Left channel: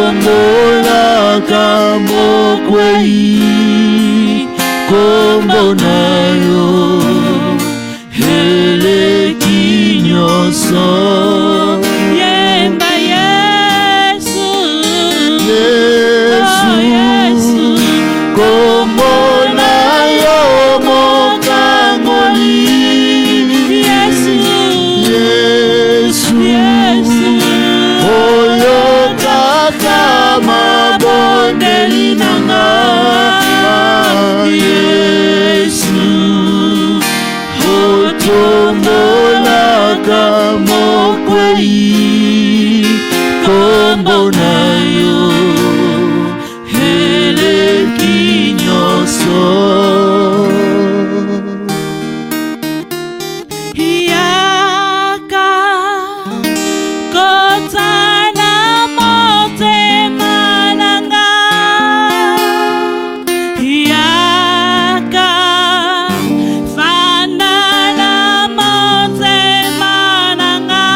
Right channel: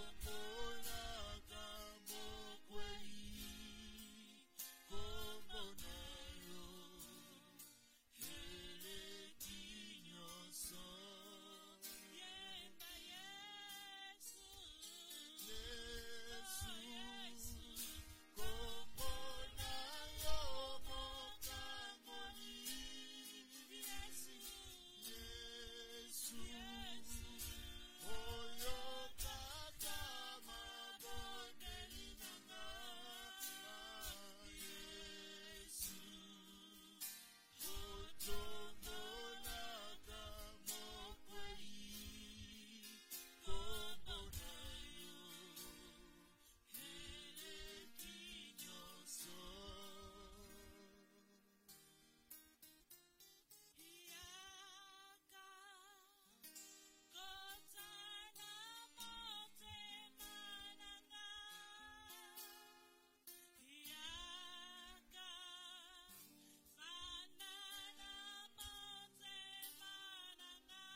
tombolaka mokwei kombo na yo eleki nyonso. Yemba Yesu, Yesu, kombo na yo mokangoli. Yesu, Yesu, Yesu, oyo kaka mabondeli nanga. Yesu, otombolaka mokwei kombo na yo eleki nyonso. Yaka kotana motema nanga. Yaka fandana motema nanga.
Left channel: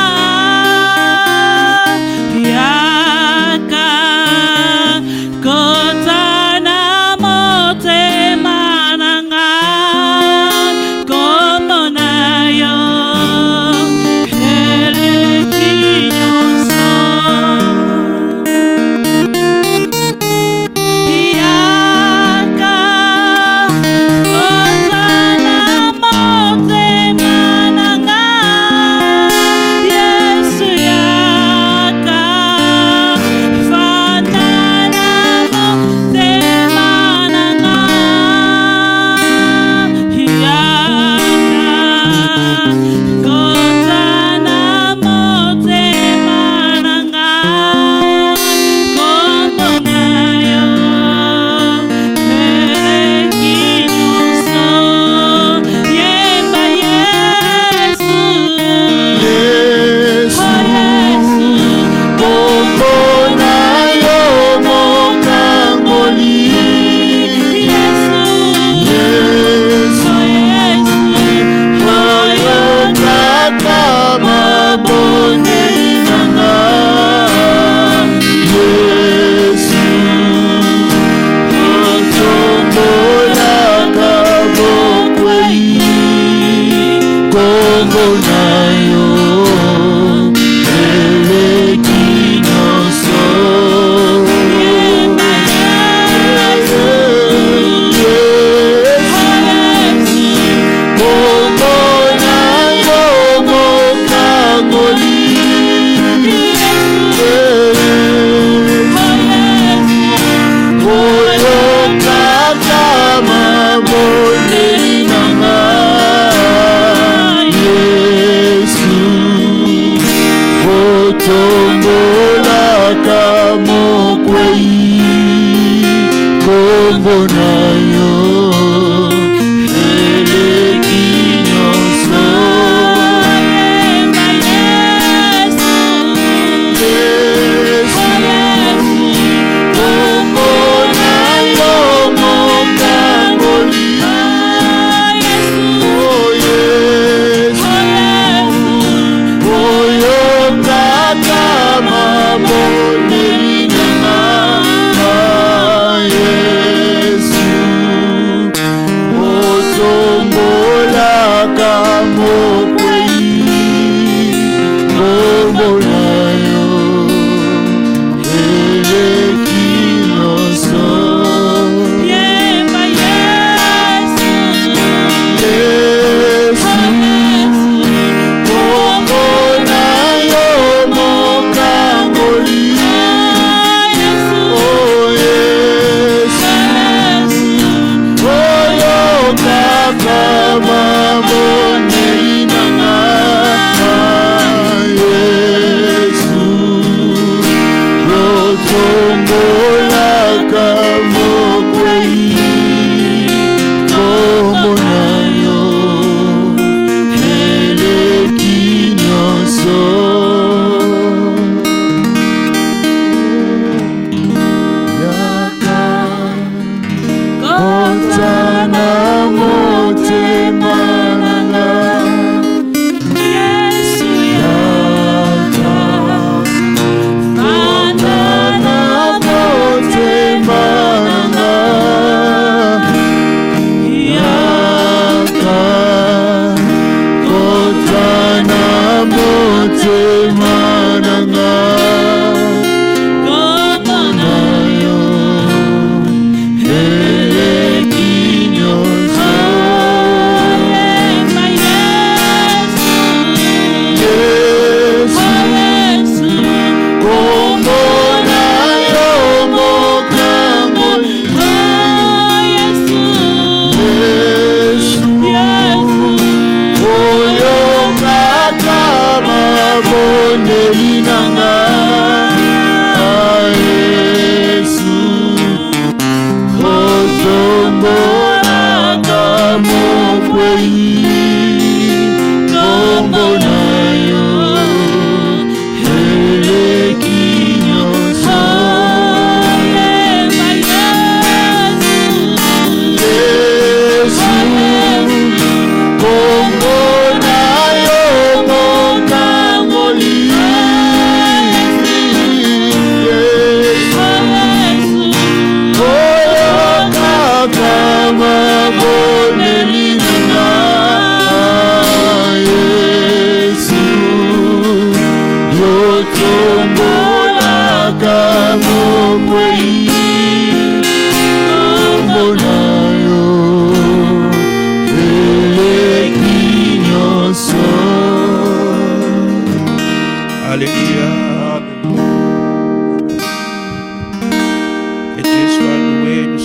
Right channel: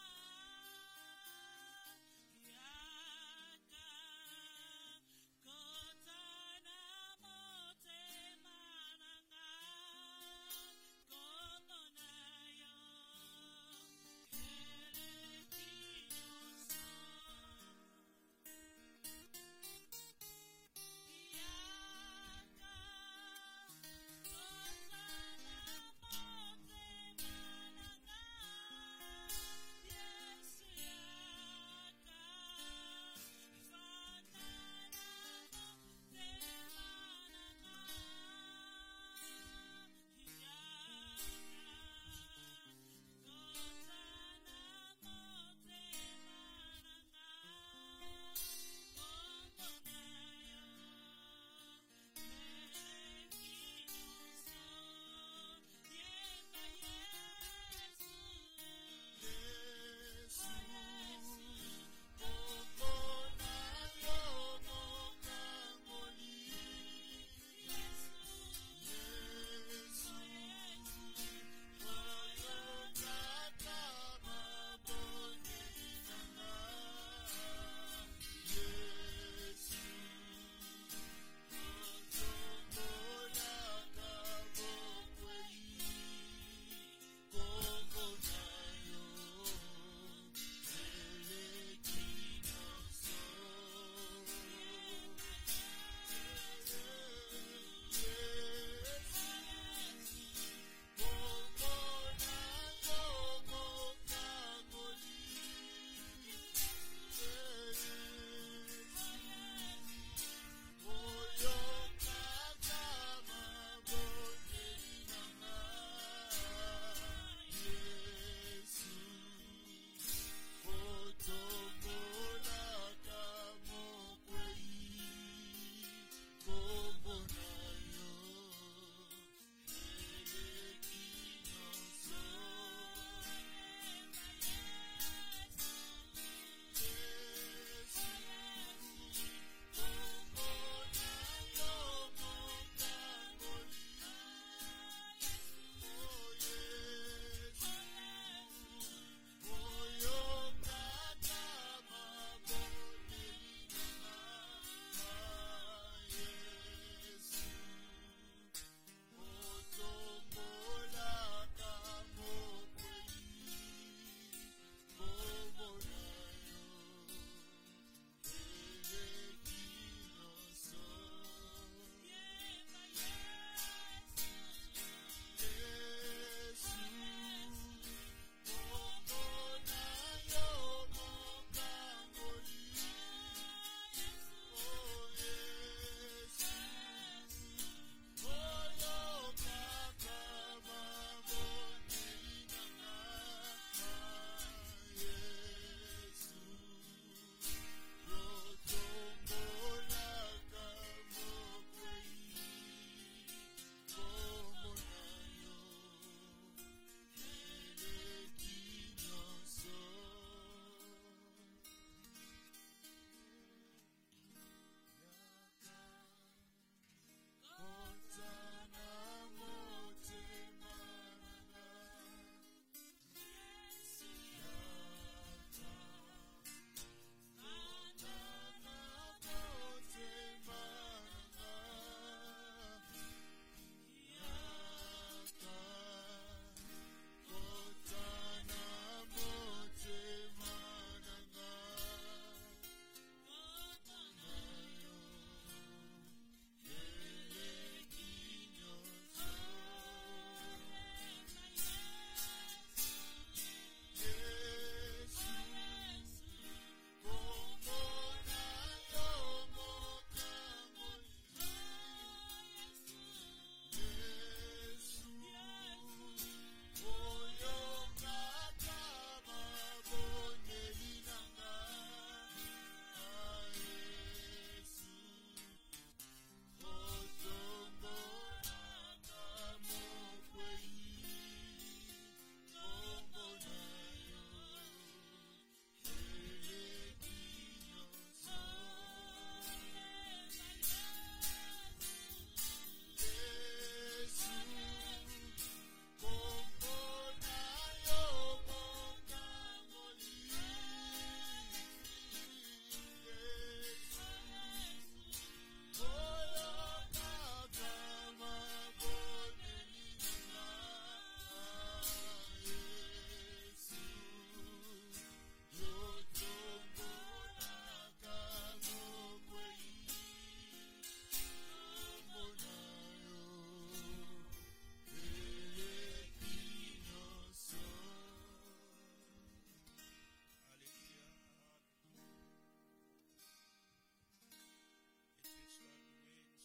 Yaka kotana motema nanga. Komo na yo eleki nyonso. Yaka kotana motema nanga. Yesu yaka fandana motema nanga. Yaka kotana motema nanga. Komo na yo eleki nyonso. Yemba Yesu, Yesu, kombo na yo mokangoli. Yesu, Yesu, oyo kaka mabondeli nanga. Yesu, otombolaka mokwei kombo na yo eleki nyonso. Yemba Yesu, kombo na yo mokangoli. Oyo kaka mabondeli nanga. Yesu, otombolaka mokwei kombo na yo eleki nyonso. Yemba Yesu, Yesu, kombo na yo mokangoli. Oh, Yesu, oyo kaka mabondeli nanga. Yesu, otombolaka mokwei kombo na yo eleki nyonso. Yemba Yesu, Yesu, kombo na yo mokangoli. Oh, Yesu, oyo kaka mabondeli nanga. Yesu, otombolaka mokwei kombo na yo eleki nyonso. Yaka kotana motema nanga. Yesu yaka Yaka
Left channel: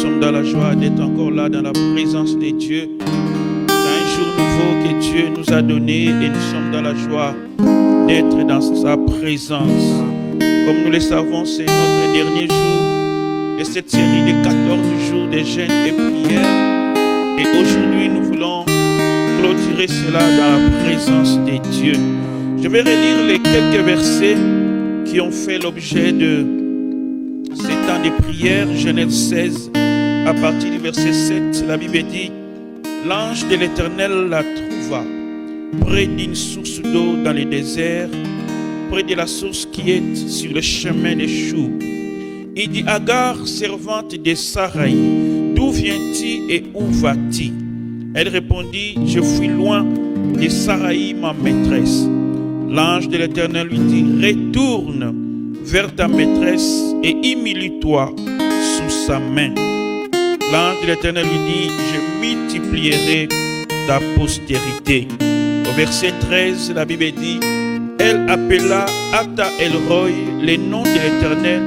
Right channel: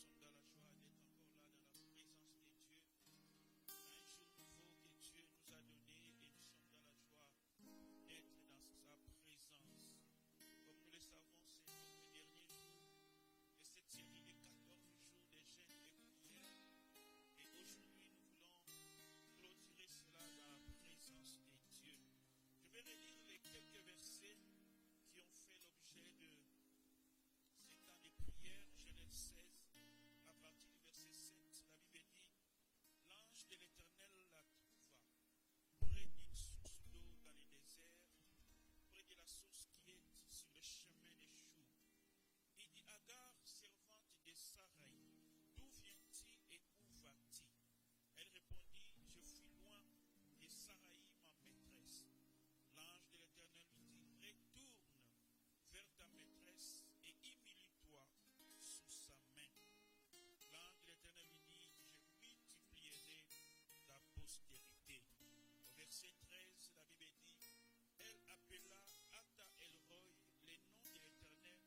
sommes dans la joie d'être encore là dans la présence de Dieu. C'est un jour nouveau que Dieu nous a donné et nous sommes dans la joie d'être dans sa présence. Comme nous le savons, c'est notre dernier jour de cette série de 14 jours de jeûne et prière. Et aujourd'hui, nous voulons clôturer cela dans la présence de Dieu. Je vais relire les quelques versets qui ont fait l'objet de ces temps de prière. Genèse 16, à partir du verset 7, la Bible dit: l'ange de l'Éternel la trouva près d'une source d'eau dans le désert, près de la source qui est sur le chemin des choux. Il dit: Agar, servante de Sarai, d'où viens-tu et où vas-tu? Elle répondit: je fuis loin de Sarai, ma maîtresse. L'ange de l'Éternel lui dit: retourne vers ta maîtresse et humilie-toi sous sa main. L'ange de l'Éternel lui dit: je multiplierai ta postérité. Au verset 13, la Bible dit: elle appela Ata El-Roy, le nom de l'Éternel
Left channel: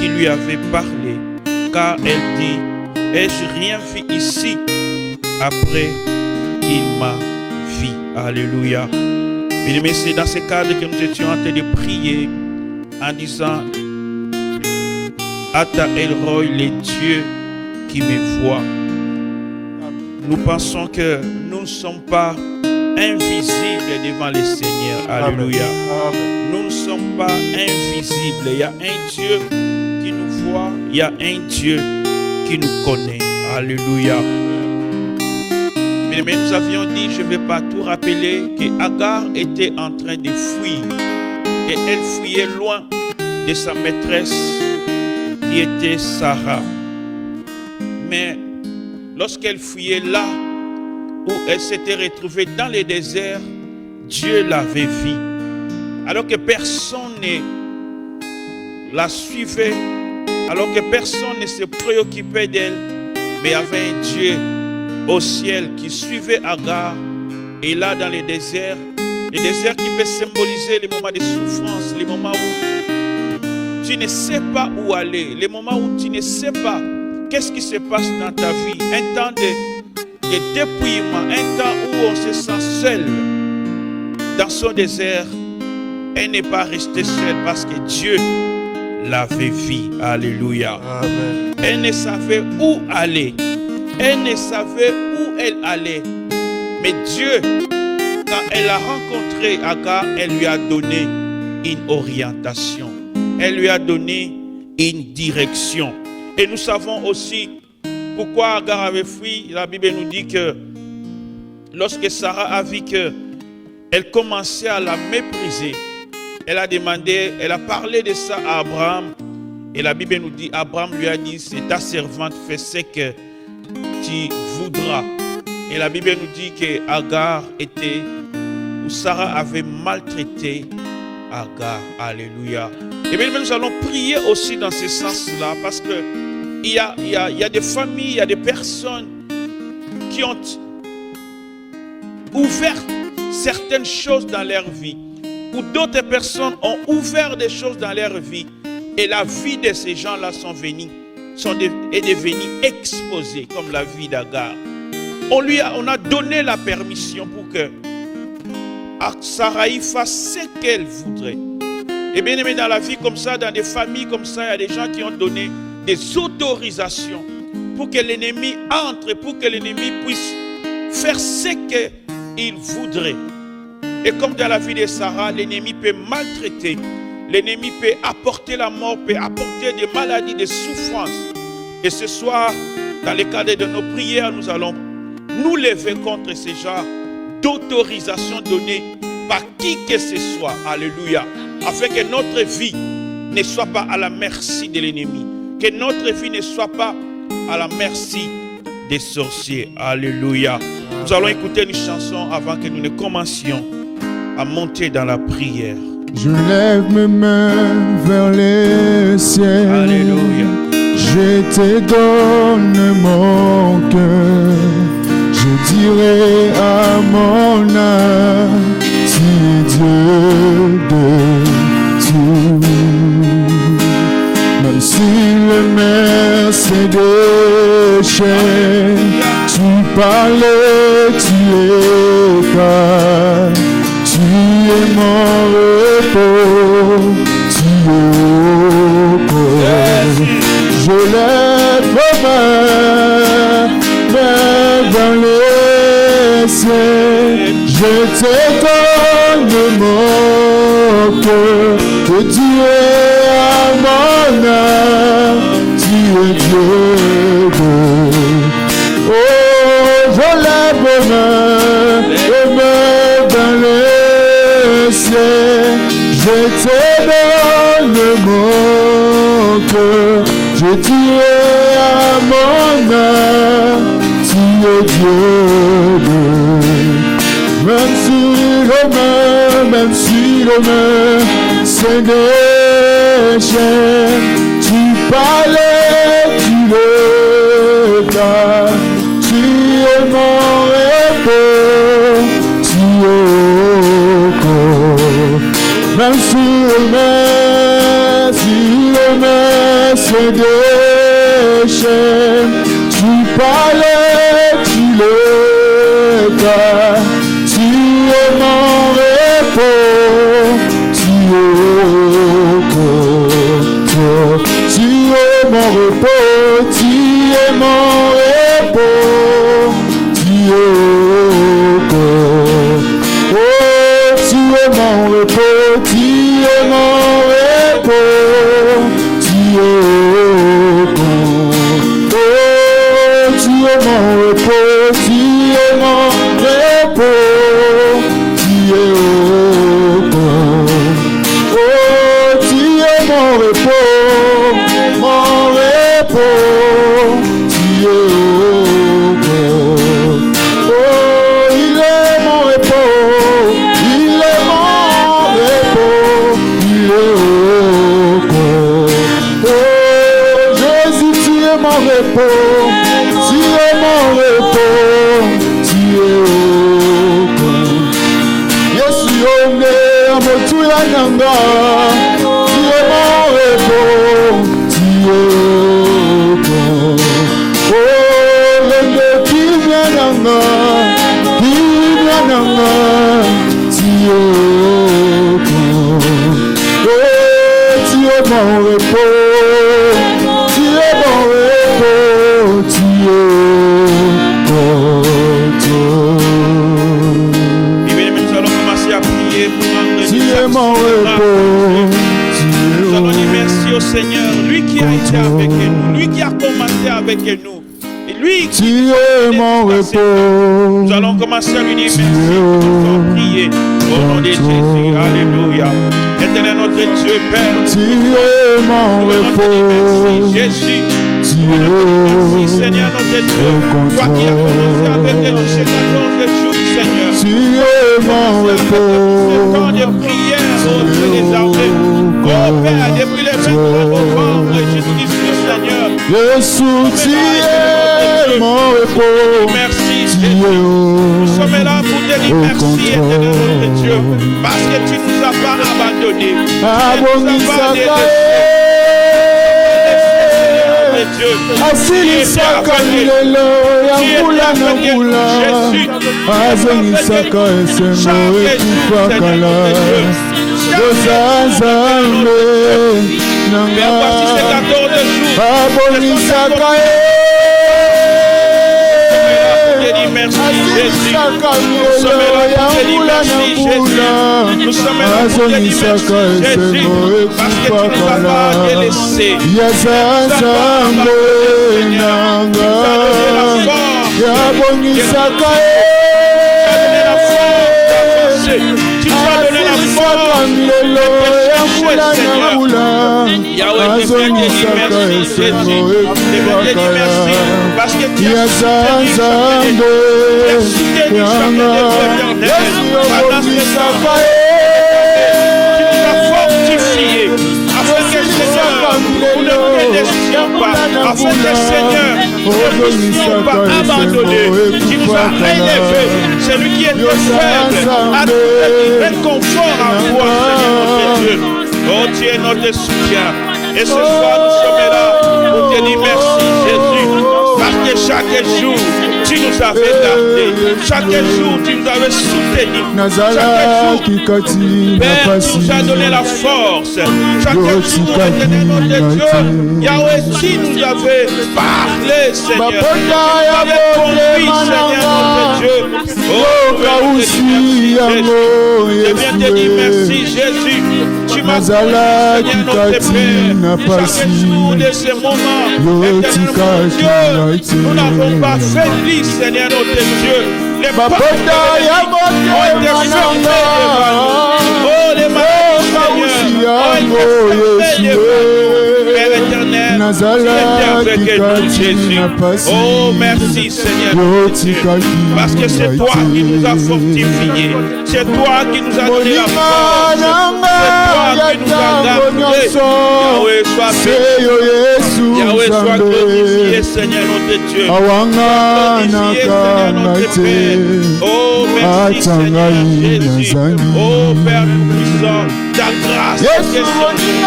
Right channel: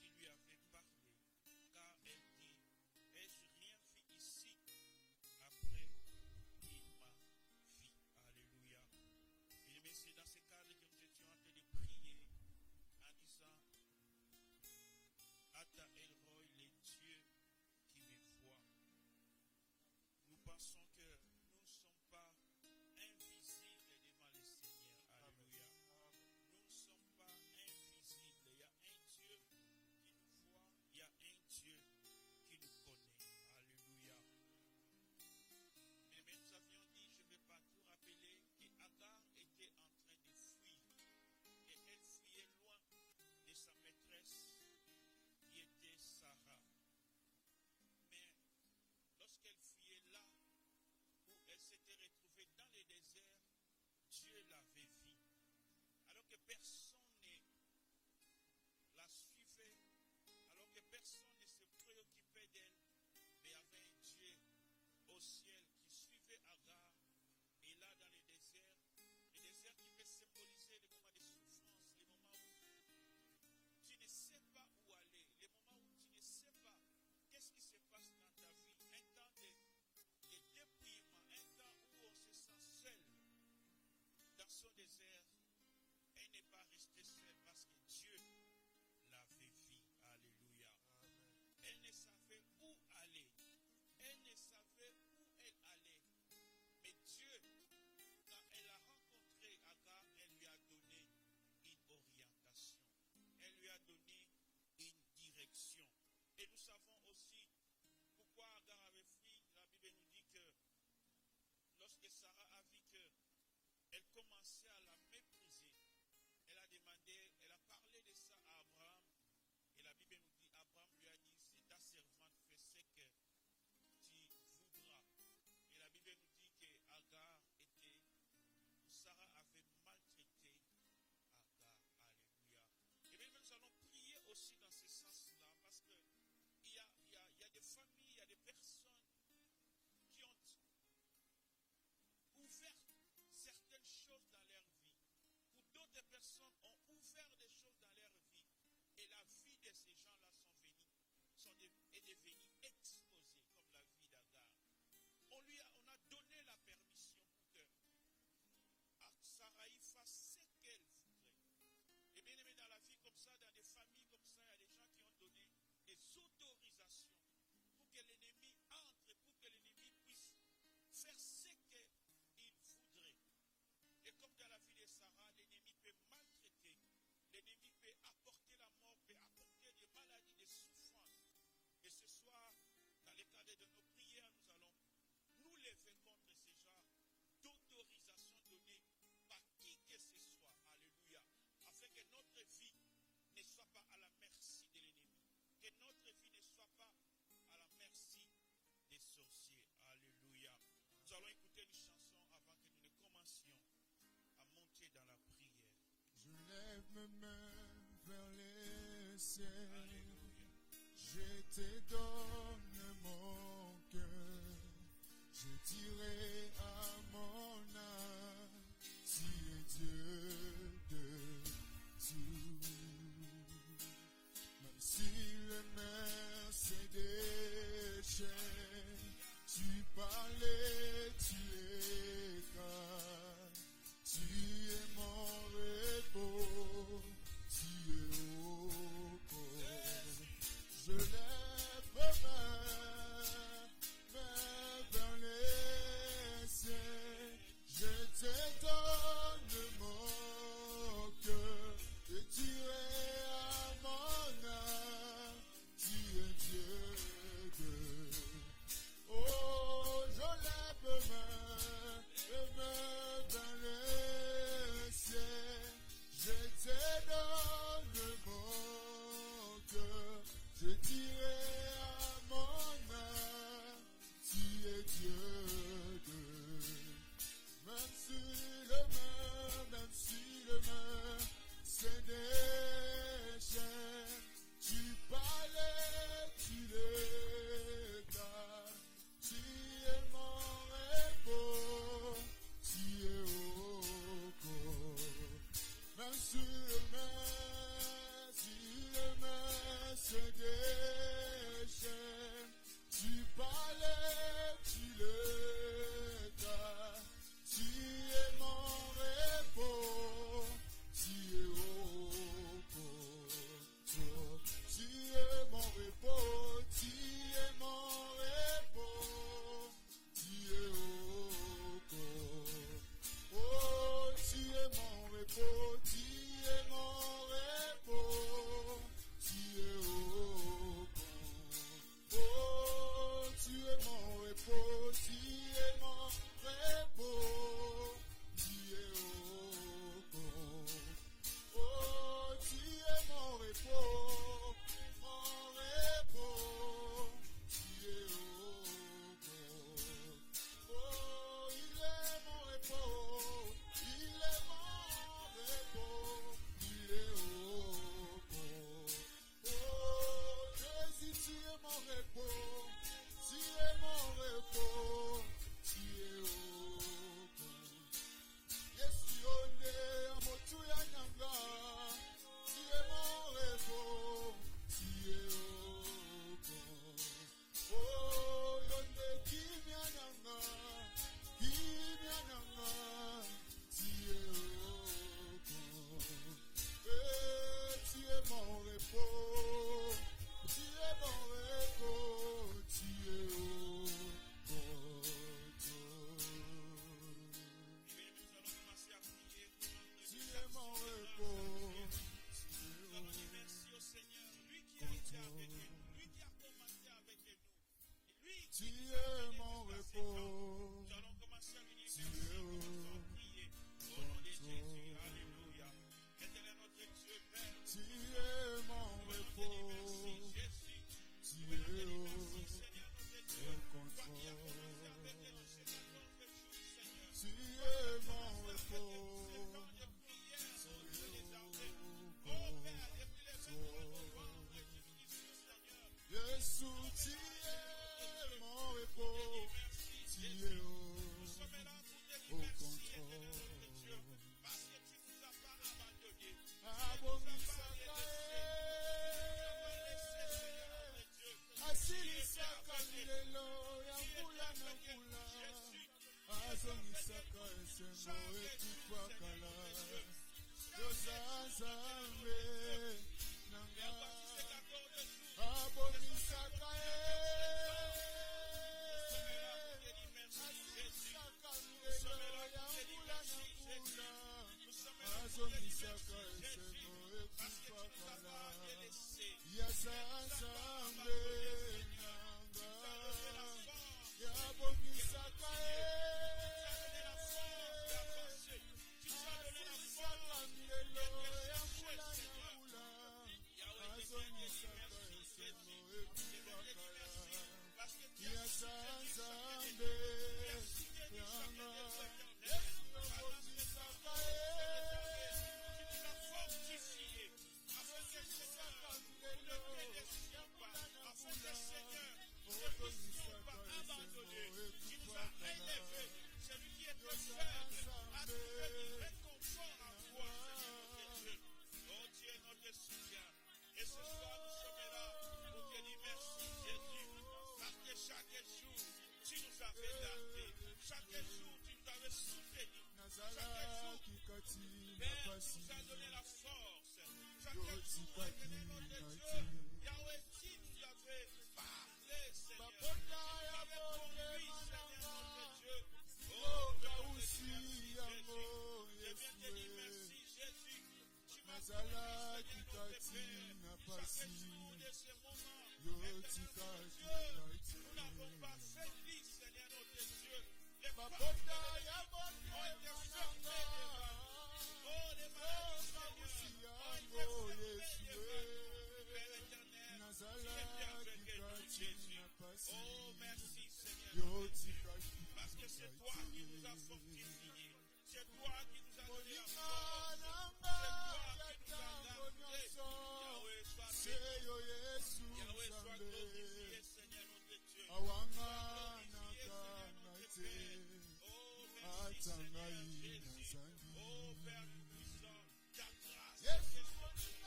qui lui avait parlé, car elle dit: ai-je rien vu ici après il m'a vu? Alléluia. Bien-aimés, c'est dans ce cadre que nous étions en train de prier en disant: Ata El-Roy, le Dieu qui me voit. Nous pensons que nous ne sommes pas invisibles devant le Seigneur. Alléluia. Amen. Nous ne sommes pas invisibles. Il y a un Dieu qui nous voit. Il y a un Dieu qui nous connaît. Alléluia. Mais nous avions dit, je ne vais pas tout rappeler, que Agar était en train de fuir. Et elle fuyait loin de sa maîtresse qui était Sarah. Mais lorsqu'elle fuyait là où elle s'était retrouvée dans le désert, Dieu l'avait vue. Alors que personne ne la suivait, alors que personne ne se préoccupait d'elle, mais il y avait un Dieu au ciel qui suivait Agar. Et là dans le désert qui peut symboliser les moments de souffrance, les moments où tu ne sais pas où aller, les moments où tu ne sais pas qu'est-ce qui se passe dans ta vie, un temps de dépouillement, un temps où on se sent seul dans son désert. Elle n'est pas restée seule parce que Dieu l'avait vue. Alléluia. Amen. Elle ne savait où aller. Elle ne savait où elle allait. Mais Dieu, quand elle a rencontré Agar, elle lui a donné une orientation. Elle lui a donné une direction. Et nous savons aussi pourquoi Agar avait fui. La Bible nous dit que lorsque Sarah a vu qu'elle commençait à la mépriser, elle a demandé, elle a parlé de ça à Abraham. Et la Bible nous dit, Abraham lui a dit: c'est ta servante, fais ce que tu voudras. Et la Bible nous dit que Agar était, ou Sarah avait maltraité Agar. Alléluia. Et bien nous allons prier aussi dans ce sens-là, parce que il y a des familles, il y a des personnes qui ont ouvert certaines choses dans leur vie, ou d'autres personnes ont ouvert des choses dans leur vie, et la vie de ces gens-là est devenue exposée, comme la vie d'Agar. On a donné la permission pour que Sarai fasse ce qu'elle voudrait. Et bien aimé, dans la vie comme ça, dans des familles comme ça, il y a des gens qui ont donné des autorisations pour que l'ennemi entre, pour que l'ennemi puisse faire ce qu'il voudrait. Et comme dans la vie de Sarah, l'ennemi peut maltraiter, l'ennemi peut apporter la mort, peut apporter des maladies, des souffrances. Et ce soir, dans le cadre de nos prières, nous allons nous lever contre ce genre d'autorisation donnée par qui que ce soit. Alléluia. Afin que notre vie ne soit pas à la merci de l'ennemi. Que notre vie ne soit pas à la merci des sorciers. Alléluia. Nous allons écouter une chanson avant que nous ne commencions à monter dans la prière. Je lève mes mains vers les ciels. Alléluia. Je te donne mon cœur. Je dirai à mon âme, si Dieu de tout. Même si les mers cédent, péchais, tu parlais, tu étais, tu es mon repos, tu es au je lève mes mains vers les cieux, je te donne mon cœur, et tu es à mon âme, tu es Dieu. Oh, je lève mes mains dans les cieux, je te donne mon cœur, je tué à mon âme, tu es Dieu. Même si le main c'est déchets, tu parlais, tu le tas, tu es mon repos, tu es au même si le main c'est déchets, tu parlais, tu le tas, tu es mon tu es mon repos, tu es mon repos, tu es oh, tu es mon repos, tu es mon repos, tu es oh, tu es mon repos, tu es mon repos, tu es Seigneur, lui qui a été avec nous, lui qui a commencé avec nous, et lui qui est mon repos. Nous allons commencer à lui dire merci pour prier au nom de Jésus. Alléluia. Éternel notre Dieu, Père, tu es mon repos. Merci Jésus. Merci Seigneur notre Dieu. Toi qui as commencé avec nous ces 14 jours, Seigneur. Tu es mon repos. Ce temps de prière au Dieu des armées. Oh Père, depuis les 23 novembre, Jésus-Christ, Seigneur. Jésus, tu es mon repos. Merci, Jésus. Nous sommes là pour te dire merci, éternel notre Dieu, parce que tu ne nous as pas abandonnés. Asilisaka milelo ya mbula na mbula, azongisaka esengo ekufakala. Nzambe nanga abonisaka asilisaka milelo ya mbula na mbula, azonisaka esengo ekufakala. Yaza Nzambe nanga yabonisaka parce que tu as fortifié afin que nous ne délaissions pas, afin que Seigneur nous ne soyons pas abandonnés. Tu nous as élevés. Celui qui était faible a trouvé réconfort en toi, Seigneur notre Dieu. Oh, tu es notre soutien. Et ce soir, nous sommes là pour te dire merci, Jésus. Parce que jour, tu nous avais gardés. Chaque jour, tu nous avais soutenus. Chaque jour, Père, tu nous as donné la force. Chaque jour, éternel notre Dieu, Yahweh, tu nous avais parlé, Seigneur. Tu nous avais conduit, Seigneur notre Dieu. Oh, merci, Jésus. Je viens te dire merci, Jésus. Tu m'as conduit, Seigneur notre Père. Chaque jour de ce moment, éternel mon Dieu, nous n'avons pas fait vie, Seigneur notre Dieu. Les portes ont été fermées devant nous. Oh, les malades, Seigneur, ont été fermées devant nous. Père éternel, tu étais avec nous, Jésus. Oh, merci, Seigneur notre Dieu. Parce que c'est toi qui nous as fortifiés. C'est toi qui nous as donné la force. C'est toi qui nous as gardés. Yahweh, sois béni. Yahweh, sois glorifié, Seigneur notre Dieu. Glorifié, Seigneur notre Père. Oh, merci, Seigneur Jésus. Oh, Père puissant, ta grâce est sur nous.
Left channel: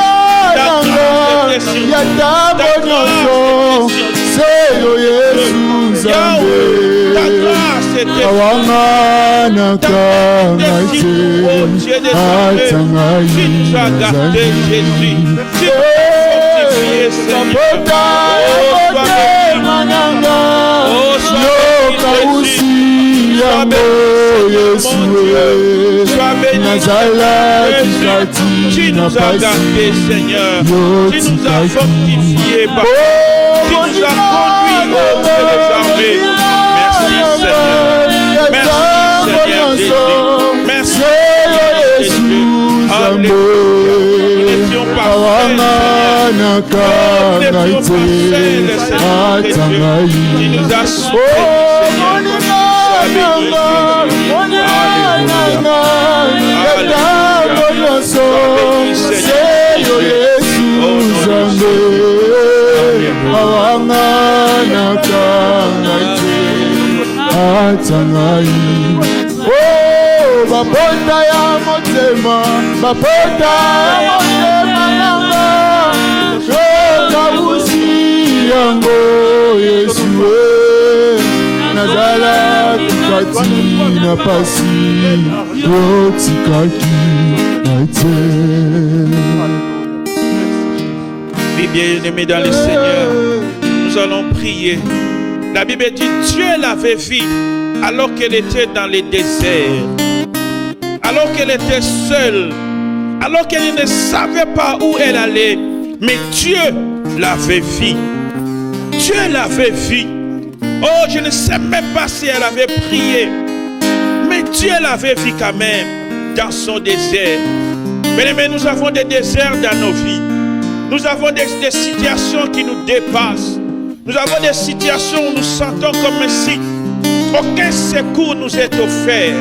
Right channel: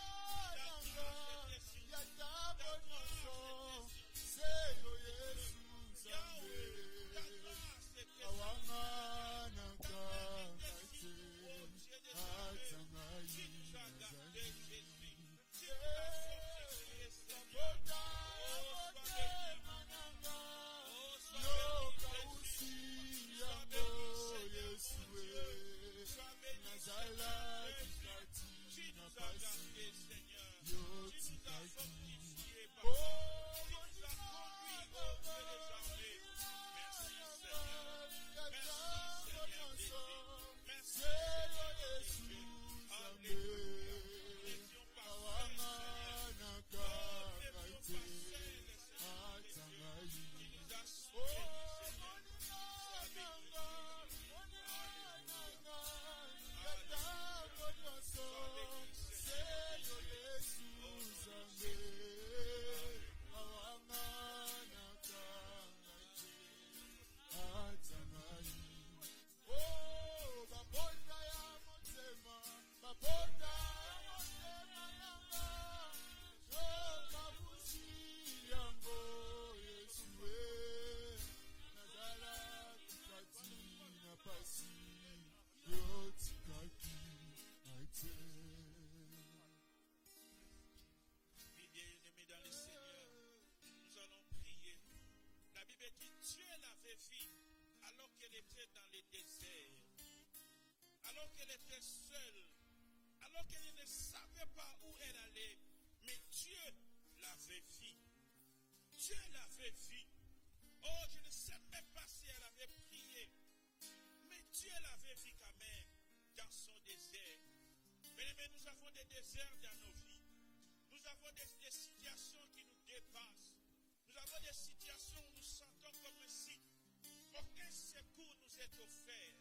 Ta grâce est sur nous. Ta grâce est sur nous. Yahweh, ta grâce est sur nous. Ta grâce est sur nous. Oh, Dieu des armées, tu nous as gardés, Jésus. Tu nous as fortifiés, Seigneur. Oh, sois béni. Oh, sois béni, Jésus. Sois béni, sois béni, tu nous as gardés, Seigneur. Tu nous as fortifiés, Papa. Tu nous as conduits au Dieu des armées. Merci, Seigneur. Merci, Seigneur Jésus. Merci, Seigneur Jésus. Alléluia. Nous n'étions pas seuls, Seigneur. Nous n'étions pas seuls, Seigneur Jésus. Tu nous as sauvés, Seigneur. Oh, bapota ya motema, bapota ya motema nanga, shoka usi yango Yeshua, nazala kati na pasi, yotikaki naite. Bien-aimés dans le Seigneur, nous allons prier. La Bible dit Dieu l'avait vue alors qu'elle était dans le désert, alors qu'elle était seule, alors qu'elle ne savait pas où elle allait. Mais Dieu l'avait vue. Dieu l'avait vue. Oh, je ne sais même pas si elle avait prié, mais Dieu l'avait vue quand même dans son désert. Mais nous avons des déserts dans nos vies. Nous avons des situations qui nous dépassent. Nous avons des situations où nous sentons comme si aucun secours nous est offert.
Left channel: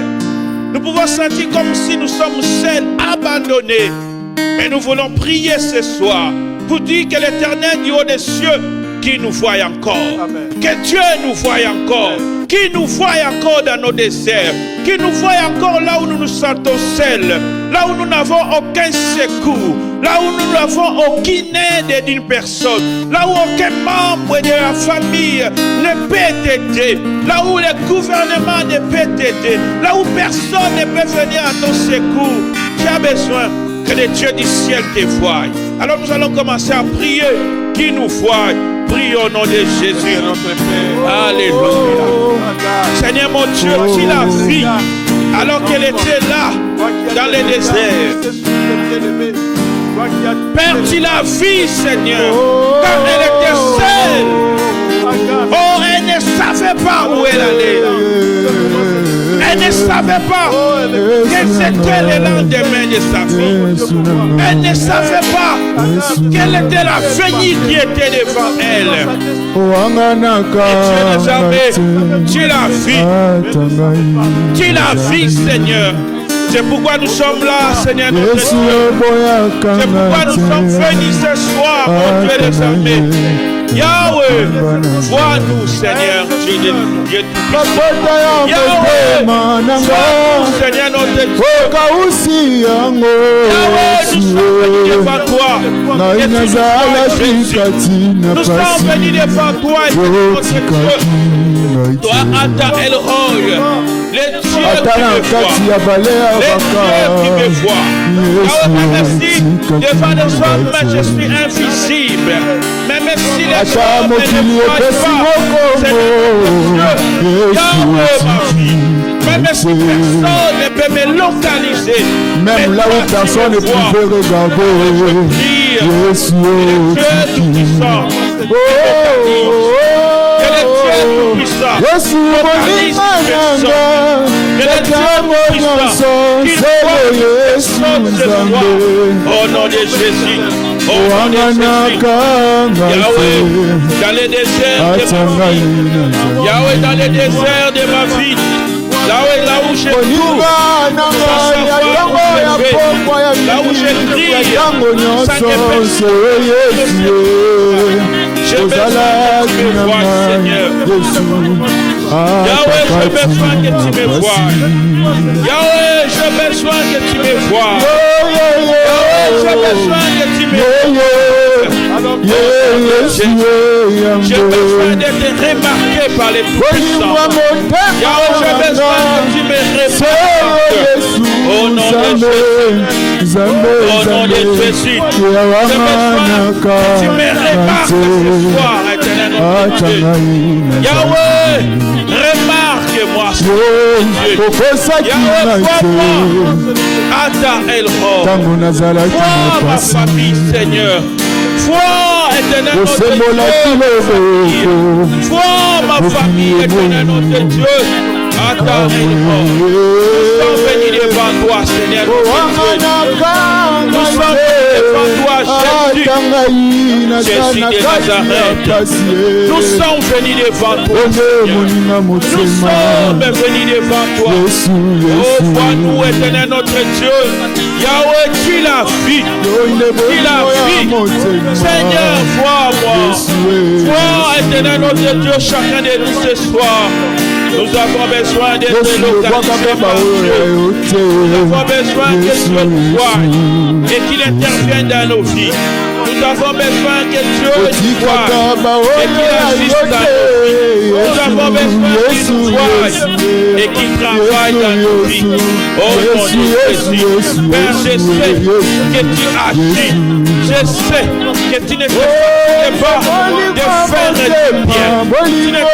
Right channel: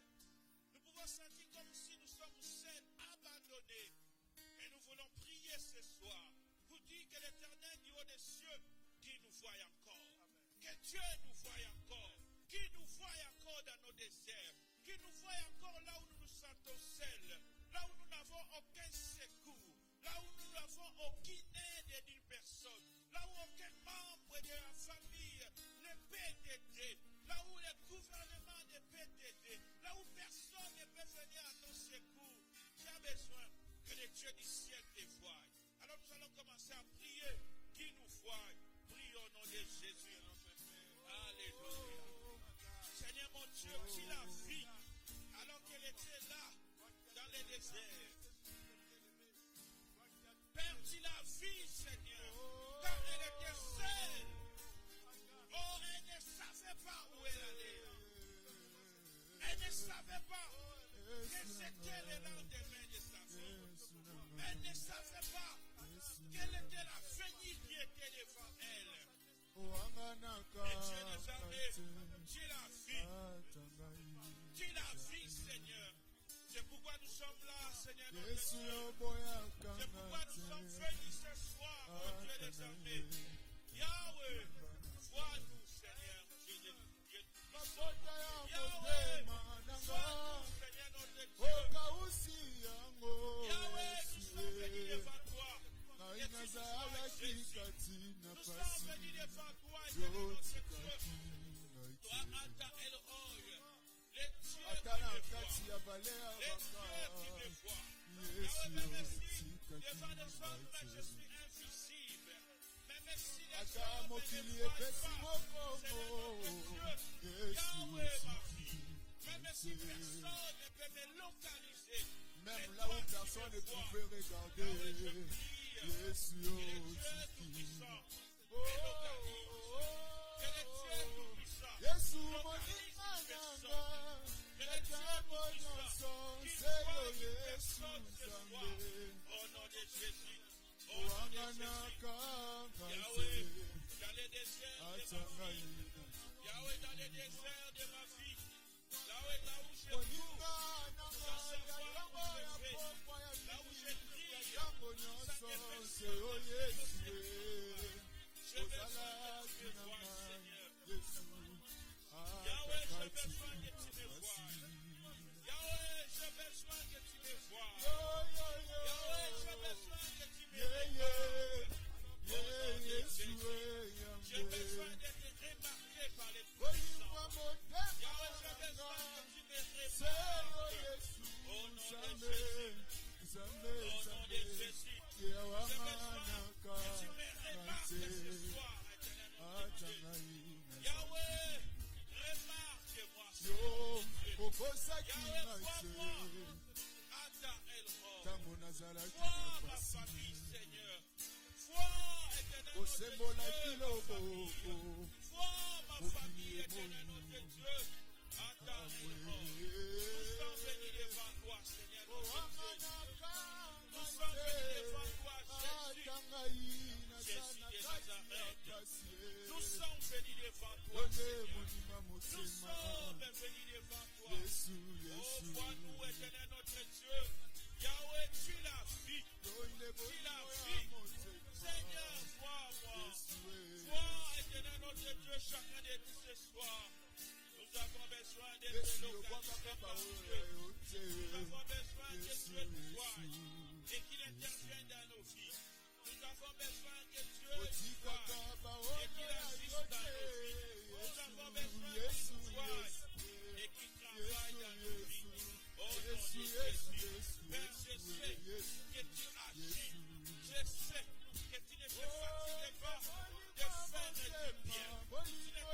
Nous pouvons sentir comme si nous sommes seuls, abandonnés. Mais nous voulons prier ce soir pour dire que l'Éternel du haut des cieux qui nous voit encore. Amen. Que Dieu nous voit encore. Qui nous voit encore dans nos déserts. Qui nous voit encore là où nous nous sentons seuls. Là où nous n'avons aucun secours. Là où nous n'avons aucune aide d'une personne. Là où aucun membre de la famille ne peut t'aider. Là où le gouvernement ne peut t'aider. Là où personne ne peut venir à ton secours. Tu as besoin que le Dieu du ciel te voie. Alors nous allons commencer à prier. Qui nous voit. Prie au nom de Jésus, notre Père. Alléluia. Seigneur mon Dieu, tu l'as vu alors qu'elle était là, dans le désert. Père, tu l'as vu, Seigneur, quand elle était seule. Oh, elle ne savait pas où elle allait. Elle ne savait pas quel c'était le lendemain de sa vie. Elle ne savait pas quelle était la venue qui était devant elle. Et Dieu nous avait, tu l'as vu. Tu l'as vu, Seigneur. C'est pourquoi nous sommes là, Seigneur notre Dieu. C'est pourquoi nous sommes venus ce soir, mon Dieu des armées. Yahweh, vois-nous, Seigneur, Dieu de Dieu tout-puissant. mapota ya motema nanga Seigneur, notre Dieu. okausi yango Yahweh, nous sommes venus devant toi. ngai Et tu nous nazalaki vois, Jésus. kati na Nous sommes venus pasi devant toi et tu nous otikaki montres toi, ngai Ata El Roy, les dieux ata qui na me kati voient. ya bale ya Les baka dieux qui me voient. Yahweh, merci. Devant les hommes, je suis invisible. Mais merci les ata hommes ne mokili me voient epesi pas. mokongo Yahweh, ma vie. Même si Yesu personne ne peut me localiser. même là où personne ne pouvait regarder Yesu Dieu tout-puissant. Yesu moninga nanga yatango nyonso nzelo Yesu Nzambe Au nom de Jésus. Au nom de owanganaka Jésus. Yahweh, ngai dans les déserts de ma ata vie. ngai na Nzambe Yahweh, dans les déserts de ma vie. Yahweh, là où j'ai tout. moninga nanga yatango ya pokwa ya mingi yatango nyonso nzelo Yesu ozalaki na ngai Yesu Yahweh, j'ai besoin que tu me vois. Yahweh, j'ai besoin que tu me vois. Yahweh, j'ai besoin que tu me vois. J'ai besoin d'être remarqué par les tout-puissants. Yahweh, j'ai besoin que tu me remarques. Au nom de Jésus. Au nom de Jésus. J'ai besoin que tu me remarques ce soir, éternel notre Dieu. Yahweh, remarque-moi ce Dieu. Yahweh, vois-moi. Ata El Roy. ntango nazalaki Vois na ma pasi famille, Seigneur. Vois, éternel notre osembolaki Dieu. loboko Vois ma famille, éternel notre Dieu. Ata El Roy. Nous sommes venus devant toi, Seigneur notre Dieu. Nous sommes venus devant toi, Jésus. Jésus de Nazareth. Nous sommes venus devant toi, Seigneur. Nous sommes venus devant toi. Oh, vois-nous, éternel notre Dieu. Yahweh, tu la vie. Tu la vie. Seigneur, vois-moi. Vois, éternel notre Dieu, chacun de nous ce soir. Nous avons besoin d'être localisés par Dieu. Nous avons besoin que Dieu nous voie et qu'il intervienne dans nos vies. Nous avons besoin que Dieu nous voie et qu'il agisse dans nos vies. Nous avons besoin qu'il nous voie et qu'il travaille dans nos vies. Oh mon Dieu Jésus, Père, je sais que tu agis. Je sais que tu ne te fatigues pas de faire du bien. Tu ne te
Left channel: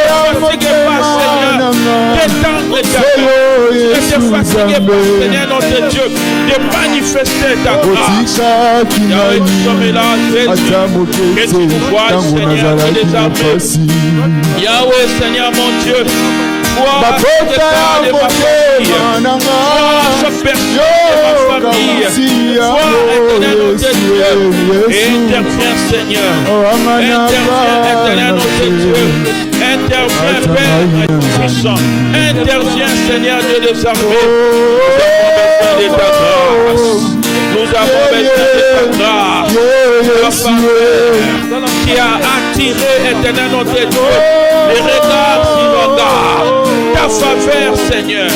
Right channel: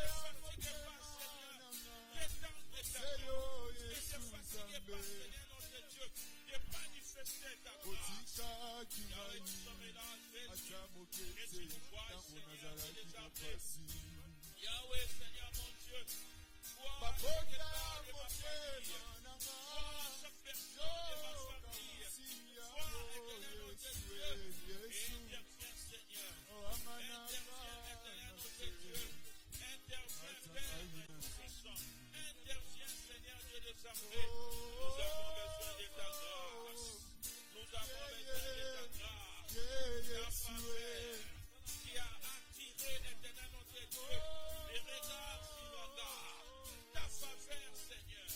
fatigues pas, Seigneur, d'étendre ta main. Tu ne te fatigues pas, Seigneur notre Dieu, de manifester ta grâce. Yahweh, nous sommes là, Jésus. Que tu nous vois, Seigneur, que les armées. Yahweh, Seigneur mon Dieu, vois l'état de ma famille. Vois chaque personne de ma famille. Vois, éternel notre Dieu. Interviens, Seigneur. Interviens, éternel notre Dieu. Interviens, Père tout-puissant. Interviens, Seigneur Dieu des armées. Nous avons besoin de ta grâce. Nous avons besoin de ta grâce. Qui a attiré, éternel notre Dieu, les regards sur nos regards. Ta faveur, Seigneur,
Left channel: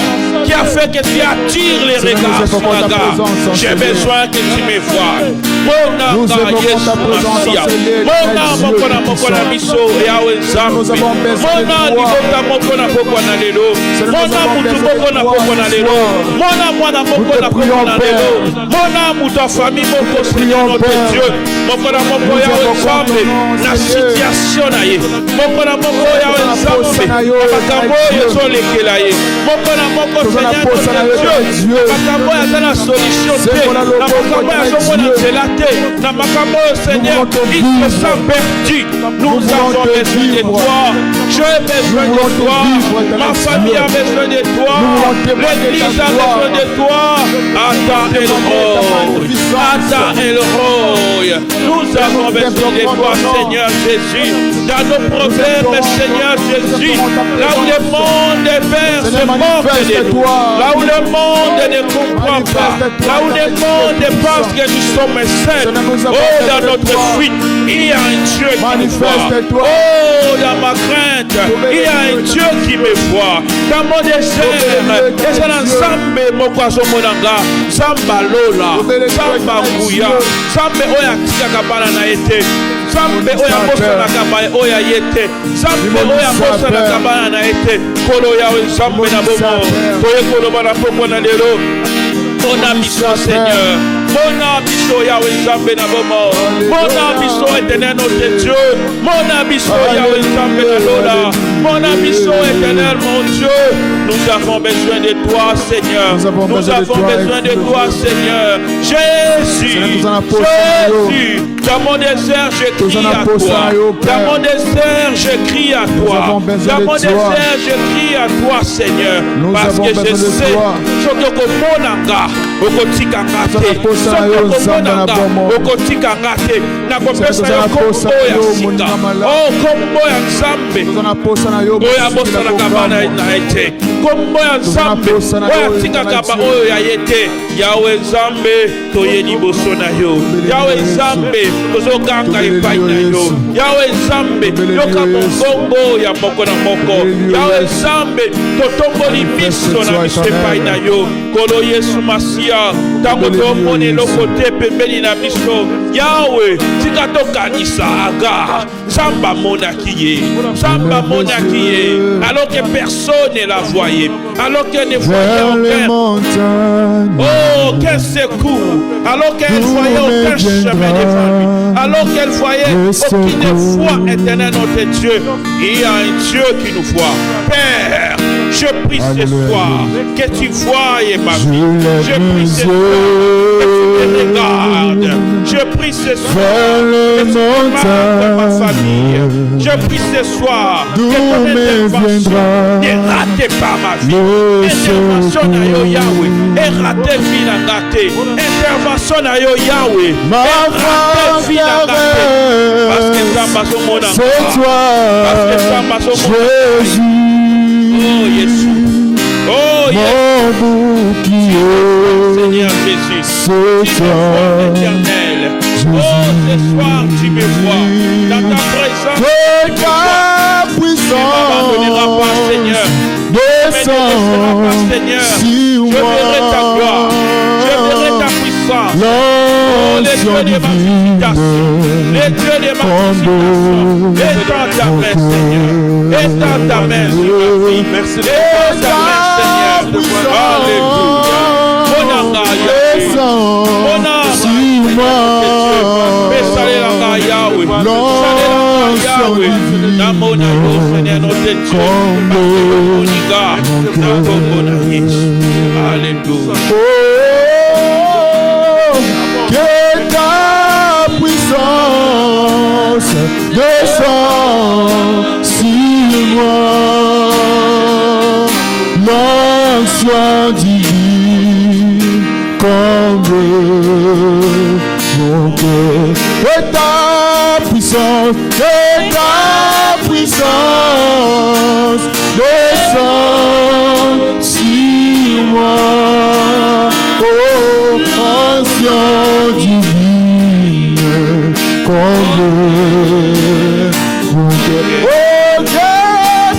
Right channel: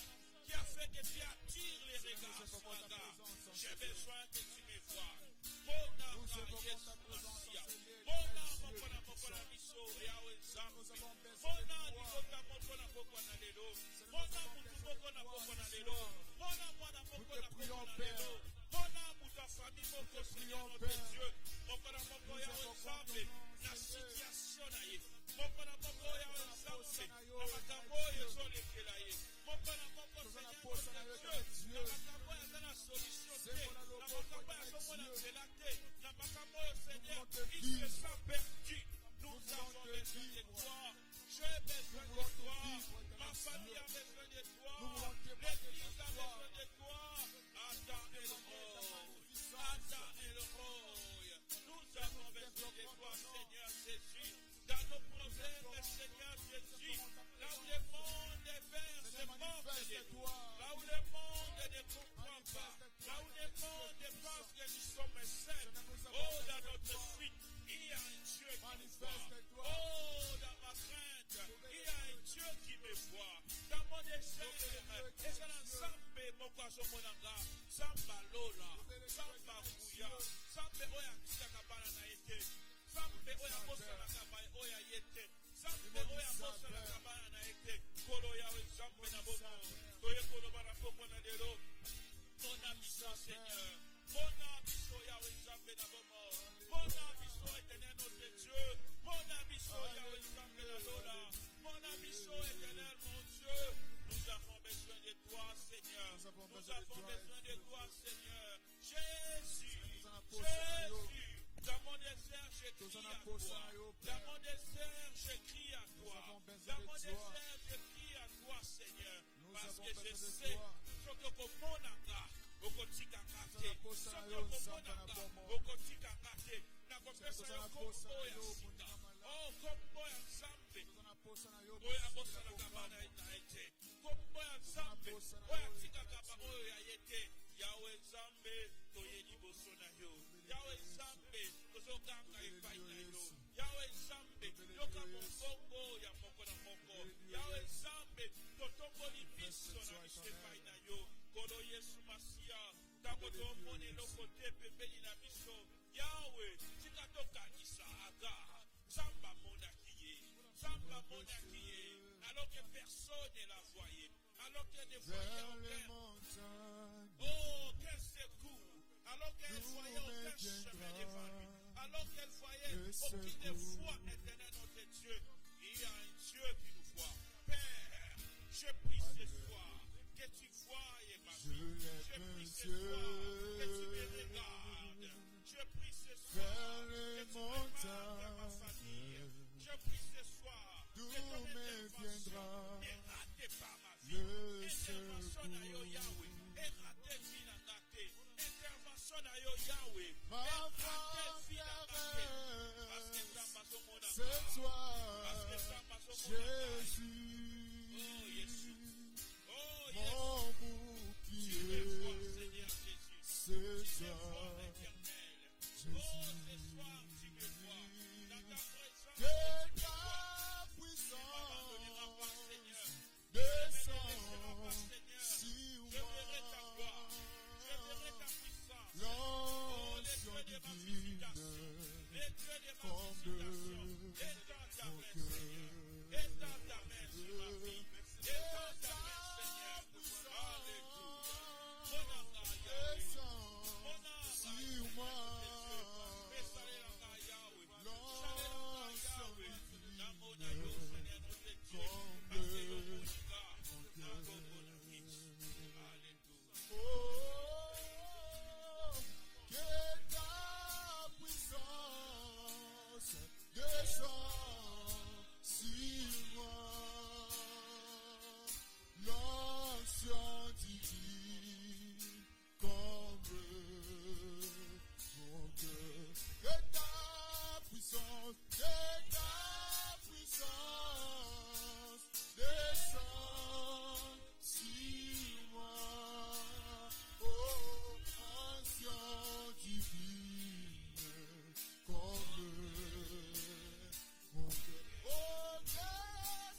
qui a fait que tu attires les regards sur nos regards. J'ai besoin que tu me vois. Mon âme, Yesu Masia. Mon âme, mokona miso, Yahweh Nzambe. Mon âme, libota mokona pokona lelo. Mon âme, mutu mokona pokona lelo. Mon âme, mwana mokona pokona lelo. Mon âme, ta famille, moko Seigneur notre Dieu. Mokona moko Yahweh Nzambe. Na situation na ye. Mokona moko Yahweh Nzambe. Makambo ezolekela ye. Mokona moko Seigneur notre Dieu. Makambo yazana solution te. Na makambo yazomona nzela te. Na makambo Seigneur, il se sent perdu. Nous avons besoin de toi. J'ai besoin de toi. Ma famille a besoin de toi. L'église a besoin de toi. Ata El Roy. Ata El Roy. Nous avons besoin de toi, Seigneur Jésus. Dans nos problèmes, Seigneur Jésus. Là où le monde est Père se moque de nous. Là où le monde ne comprend pas. Là où le monde pense que nous sommes seuls. Oh, dans notre fuite, Il y a un Dieu qui me voit. Manifeste-toi. Oh, dans ma crainte, il y a un Dieu qui me voit. Dans mon désert, et c'est l'ensemble, mon poisson, mon anga, Samba Lola, Samba Gouya, Samba Oya Tikakabana Naete, Samba Oya Bosa Nakabaya Oya Yete, Samba Oya Bosa Nakabana Naete, Kolo Yawe Samba Nabomo, Toye Kolo Banapoko Nadelo, mon ambition, Seigneur. Mon ambition, Yahweh Zambé Nabomo. Mon ambition éternelle, notre Dieu. Mon ambition, Yahweh Zambé Nabola. Mon ambition éternelle, mon Dieu. Nous avons besoin de toi, Seigneur. Nous avons besoin de toi, Seigneur. Jésus. Jésus. Dans mon désert, je crie à toi. Dans mon désert, je crie à toi. Dans mon désert, je crie à toi, Seigneur. Parce que je sais ce que mon anga, okotika ngate. Okotika ngate. Nakopesa yo kombo ya sika. Oh, kombo ya Nzambe. Oya bosa na kabana na ete. Kombo ya Nzambe. Oya tika kaba oyo ya yete. Yahweh Nzambe, toyeni boso na yo. Yahweh Nzambe, tozokanga epai na yo. Yahweh Nzambe, yoka mongongo ya moko na moko. Yahweh Nzambe, totomboli miso na miso epai na yo. Kolo Yesu Masia, tango tomoni eloko te pembeni na biso. Yahweh, tika tokanisa Agar. Samba monaki ye. Samba monaki ye. Alors que personne ne la voyait. Alors qu'elle ne voyait aucun. Oh, quel secours. Alors qu'elle voyait aucun chemin devant lui. Alors qu'elle voyait aucune foi éternelle notre Dieu. Il y a un Dieu qui nous voit. Père, je prie ce soir que tu voies ma vie. Je prie ce soir que tu me regardes. Je prie ce soir que tu marques dans ma famille. Je prie ce soir que ton intervention ne rate pas ma vie. Intervention na yo Yahweh. Et rate vie na gâté. Intervention na yo Yahweh. Rate vie na gâté. Parce que ça passe au monde. C'est toi, parce que ça passe au monde. Jésus. Oh Jésus. Oh Jésus. Mon bouclier. Seigneur Jésus. C'est toi. Éternel. Oh, ce soir tu me vois. Dans ta présence. Que ta puissance. Tu ne m'abandonneras pas, Seigneur. Descends sur moi. Je verrai ta gloire. Je verrai ta puissance. Oh, les dieux de ma visitation. Les dieux de ma visitation. Étends ta main, Seigneur. Étends ta main sur ma vie. Merci. Étends ta main, Seigneur. Alléluia. Mon anga, Yahweh. Mon anga, Yahweh. Yahweh. Namona yo, Seigneur, notre Dieu. Moniga. Namona Yesu. Alléluia. Que ta puissance descend sur moi, l'onction divine comble mon cœur. Que ta puissance descend sur moi. Onction divine, comble mon cœur. Oh, que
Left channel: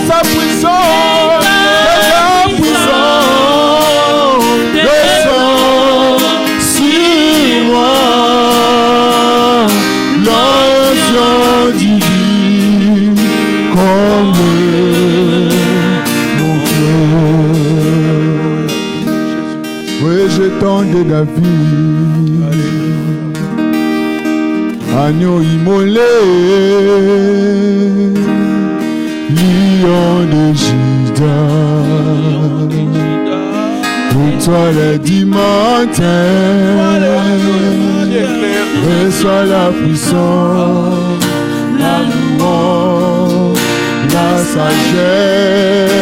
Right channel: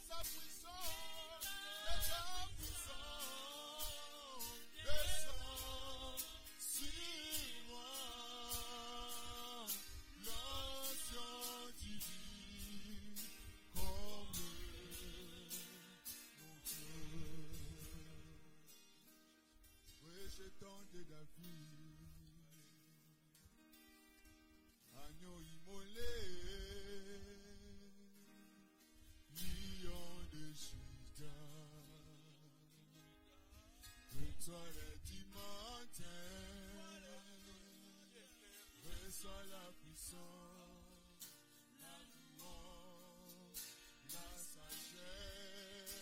sa puissance descend sur moi. L'onction divine, comble mon cœur. Oui, j'étendais David. Agneau immolé, lion de Juda, pour toi le dimanche, reçois la puissance, la louange, la sagesse,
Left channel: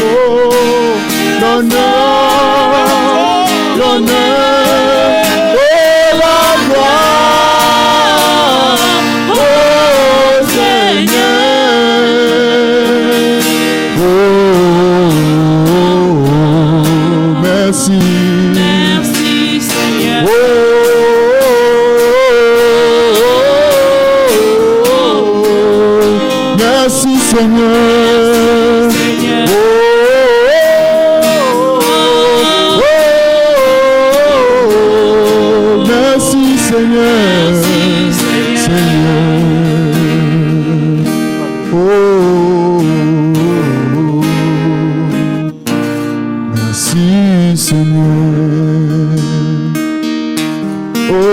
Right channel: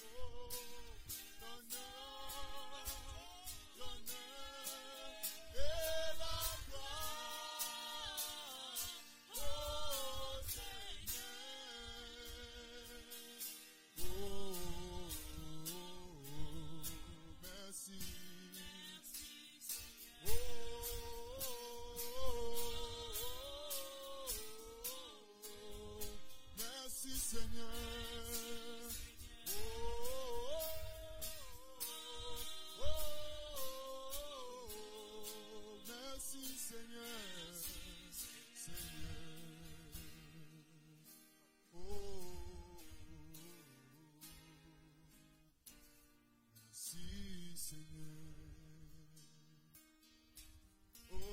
oh, l'honneur. Merci Seigneur. Merci Seigneur. Oh, oh, oh, merci Seigneur. Seigneur. Oh, merci Seigneur. Oh,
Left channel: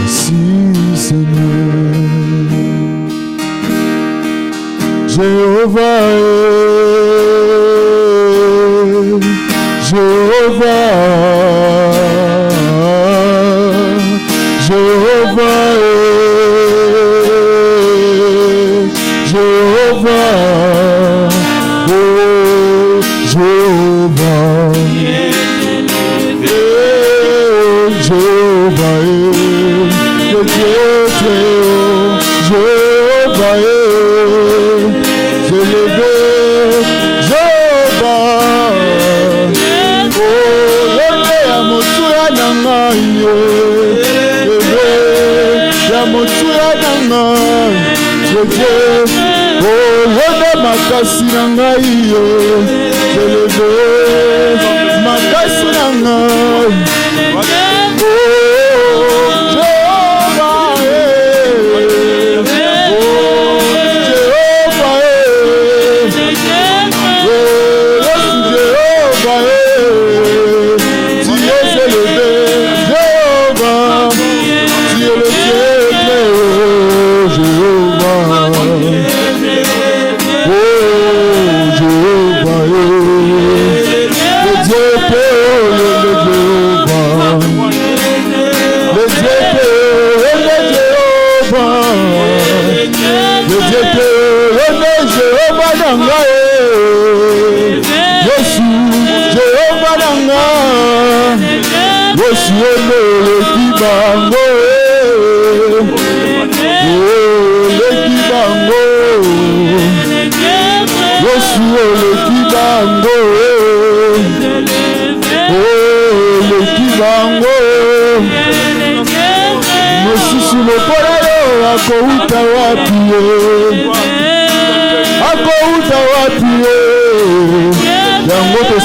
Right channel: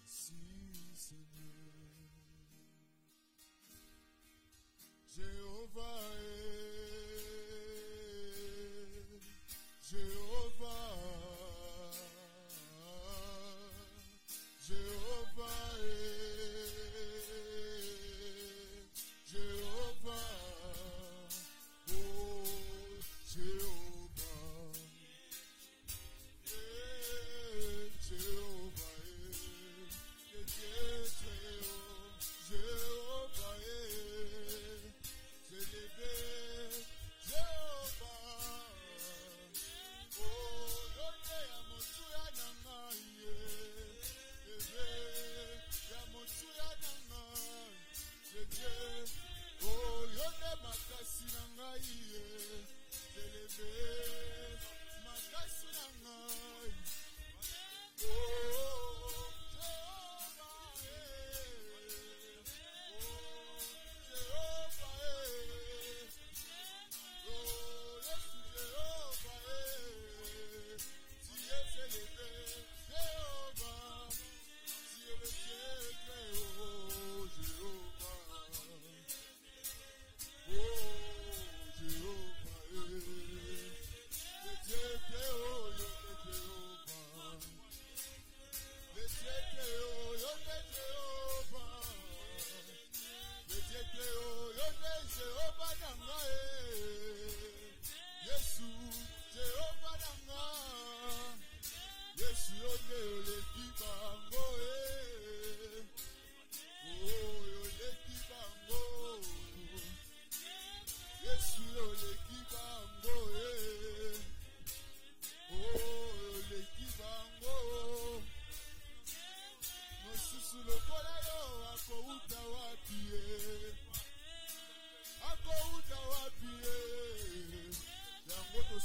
merci Seigneur. Jéhovah, Jéhovah, Jéhovah, Jéhovah, oh Jéhovah, Jéhovah, le Dieu très haut, Jéhovah, je l'élevé, Jéhovah, oh lele ya motu ya nangai, lele ya motu ya nangai, le Dieu, oh lele makasi nangai, je l'élevé, makasi nangai.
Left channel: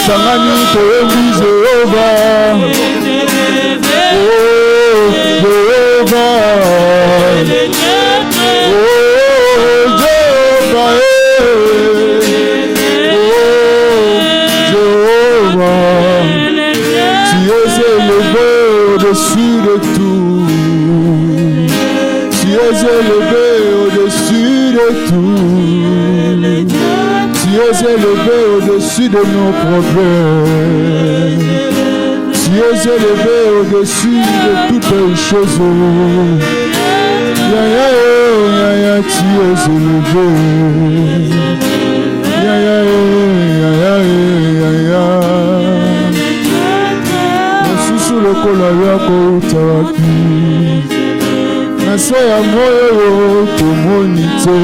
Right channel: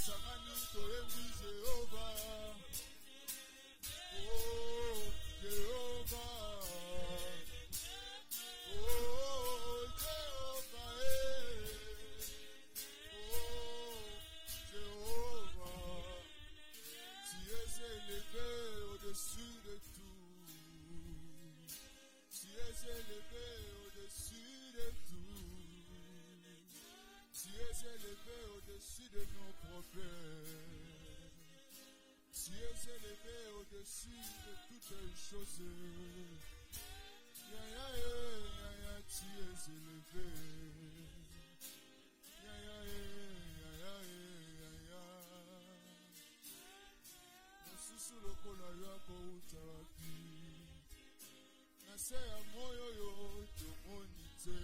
Sangani toyebi Jehova, oh Jehova, oh Jehova, oh Jehova, tu es élevé au-dessus de tout, tu es élevé au-dessus de tout, tu es élevé au-dessus de nos problèmes, tu es élevé au-dessus de toutes les choses. Ya ya ya ya, tu es élevé. Ya ya ya ya ya ya. Nasusu lokola yako utawapi, naso ya moyo tomoni te.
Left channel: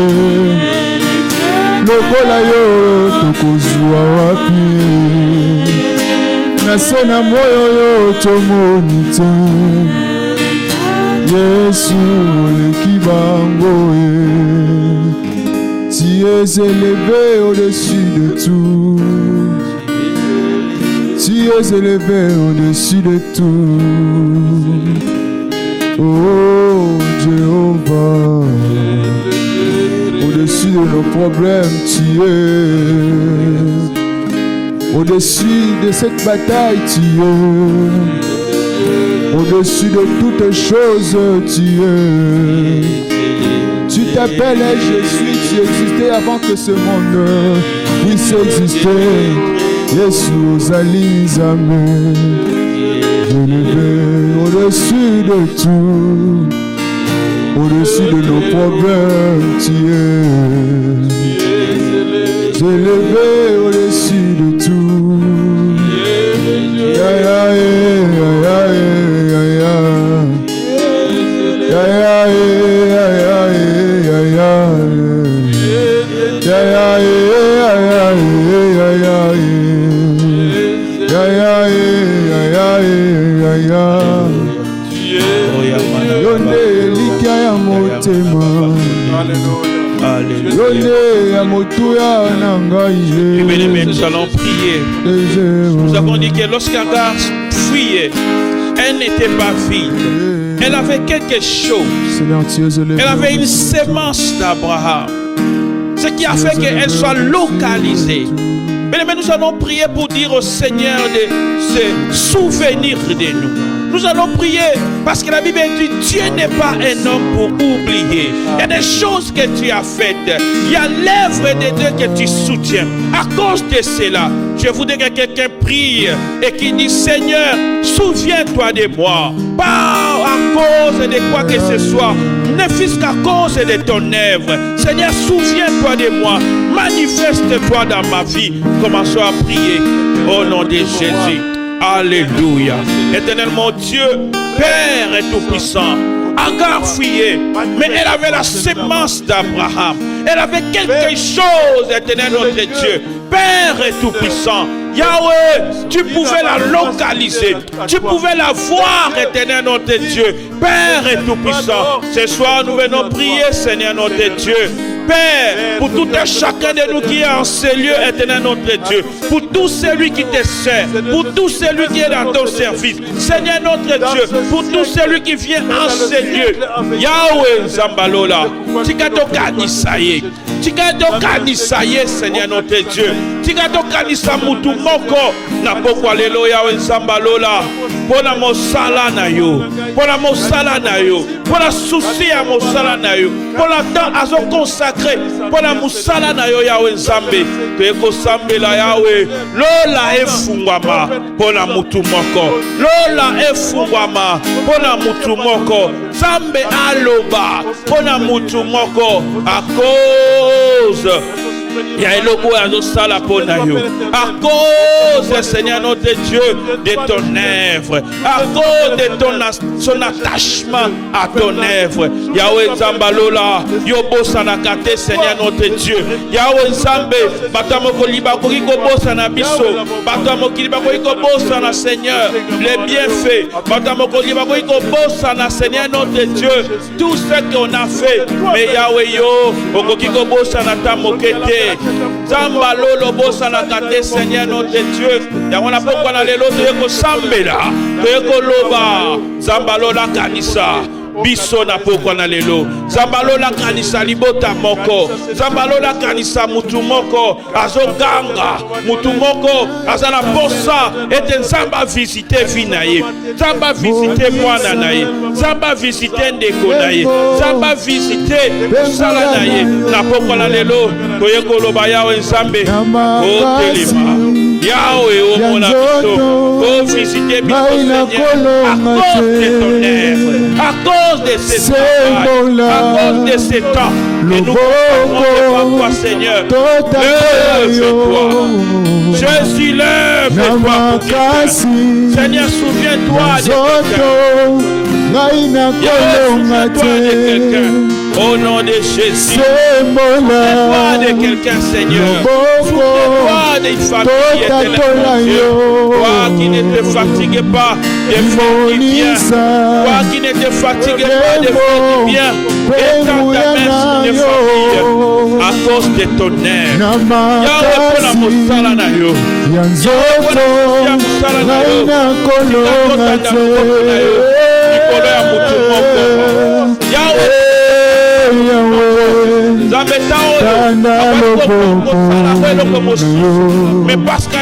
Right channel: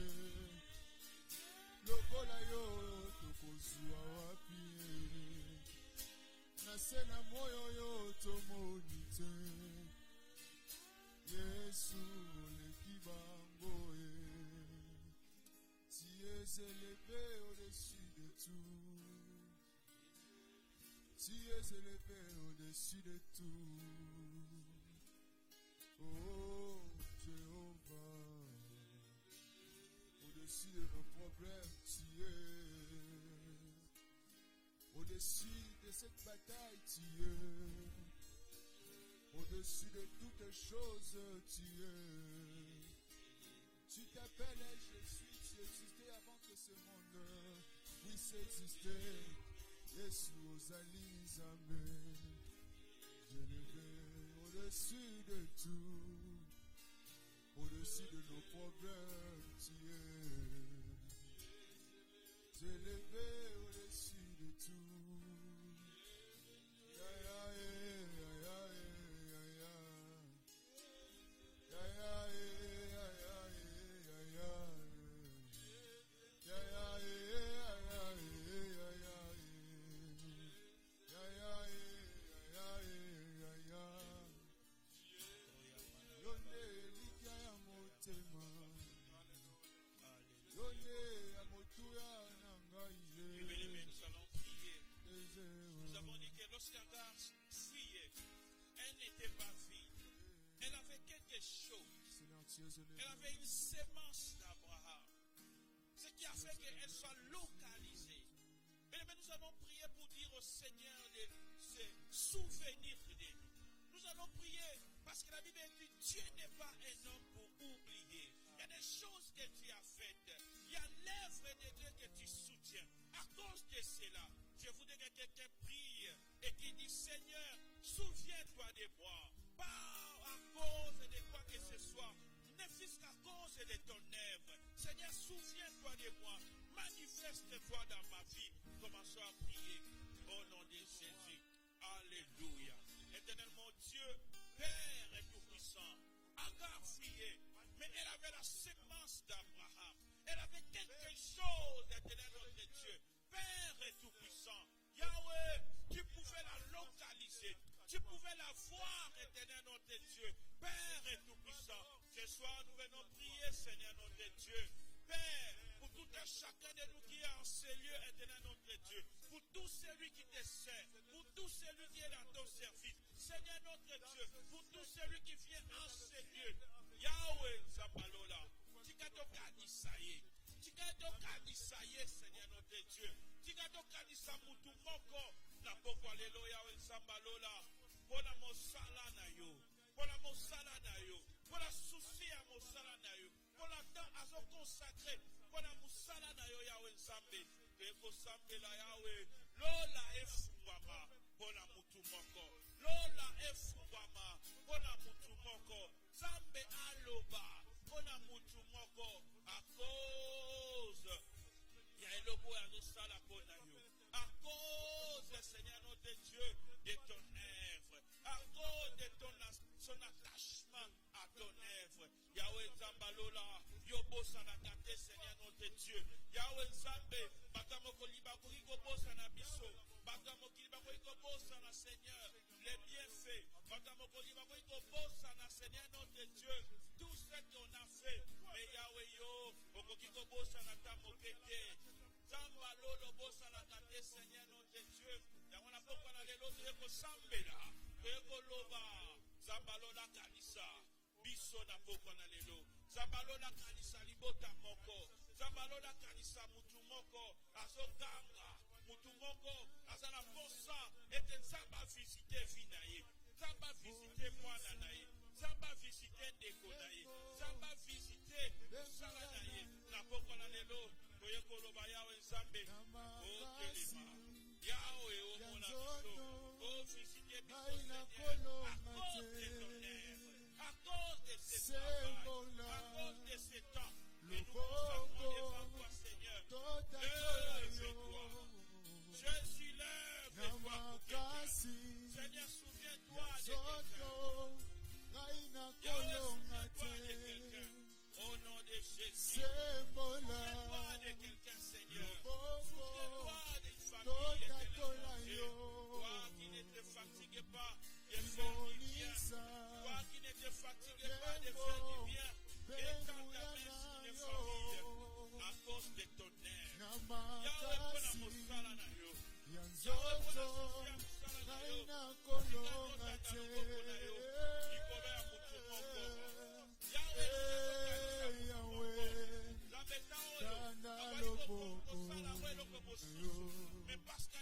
Lokola yo tokozwa wapi, naso na moyo yo tomoni te. Yesu oleki bango ye, tu es élevé au-dessus de tout, tu es élevé au-dessus de tout. Oh Jéhovah, au-dessus de nos problèmes, tu es. Au-dessus de cette bataille, tu es. Au-dessus de toutes choses, tu es. Tu t'appelais Jésus, tu existais avant que ce monde puisse exister. Jésus, Zalizame, élevé au-dessus de tout. Au-dessus de nos problèmes, tu es élevé au-dessus de tout. Ya ya ya ya ya ya ya ya motema yone ya motuya na ngai Bien-aimés, nous allons prier. Nous avons dit que lorsqu'Agar fuyait, elle n'était pas vide. Elle avait quelque chose. Elle avait une sémence d'Abraham. Ce qui a fait qu'elle soit localisée. Bien-aimés, nous allons prier pour dire au Seigneur de se souvenir de nous. Nous allons prier parce que la Bible dit Dieu n'est pas un homme pour oublier. Il y a des choses que tu as faites. Il y a l'œuvre de Dieu que tu soutiens. À cause de cela, je voudrais que quelqu'un prie et qui dit Seigneur, souviens-toi de moi. Pas à cause de quoi que ce soit, ne fût-ce qu'à cause de ton œuvre. Seigneur, souviens-toi de moi. Manifeste-toi dans ma vie. Commençons à prier au nom de Jésus. Alléluia. Éternel mon Dieu, Père et Tout-Puissant, Agar fuyait, mais elle avait la sémence d'Abraham. Elle avait quelque chose, Éternel notre Dieu, Père et Tout-Puissant. Yahweh, tu pouvais la localiser, tu pouvais la voir, Éternel notre Dieu, Père et Tout-Puissant. Ce soir, nous venons prier, Seigneur notre Dieu. Père, pour tout un chacun de nous qui est en ces lieux, Éternel notre Dieu, pour tout celui qui te sert, pour tout celui qui est dans ton service, Seigneur notre Dieu, pour tout celui qui vient en ces lieux, Yahweh Zambalola, Tikato Kanisaye, Seigneur notre Dieu, Tikato Kanisa Mutu Moko, Napokwa Lelo Yahweh Zambalola, Pona Mosala na yo, Pona Mosala na yo, Pona souci à Mosala na yo, Pona temps à son consacré, Pona Mosala na yo Yahweh Zambe, Teko Sambe la Yahweh, Lola efungwama, Pona Mutu Moko, Lola efungwama, Pona Mutu Moko, Zambe aloba, Pona Mutu Moko, à cause. Il y a un logo à nos salles à cause, Seigneur notre Dieu, de ton œuvre, à cause de son attachement à ton œuvre. Yahweh Zambalola, Yobo Sanakate, Seigneur notre Dieu. Yahweh Zambe, Batamoko Libako Bosa na Biso, Batamoko Libako Bosa na Seigneur, les bienfaits, Batamoko Libako Bosa na Seigneur notre Dieu, tout ce qu'on a fait, mais Yahweh Yo, Okokiko Bosa na Tamokete. Zamba lolo bosa na kate Seigneur notre Dieu. Yangona pokwa na lelo toyeko sambela, toyeko loba. Zamba lola kanisa. Biso na pokwa na lelo. Zamba lola kanisa libota moko. Zamba lola kanisa mutu moko. Azoganga mutu moko. Azana posa ete Zamba visite vinaye. Zamba visite mwana naye. Zamba visite ndeko naye. Zamba visite sala naye. Na pokwa na lelo toyeko loba Yahweh Nzambe. O telema. Yahweh o mona biso. O visite biso Seigneur. À cause de ton œuvre. À cause de ces temps. À cause de ces temps. Et nous comprenons pas, Seigneur. Lève-toi. Je suis lève-toi pour quelqu'un. Seigneur, souviens-toi de quelqu'un. Au nom de Jésus, souviens-toi de quelqu'un, Seigneur. Souviens-toi d'une famille qui était là, Dieu. Toi qui ne te fatigues pas de faire du bien. Toi qui ne te fatigues pas de faire du bien. Étends ta main sur les familles à cause de ton œuvre. Yahweh pour la mosala na yo. Yahweh pour la mosala na yo. Yahweh mais parce que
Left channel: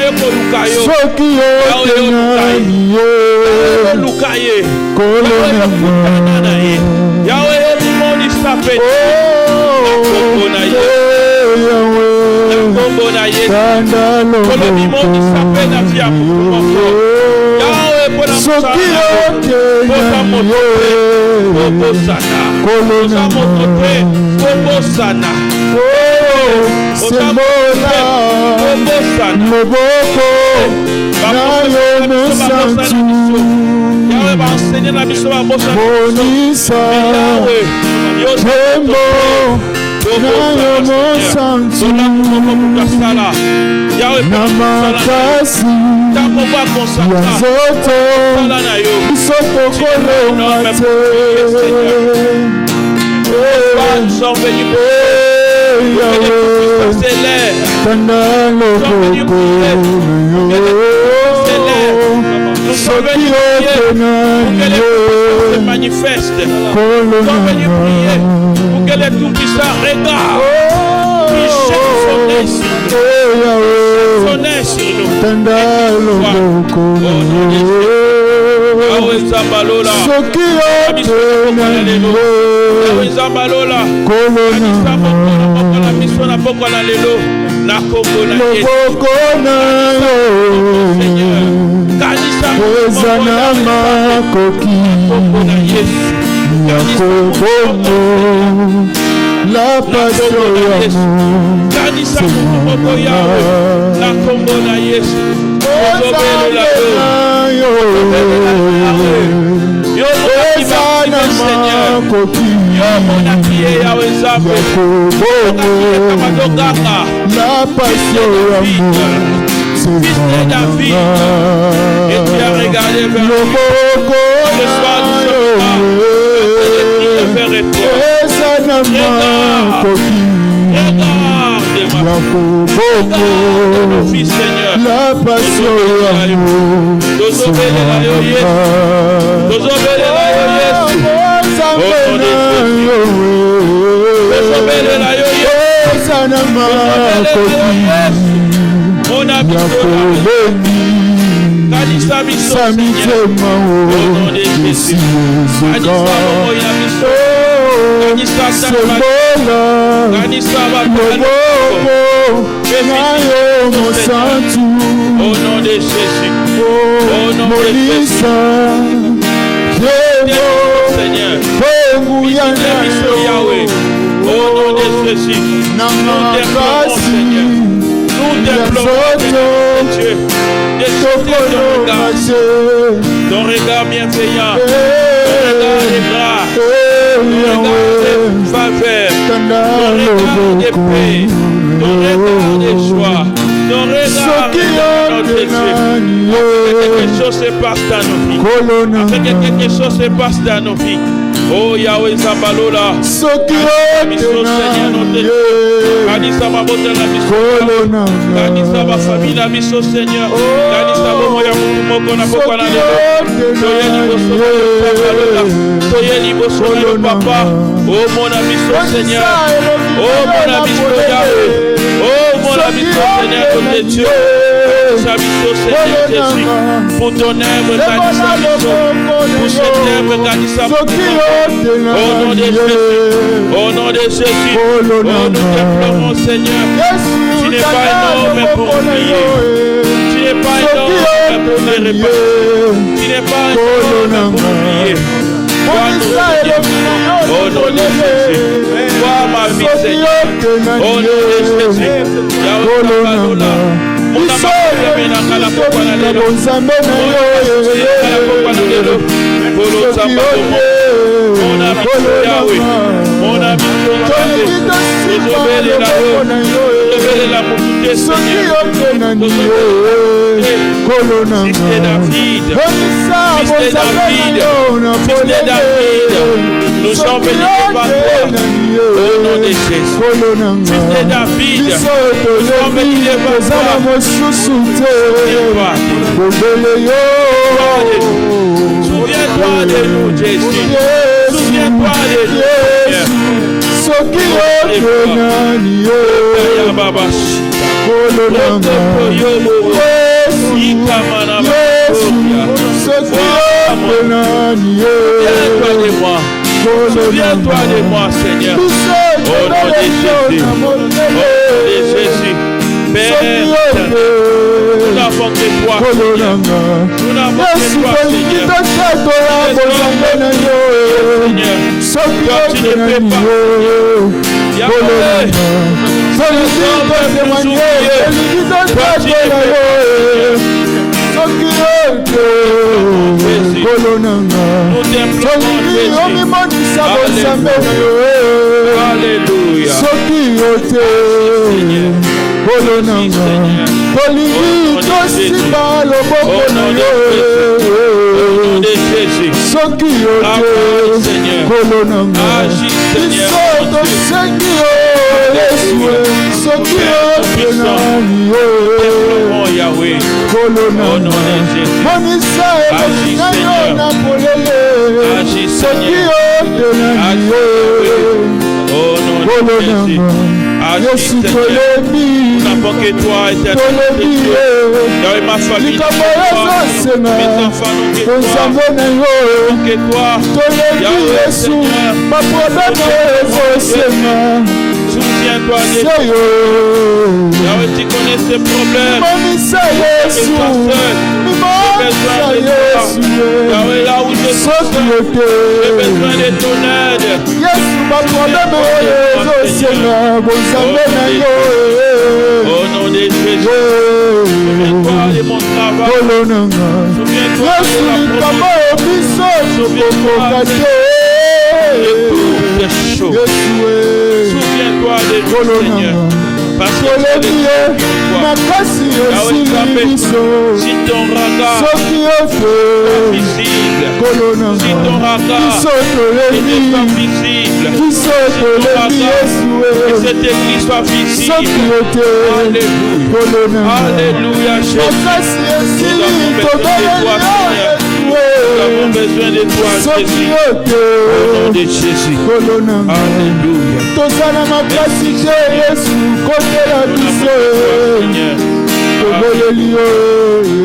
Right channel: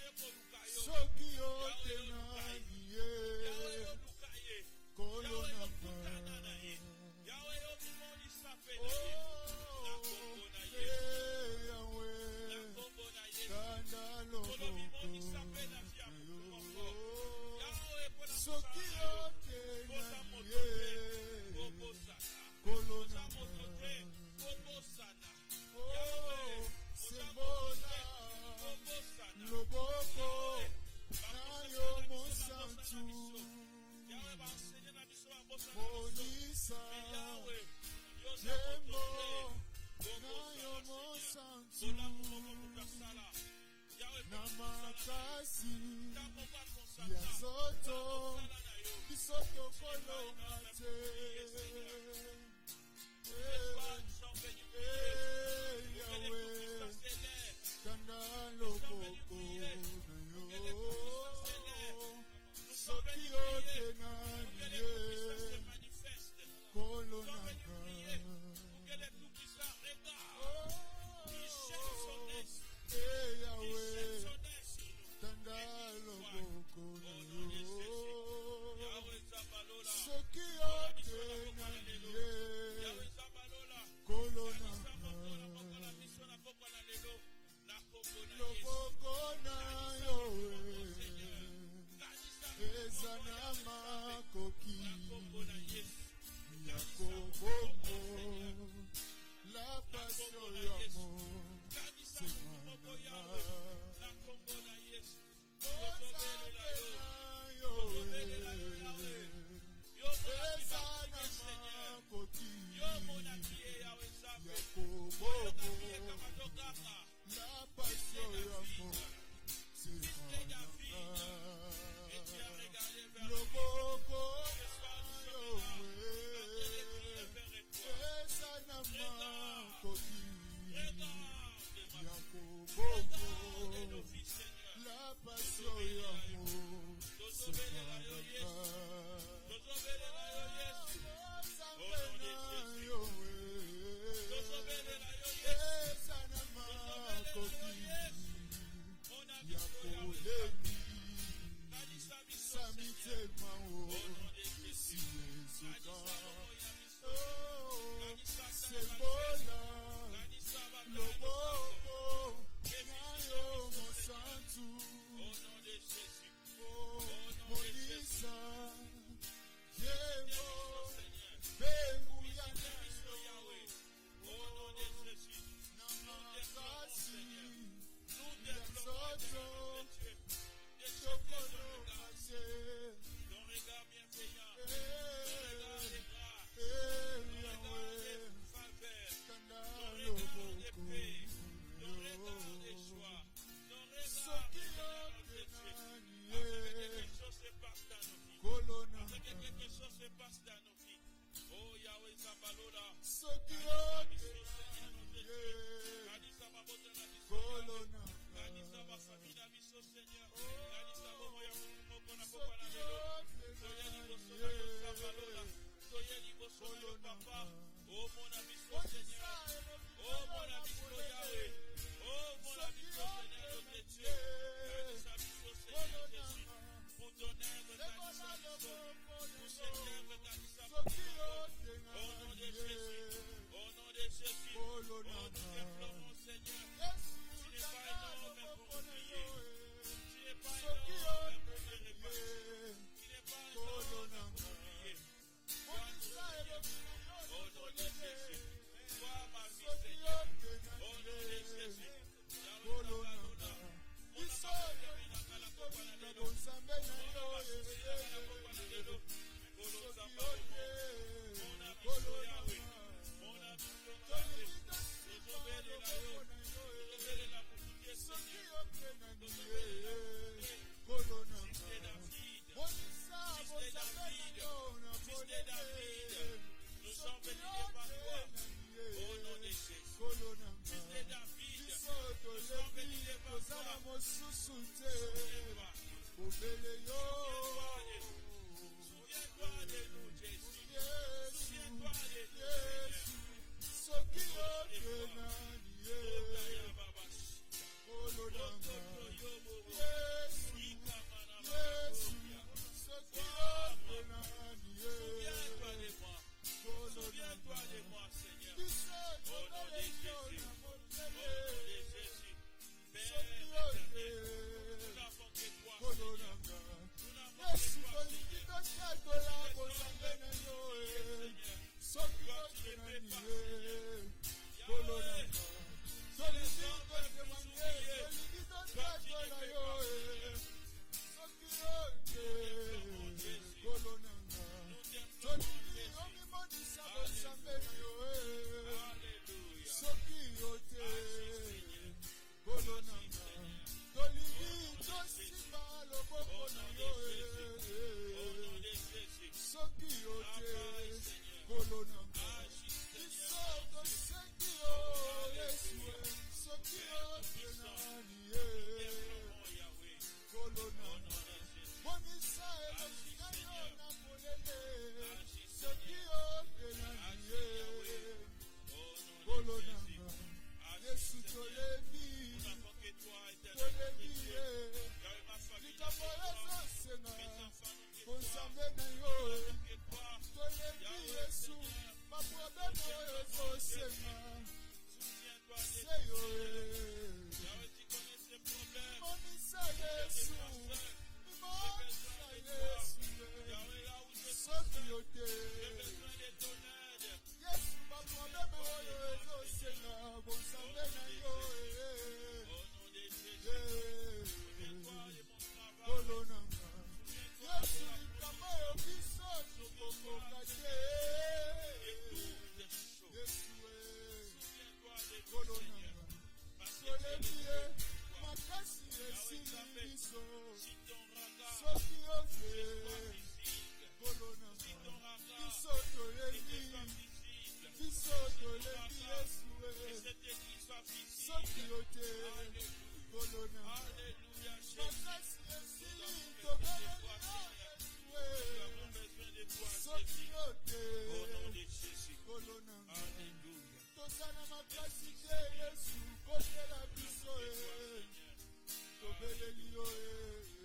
sont venus pour que les puissances s'élèvent. Nous sommes venus prier pour que les puissances s'élèvent. Nous sommes venus prier pour que les puissances se manifestent. Nous sommes venus prier pour que les tout-puissants regardent. Ils jettent son nez sur nous. Son nez sur nous. Yahweh Zambalola. Yahweh Zambalola. Kanisa mokola miso na poko na lelo. Na kombo na Yesu. Kanisa mokola kombo na Yesu. La passion Kanisa mokola Yahweh. Na kombo na Yesu. La passion fils de David, et tu as regardé vers lui. Le soir du regarde mon fils Seigneur. La passion au nom de Jésus, au nom de Jésus, Seigneur, Yahweh, au nom de Jésus, nous t'implorons, Seigneur, nous t'implorons, Dieu, de jeter ton regard bienveillant, ton regard de grâce, ton regard de faveur, ton regard de paix, ton regard de joie, ton regard de notre Dieu. Quelque chose se passe dans nos vies. Afin que quelque chose se passe dans nos vies. Oh Yahweh Zambalola. Seigneur notre Dieu. Kanisa mabota na biso. Kanisa ba famille na biso Seigneur. Kanisa bomo ya mutu moko na poko na lelo. Toyeli boso Zambalola. Toyeli boso na papa. Oh mon ami Seigneur. Oh mon ami Yahweh. Oh mon ami Seigneur notre Dieu. Seigneur Jésus, pour ton œuvre, Kanisa Biso, pour cette œuvre, Kanisa Biso, au nom de Jésus, au nom de Jésus, oh, nous t'implorons, Seigneur, tu n'es pas énorme pour oublier, tu n'es pas énorme pour les réparer, tu n'es pas énorme pour oublier, au nom de Jésus, vois ma vie, Seigneur, au nom de Jésus, Yahweh, mon nous sommes venus devant toi au nom de Jésus. Fils de David, nous sommes venus devant toi. Souviens-toi de nous, Jésus. Souviens-toi de nous, souviens-toi de moi, Seigneur. Au nom de Jésus. Au nom de Jésus. Père, nous n'avons que toi, Seigneur. Nous n'avons que toi, Seigneur. Seigneur, toi, tu ne peux pas. Yahweh, toi, tu alléluia. Agis, Seigneur. soki yo Yesu soki yo tenani yo Yahweh, kolona au nom de Jésus. monisa Agis, elonga yo Seigneur. na polele Agis, soki Seigneur. yo tenani yo Au nom de kolona Jésus. Agis, Yesu Seigneur. tolebi Nous n'avons que toi, éternel tolebi Dieu. ye Yahweh, ma famille, likambo ezosenga mes enfants n'ont que toi. nzambe na yo Que toi. tolebi Yahweh, Yesu Seigneur. baproblème ezosenga Souviens-toi de seyo Yahweh, tu connais ces problèmes. monisa Yesu mimisa Yesu Yahweh, là où je suis soki seul, yo j'ai te besoin de ton aide. Yesu baproblème oyo ezosenga bonzambe na yo Au nom de Jésus, souviens-toi de mon travail. kolonanga Souviens-toi Yesu de la likambo promotion. biso tokokoka te De toutes les choses. Yesu Souviens-toi de nous, Seigneur. kolonanga Parce que tolebi c'est ye de toi. makasi esili biso Si ton regard soki yo te visible, si kolonanga ton regard biso était tolebi pas visible, biso tolebi Yesu que cette église soit soki visible. yo te Alléluia. kolonanga Alléluia, Jésus. makasi esili Nous tobeleli yo Nous avons Yesu besoin de toi, soki Jésus. yo te Au nom de Jésus. kolonanga Alléluia. tozala makasi te Yesu kotela biso Seigneur, tobeleli yo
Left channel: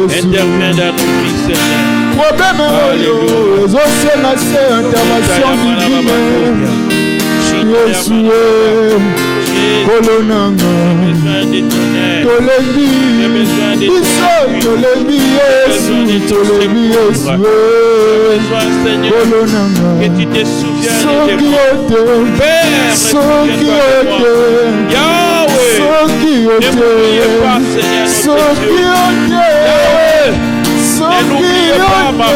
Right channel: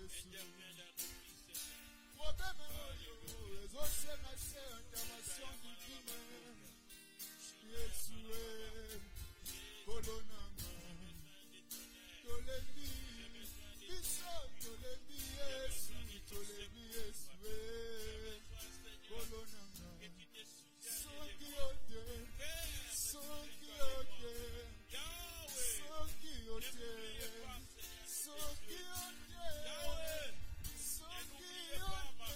Yesu interviens dans nos vies, Seigneur. problème oyo ezosenga se intervention divine Yesu kolonanga tolebi biso tolebi Yesu tolebi Yesu kolonanga Que tu te souviennes de soki tes yo te Père, soki yo te Yahweh, soki yo ne m'oubliez pas, te Seigneur, notre soki Dieu. yo te Yahweh, soki n'oubliez yo pas ma te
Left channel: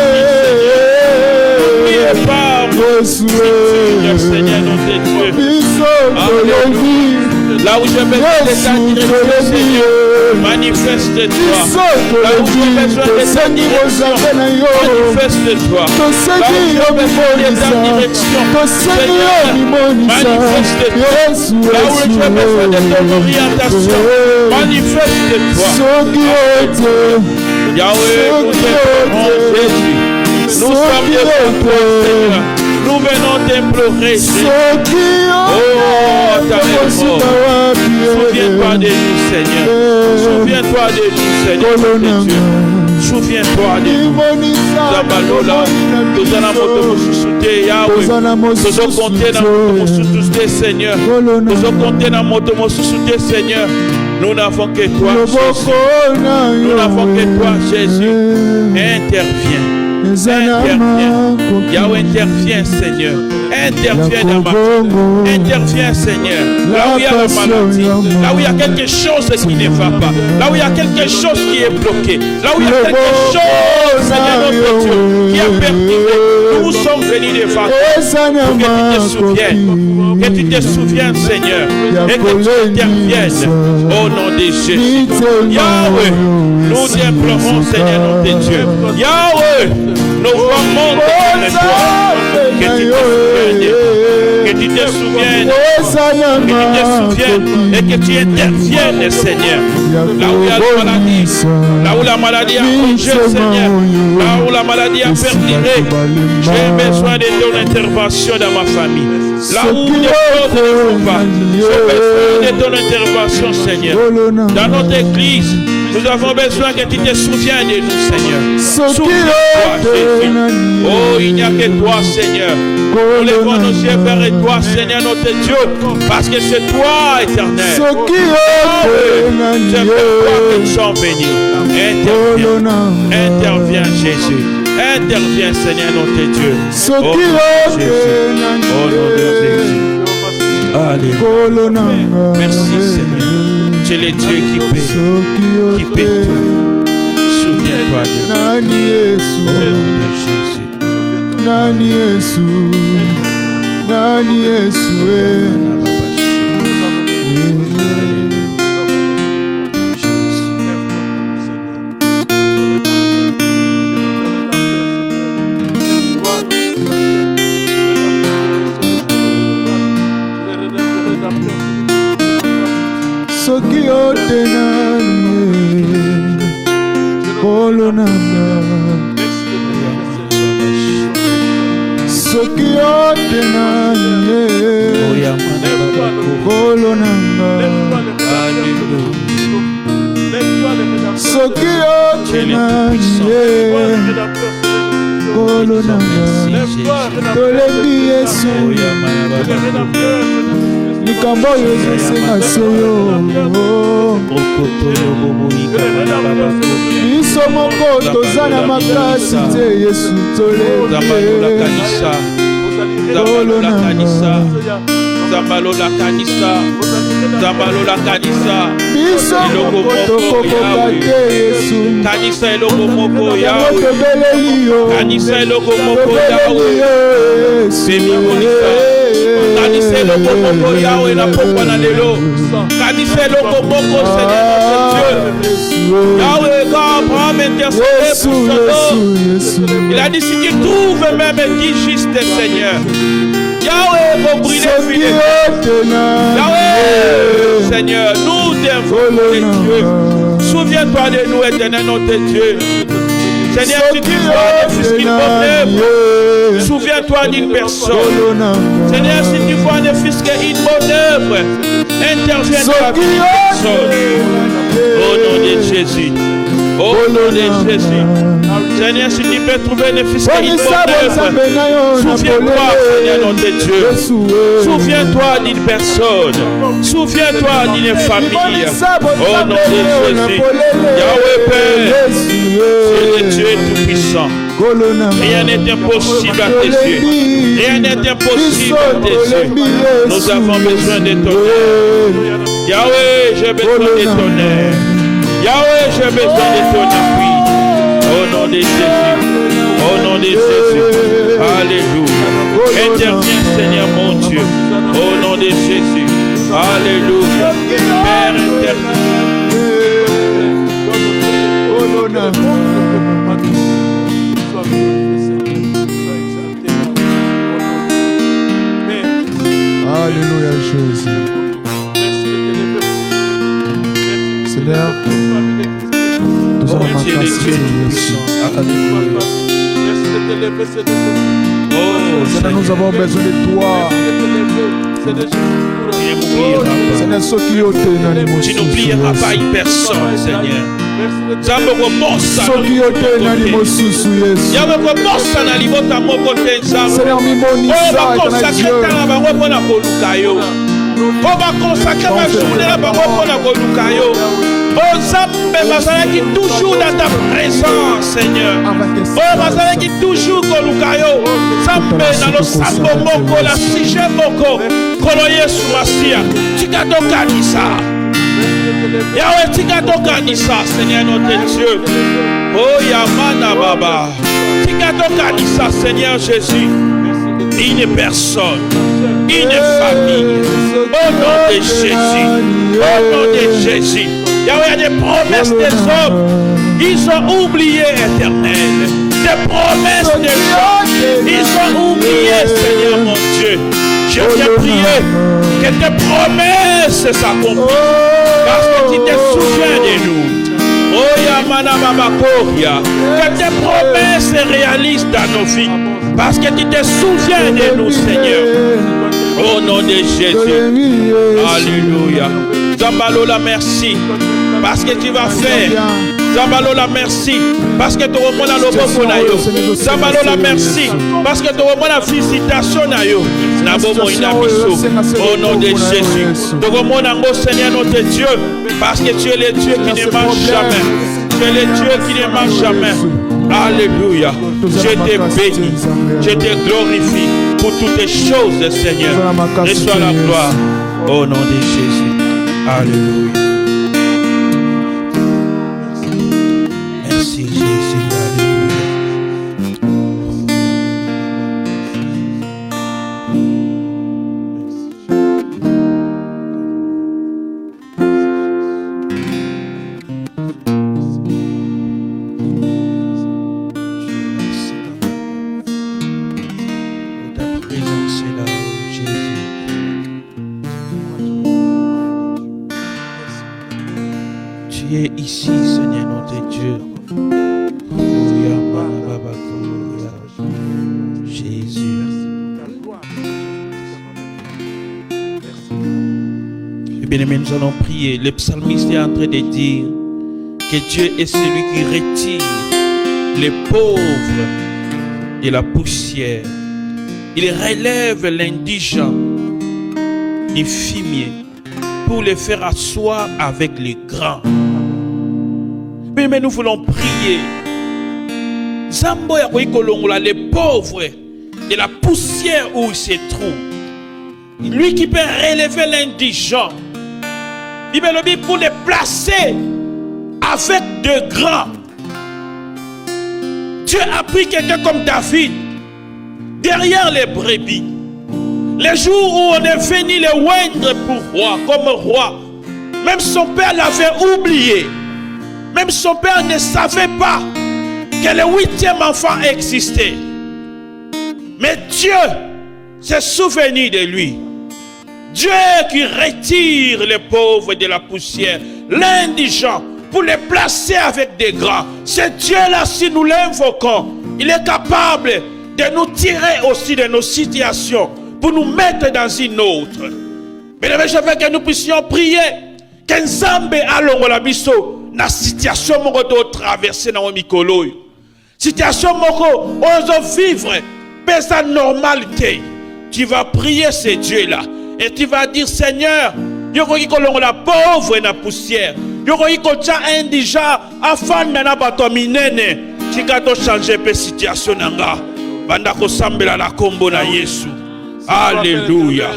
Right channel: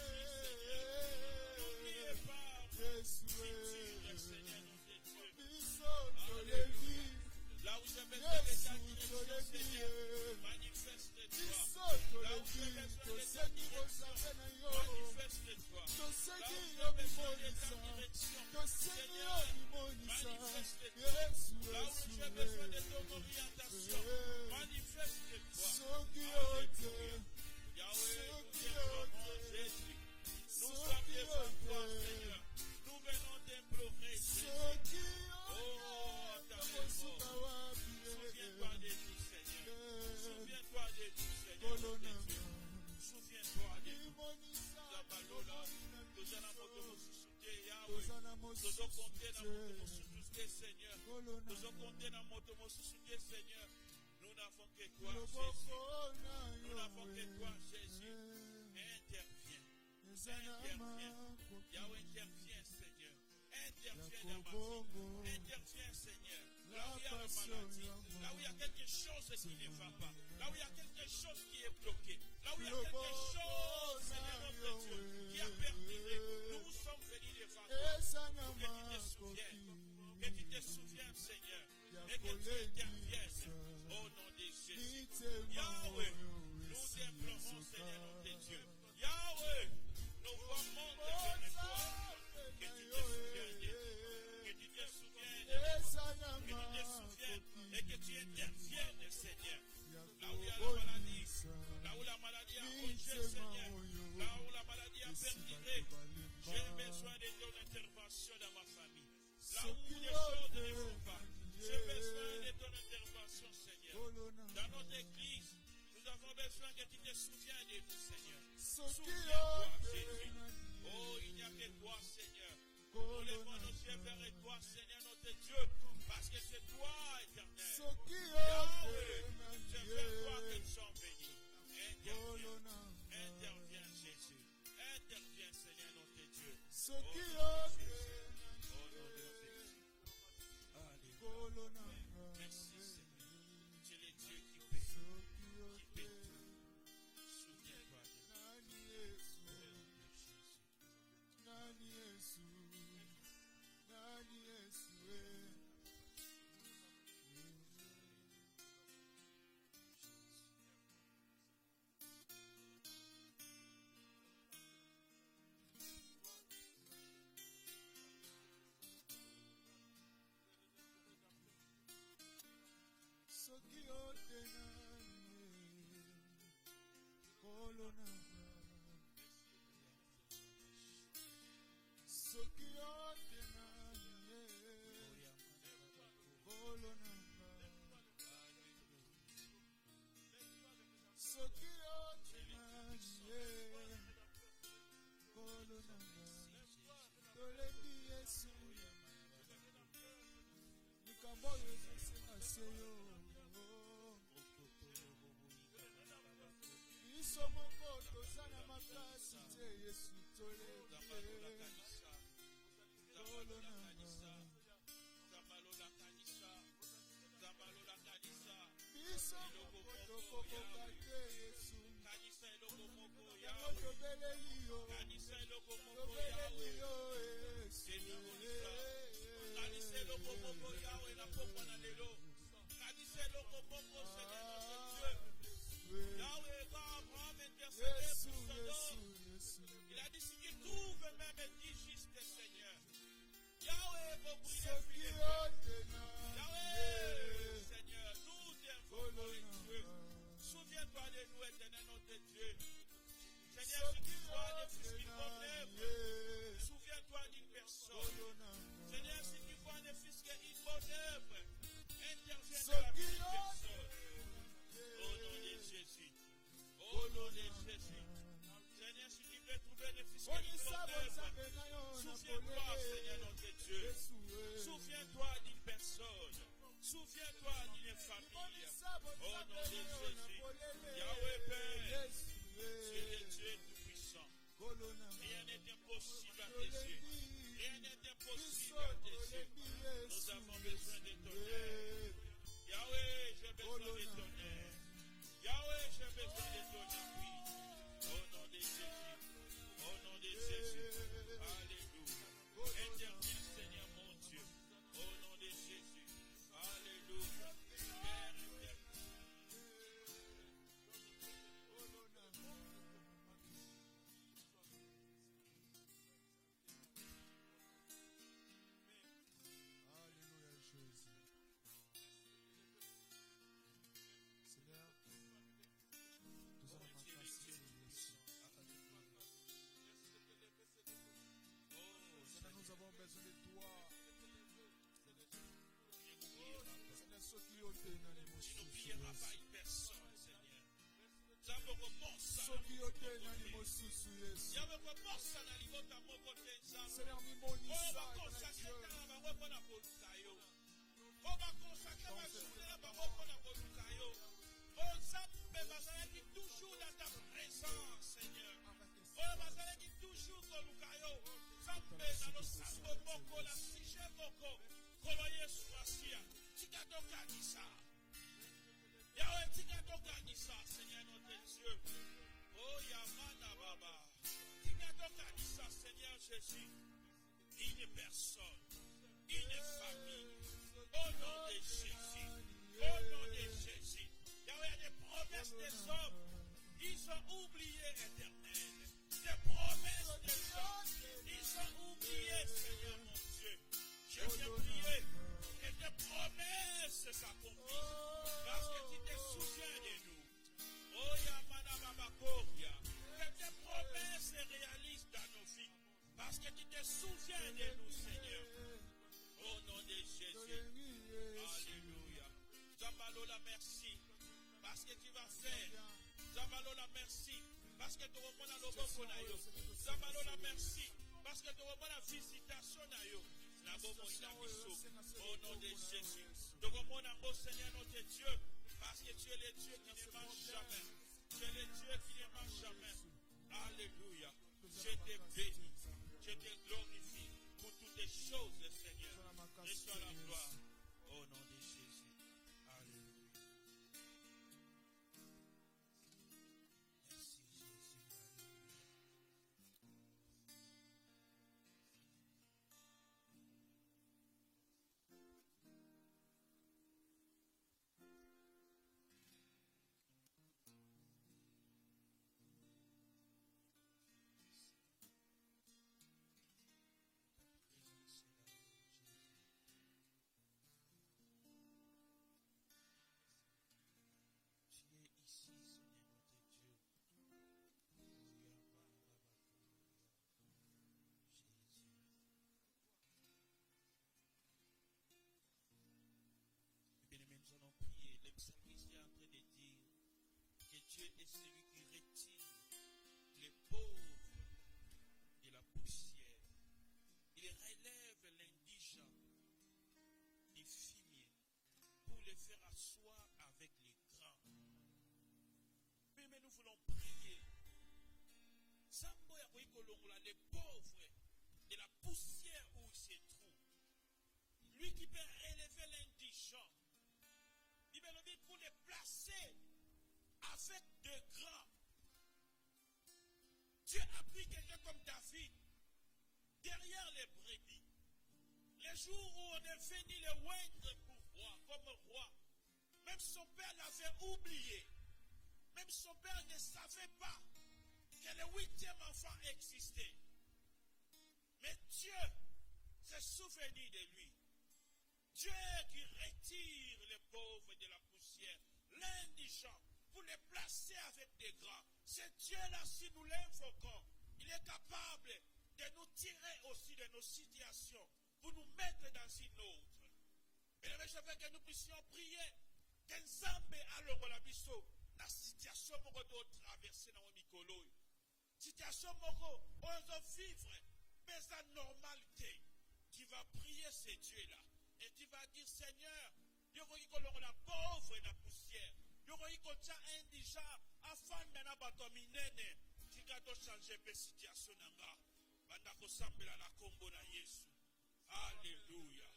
n'oubliez pas, mon Yesu Seigneur, notre Dieu. biso tolebi Là où j'ai besoin de ta Yesu direction, tolebi Seigneur, manifeste-toi. biso Là où j'ai tolebi besoin de ta tosengi direction, kozanga na yo manifeste-toi. Là où tosengi j'ai yo besoin de ta mimonisa direction, tosengi yo Seigneur, mimonisa manifeste-toi. Yesu Là où j'ai besoin de ton orientation, manifeste-toi. soki yo te Yahweh, nous t'implorons, Jésus. Nous sommes devant toi, Seigneur. Nous venons t'implorer, Jésus. soki yo Oh, ta Souviens-toi de nous, Seigneur. Souviens-toi de nous, Seigneur, notre Dieu. Souviens-toi de nous. Zabalola, tozala moto mosusu te, Yahweh. Tozokonte na moto mosusu te, Seigneur. Tozokonte na moto mosusu te, Seigneur. Nous n'avons que toi, Jésus. Nous n'avons que toi, Jésus. Interviens. Interviens. Yahweh, interviens, Seigneur. Interviens dans ma vie. Interviens, Seigneur. Là où il y a la maladie, là où il y a quelque chose qui ne va pas, là où il y a quelque chose qui est bloqué, là où il y a quelque chose, Seigneur notre Dieu, qui a perturbé. Nous sommes venus devant toi pour que tu te souviennes. Que tu te souviennes, Seigneur, et que tu interviennes au nom de Jésus. Yahweh, nous t'implorons, Seigneur notre Dieu. Yahweh, nos voix montent vers toi. Que tu te souviennes, que tu te souviennes, et que tu interviennes, Seigneur. Là où il y a la maladie, là où la maladie a bougé, Seigneur, là où la maladie a perduré, j'ai besoin de ton intervention dans ma famille. Là où les choses ne vont pas, j'ai besoin de ton intervention, Seigneur. Dans notre église, nous avons besoin que tu te souviennes de nous, Seigneur. Souviens-toi, Jésus. Oh, il n'y a que toi, Seigneur. Nous levons nos yeux vers toi, Seigneur notre Dieu, parce que c'est toi, éternel. C'est toi que nous sommes bénis. Interviens, interviens, Jésus. Interviens, Seigneur notre Dieu. Oh, Jésus. Oh, nom de Jésus. Alléluia. Merci, Seigneur. Tu es le Dieu qui paie tout. Souviens-toi de nous. Au nom de Jésus. Nani Yesu, Nani Yesu, Yahweh, God, prends m'intercéder pour son nom. Il a dit si tu trouves même 10 justes, Seigneur. Yahweh, pour brûler Yahweh, Seigneur, nous t'invoquons, Dieu. Souviens-toi de nous, éternel notre Dieu. Seigneur, si tu vois ne fût-ce qu'une bonne œuvre, souviens-toi d'une personne. Seigneur, si tu vois ne fût-ce qu'une bonne œuvre, interviens dans la vie d'une personne. Au nom de Jésus. Au nom de Jésus. Seigneur, si tu peux trouver ne fût-ce qu'une bonne œuvre, souviens-toi, Seigneur, notre Dieu. Souviens-toi d'une personne. Souviens-toi d'une famille. Au nom de Jésus. Yahweh Père, c'est le Dieu tout-puissant. Rien n'est impossible à tes yeux. Rien n'est impossible à tes yeux. Nous avons besoin de ton aide. Yahweh, j'ai besoin de ton aide. Yahweh, j'ai besoin de ton appui. Au nom de Jésus. Au nom de Jésus. Alléluia. Interviens, Seigneur mon Dieu. Au nom de Jésus. Alléluia. Père éternel. Alléluia, Jésus. Seigneur, nous allons m'acclamer, Jésus. Alléluia. Seigneur, nous avons besoin de toi. Tu n'oublieras pas une personne, Seigneur. Toujours dans ta présence, Seigneur. Oh, qui toujours Kolukayo. Sambe dans le sambo moko, la sige moko. Koloye suasia. Tigado kanisa. Yahweh, tigado kanisa, Seigneur notre Dieu. Oh, Yamana Baba. Tigado kanisa, Seigneur Jésus. Une personne, une famille. Au nom de Jésus. Au nom de Jésus. Yahweh, il y a des promesses des hommes. Ils ont oublié éternel. Des promesses des gens. Ils ont oublié, Seigneur mon Dieu. Je viens prier que tes promesses s'accomplissent. Parce que tu te souviens de nous. Oh Yamana Babakoria. Que tes promesses se réalisent dans nos vies. Parce que tu te souviens de nous, Seigneur. Au nom de Jésus. Alléluia. Zambalola, merci. Parce que tu vas faire. Zambalola, merci. Parce que tu remontes à l'oboko na yo. Zambalola, merci. Parce que tu remontes à la visitation na yo. Nabomo inabiso. Au nom de Jésus. Tu remontes à mon Seigneur notre Dieu. Parce que tu es le Dieu qui ne mange jamais. Tu es le Dieu qui ne mange jamais. Alléluia. Je te bénis. Je te glorifie pour toutes les choses, Seigneur. Reçois la gloire. Au nom de Jésus. Alléluia. Merci Jésus. prier ici, Seigneur notre Dieu. Jésus. Et bien aimé, nous allons prier. Le psalmiste est en train de dire que Dieu est celui qui retire les pauvres de la poussière. Il relève l'indigent du fumier pour les faire asseoir avec les grands. Mais nous voulons prier. Zambo ya kolongola les pauvres de la poussière où il se trouve. Lui qui peut relever l'indigent. Bible pour les placer avec de grands. Dieu a pris quelqu'un comme David derrière les brebis. Les jours où on est venu le oindre pour roi, comme roi, même son père l'avait oublié. Même son père ne savait pas que le 8e enfant existait. Mais Dieu s'est souvenu de lui. Dieu qui retire les pauvres de la poussière, l'indigent, pour les placer avec des grands. Ce Dieu-là, si nous l'invoquons, il est capable de nous tirer aussi de nos situations pour nous mettre dans une autre. Mesdames et messieurs, je veux que nous puissions prier que Nzambe alongola biso na situation moko do traverser na mikolo. Situation moko ozo vivre pesa normalité. Tu vas prier ce Dieu-là et tu vas dire Seigneur, yoko kolongola pauvre na poussière. Yoko ikocha indigent afanda na bato minene. Tika to changer pe situation nanga. Banda ko sambela la kombo na Yesu. Alléluia.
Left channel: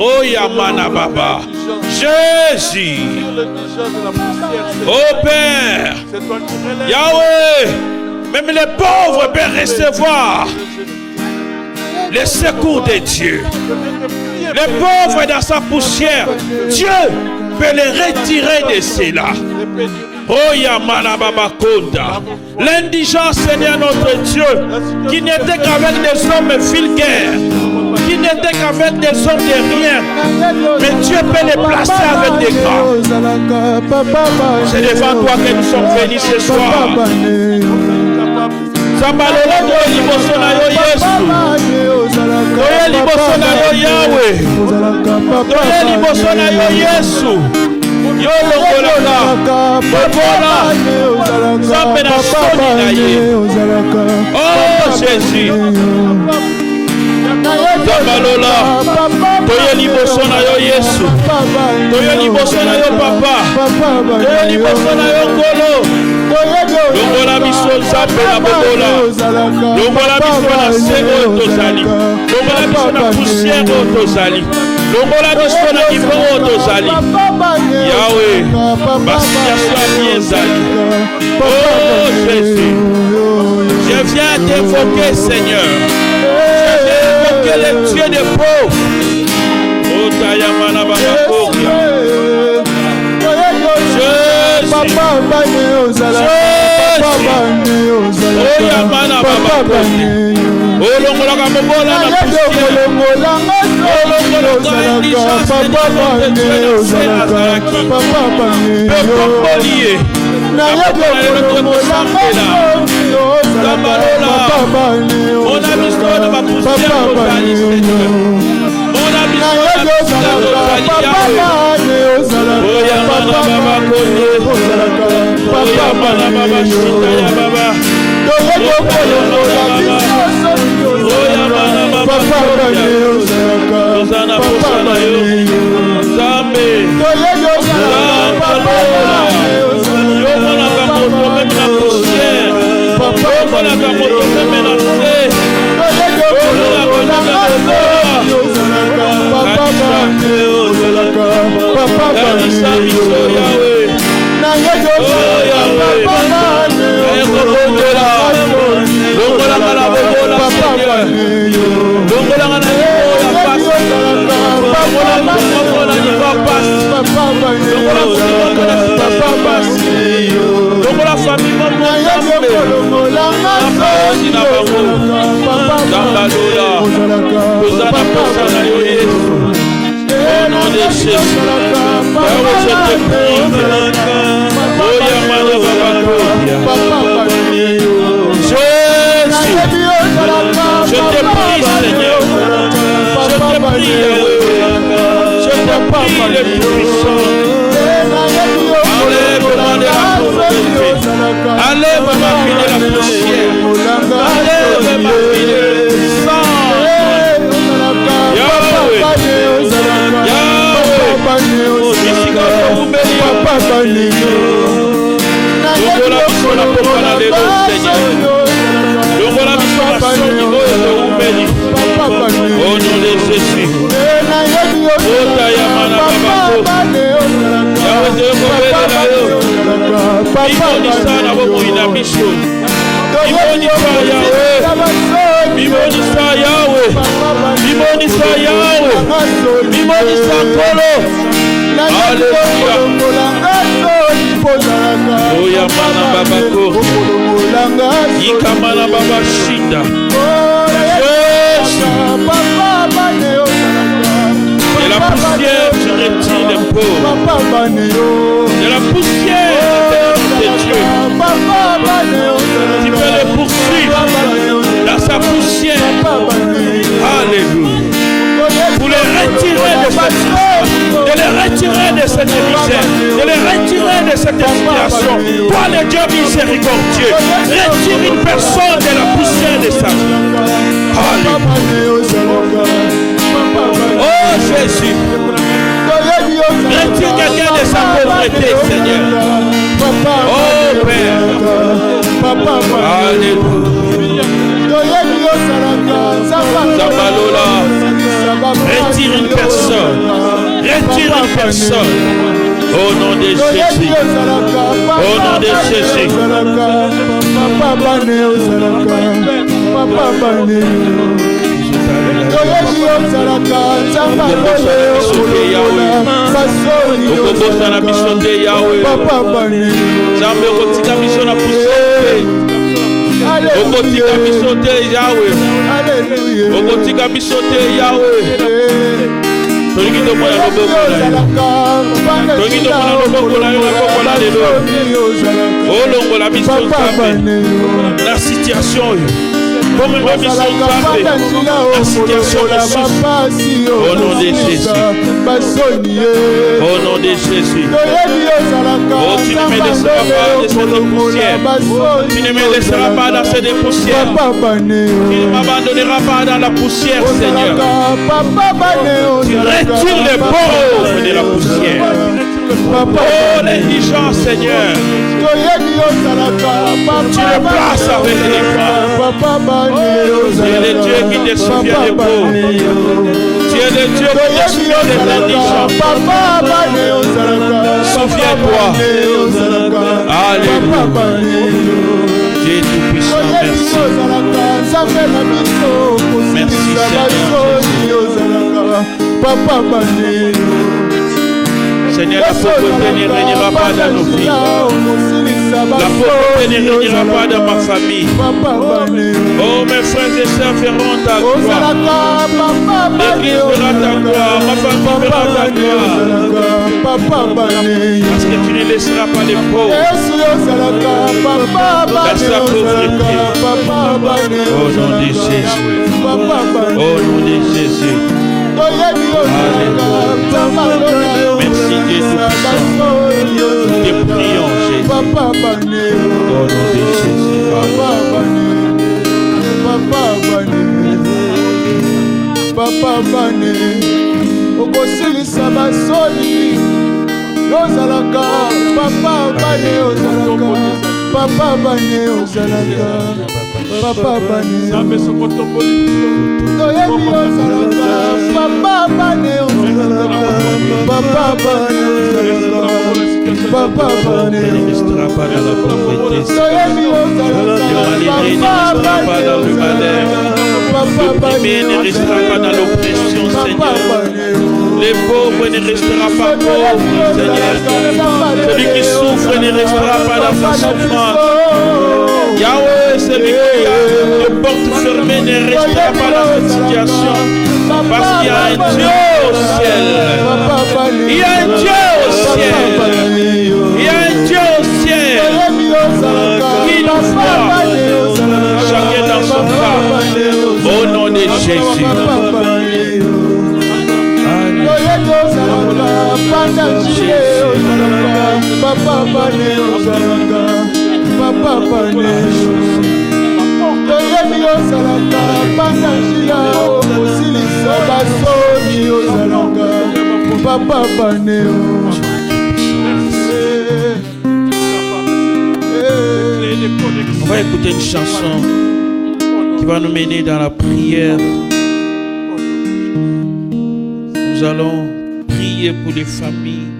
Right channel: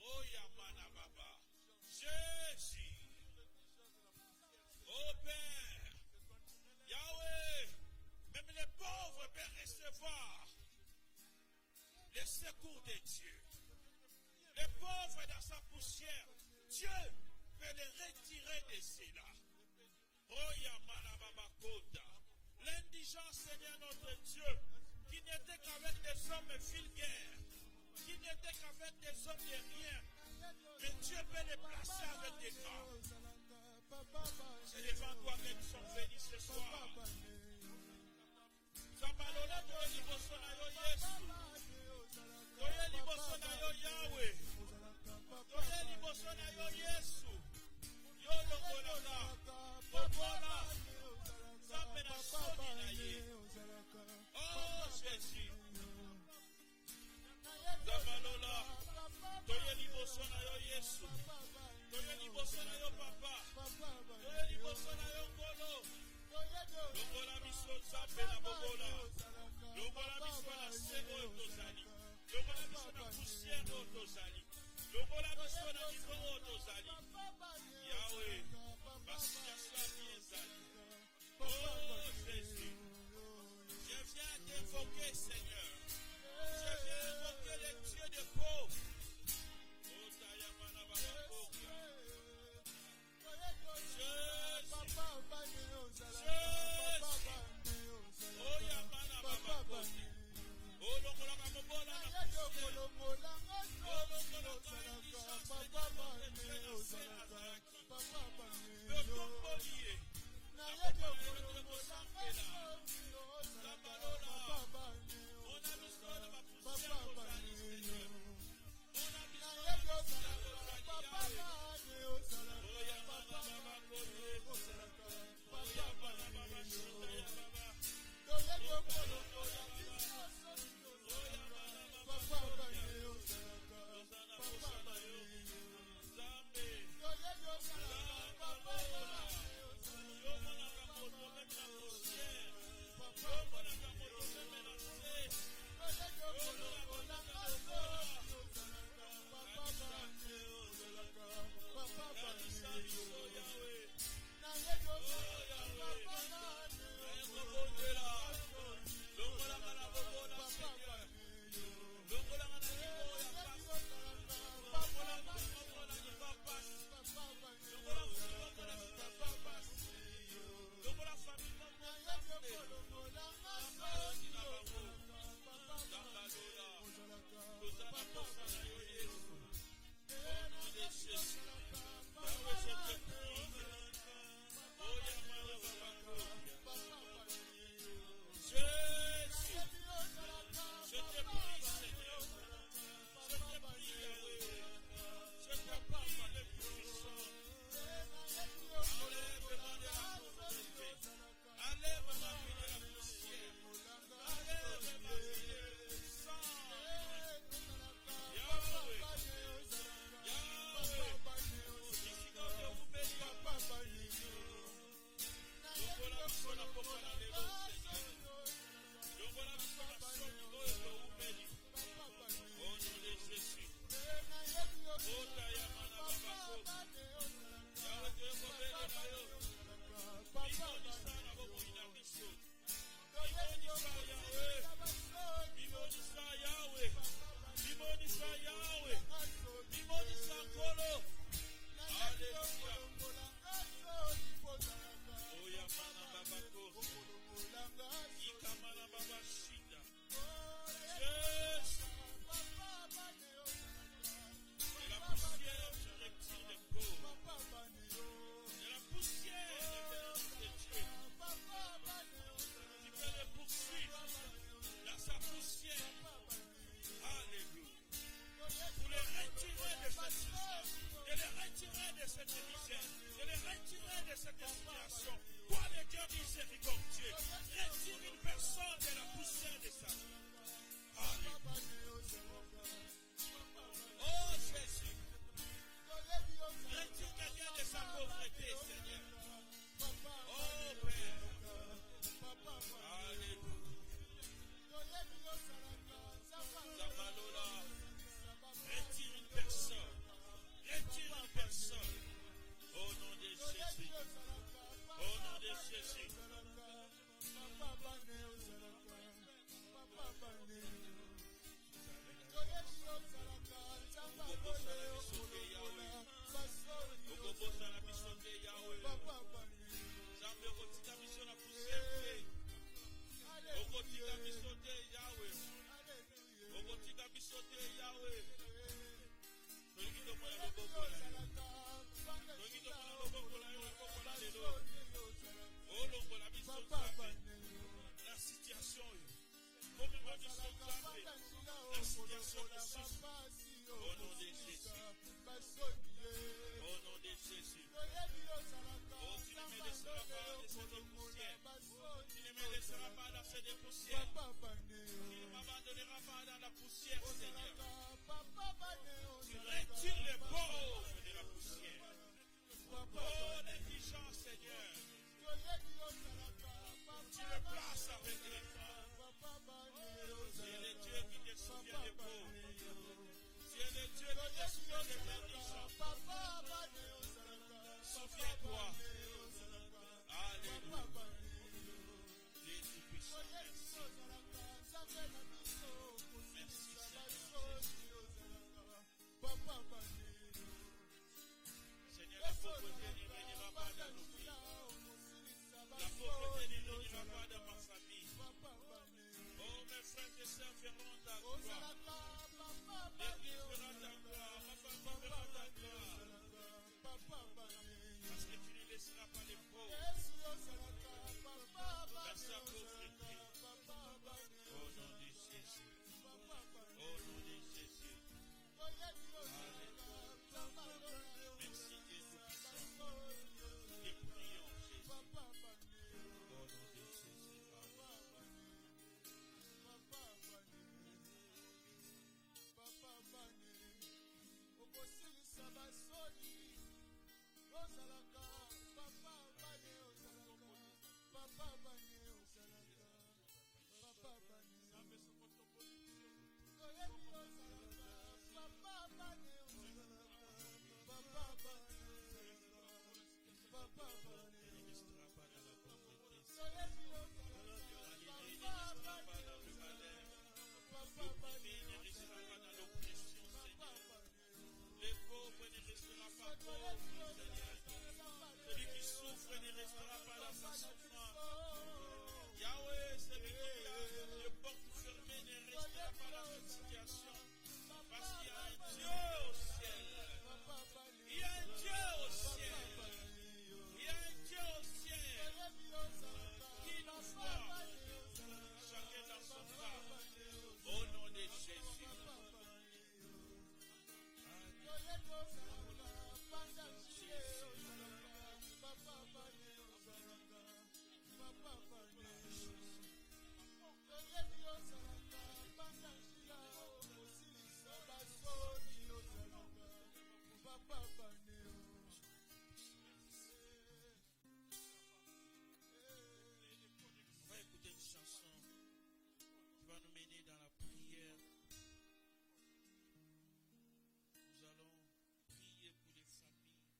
Oh Yamana Baba. Jésus. Oh Père. Yahweh. Même les pauvres peuvent recevoir le secours de Dieu. Les pauvres dans sa poussière, Dieu peut les retirer de cela. Oh Yamana Baba Konda. L'indigent Seigneur notre Dieu, qui n'était qu'avec des hommes vulgaires, qui n'était qu'avec des hommes de rien, mais Dieu peut les placer avec des grands. C'est devant toi que nous sommes venus ce soir. Sambalola to liboso na yo Yesu. To liboso na yo Yahweh. To liboso na yo Yesu. Yo lokola bobola. Zambe na soni na ye. Oh Jésus. Sambalola to liboso na yo Yesu. To liboso na yo Papa. To liboso na yo Kolo. Longola biso Nzambe na bobola. Longola biso na se oyo tozali. Longola biso na poussière oyo tozali. Longola biso na niveau oyo tozali. Yahweh, bassituation ya bien ezali. Oh Jésus, je viens t'évoquer Seigneur. Je viens évoquer le Dieu des pauvres. Oh Tayamana Bakakoria. Au nom de Jésus, je te prie, Esprit le Tout-Puissant, enlève-moi de la pauvreté, enlève ma vie de la poussière, enlève ma vie de sang. Yahweh, oh, Jessica, vous bénissez. Longola biso na pokwa na lelo Seigneur. Longola biso na soni oyo toumeli. Au nom de Jésus. Ota ya mana babako. Yawe tokobelela yo. Bimonisa na bomoi na biso. Bimonisa Yawe. Bimonisa Yawe. Bimonisa Yawe. Bimonisa Nkolo. Alléluia. Oya mana babako. Yika mana baba shinda. De la poussière, je retire les pauvres. De la poussière de Dieu. Tu peux les poursuivre dans sa poussière. Alléluia. Pour les retirer de cette histoire, de les retirer de cette misère, de les retirer de cette situation. Toi, le Dieu miséricordieux, retire une personne de la poussière de sa vie. Alléluia. Oh Jésus, retire quelqu'un de sa pauvreté, Seigneur. Oh Père. Alléluia. Zabalola. Retire une personne. Retire une personne. Au nom de Jésus. Au nom de Jésus. La situation comme une mission la situation de souffre. Au nom de Jésus. Au nom de Jésus. Oh, tu ne me laisseras pas de cette poussière. Tu ne me laisseras pas dans cette poussière. Tu ne m'abandonneras pas dans la poussière, Seigneur. Tu retires les pauvres de la poussière. Oh, l'indigent, Seigneur. Tu le places avec les grands. Tu es le Dieu qui te souvient des pauvres. Tu es le Dieu qui te souvient des indigents. Souviens-toi. Alléluia. Dieu est tout-puissant. Merci. Merci, Seigneur. Seigneur, la pauvreté ne régnera pas dans nos vies. La pauvreté ne régnera pas dans ma famille. Oh, mes frères et sœurs verront ta gloire. L'Église verra ta gloire. Ma famille verra ta gloire. Parce que tu ne laisseras pas les pauvres dans sa pauvreté. Au nom de Jésus. Au nom de Jésus. Alléluia. Merci Dieu tout-puissant. Te prions Jésus. Au nom de Jésus. Papa bane okosilisa basoni ozalaka papa bane ozalaka papa bane ozalaka papa bane toyebi ozalaka papa bane ozalaka papa bane papa bane Ne restera pas dans la pauvreté. toyebi ozalaka Le malheureux ne restera pas dans le malheur. L'opprimé ne restera pas dans l'oppression, Seigneur. Les pauvres ne restera pas pauvres, Seigneur. Celui qui souffre ne restera pas dans sa souffrance. Yahweh, celui qui a les portes fermées ne restera pas dans cette situation. Parce qu'il y a un Dieu au ciel. Il y a un Dieu au ciel. Il y a un Dieu au ciel qui nous voit. Chacun dans son cas. Au nom de Jésus. Bandachile ozalaka, papa bane ozalaka, papa bane. Toyebi ozalaka, bandachila okosilisa basoni ozalaka, papa bane. On va écouter une chanson qui va nous mener dans la prière. Nous allons prier pour les familles,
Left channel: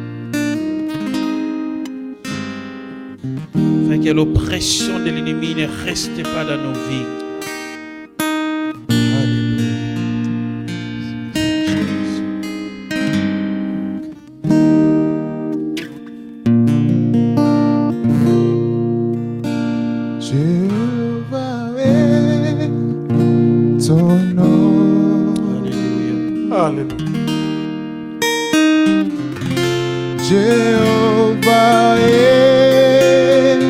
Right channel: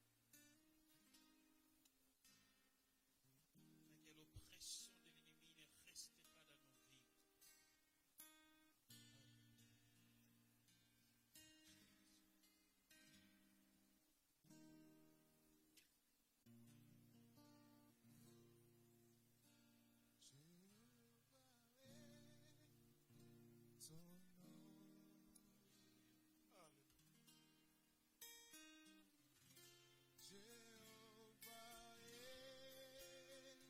afin que l'oppression de l'ennemi ne reste pas dans nos vies. Jéhovah est ton nom. Alléluia. Jéhovah est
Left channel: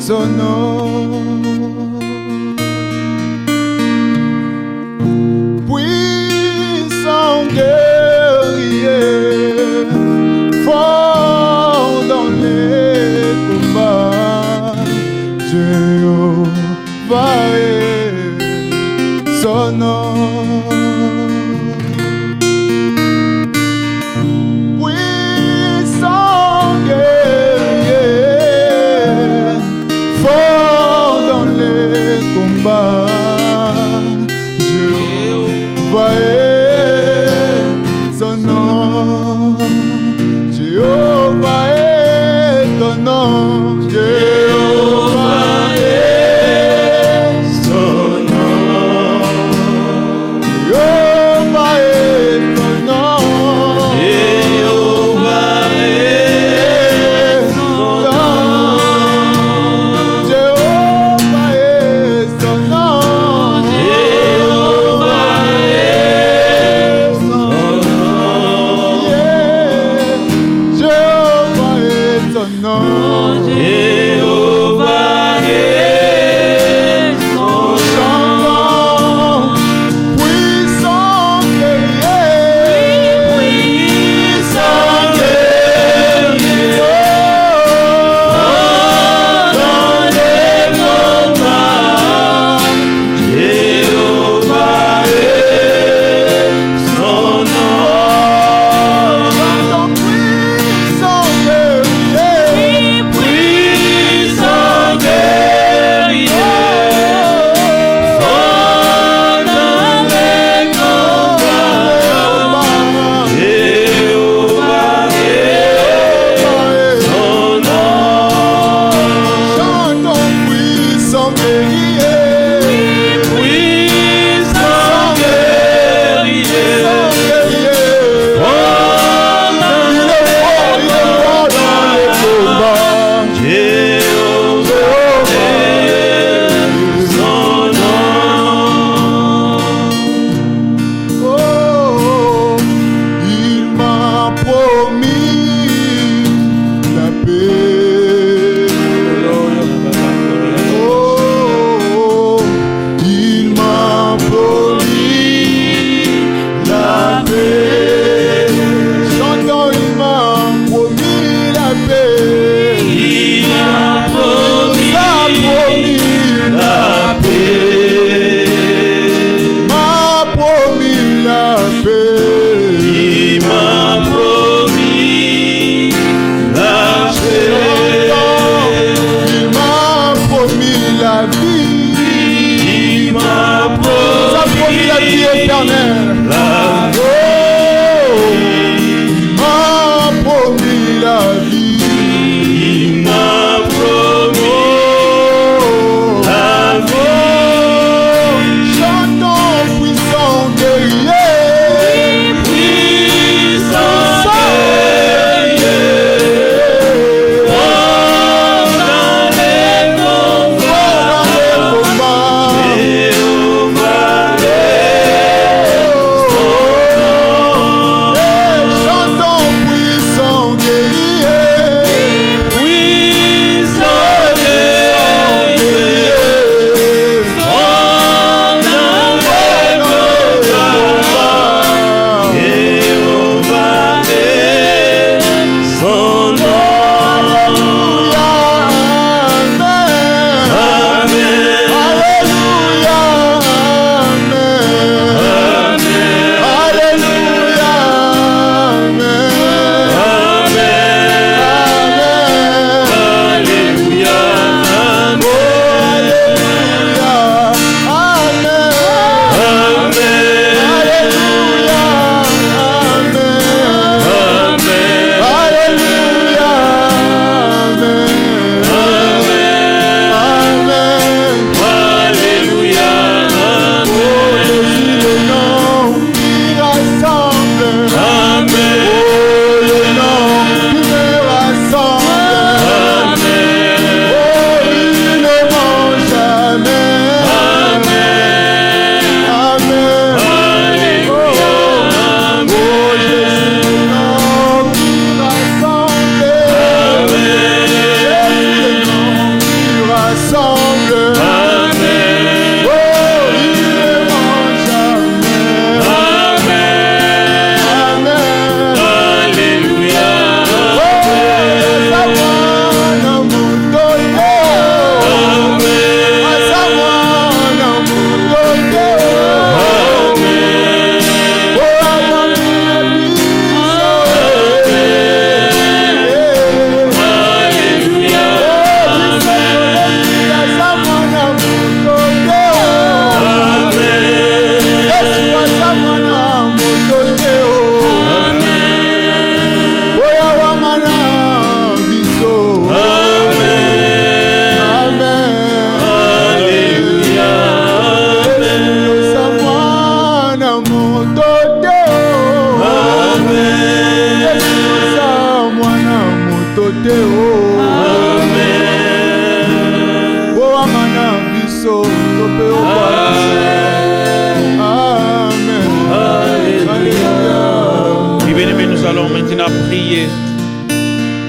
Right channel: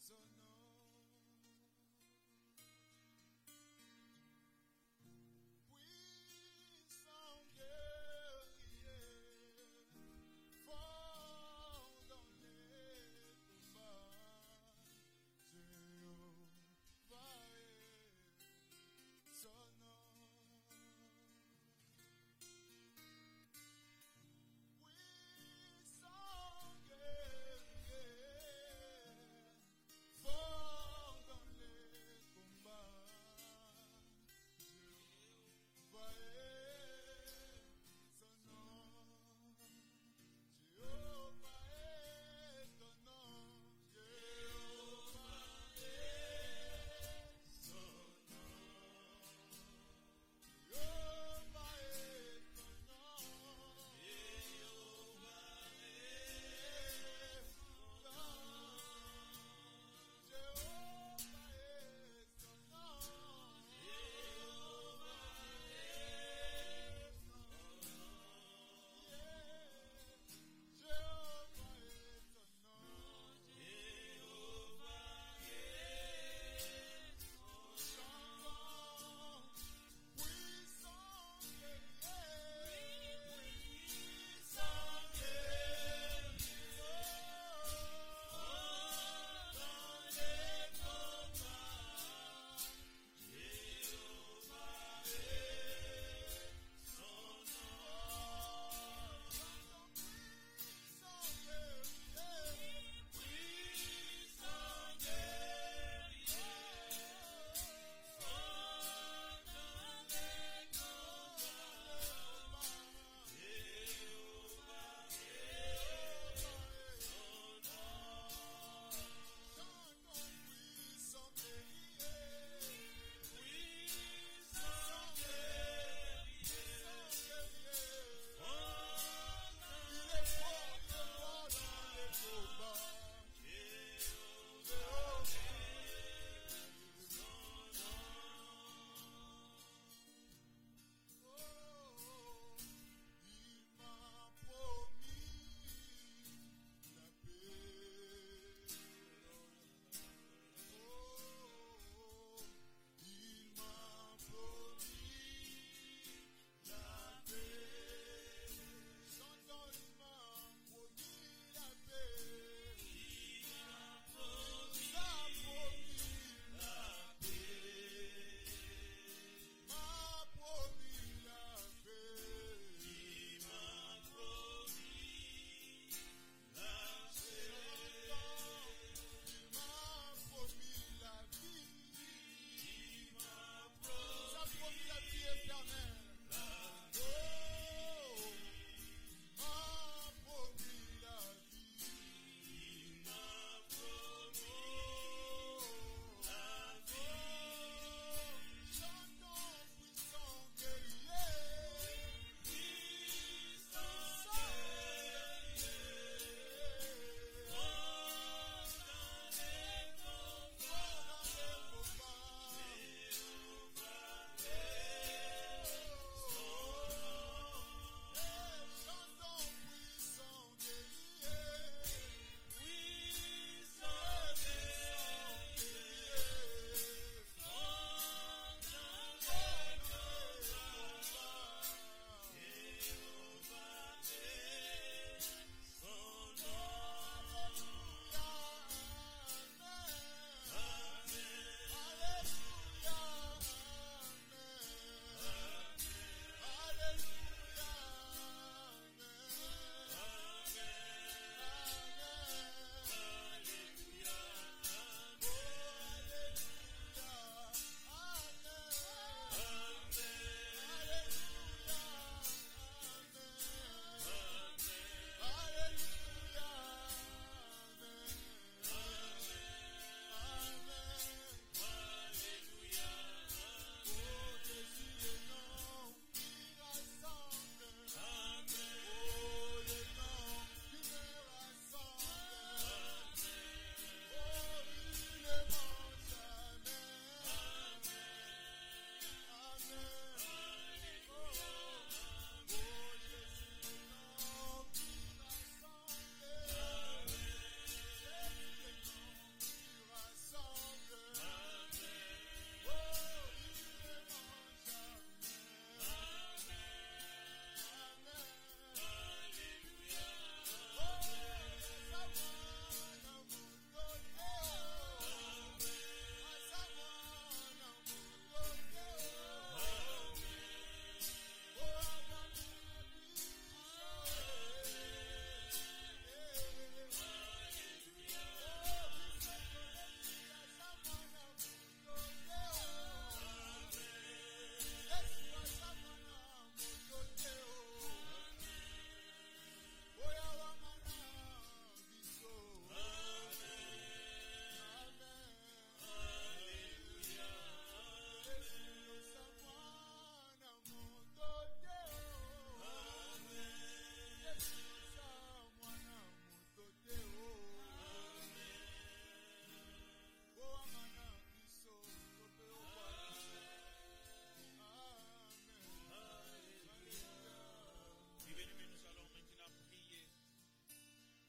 son nom. Puissant guerrier, fort dans les combats. Jéhovah est son nom. Puissant guerrier, fort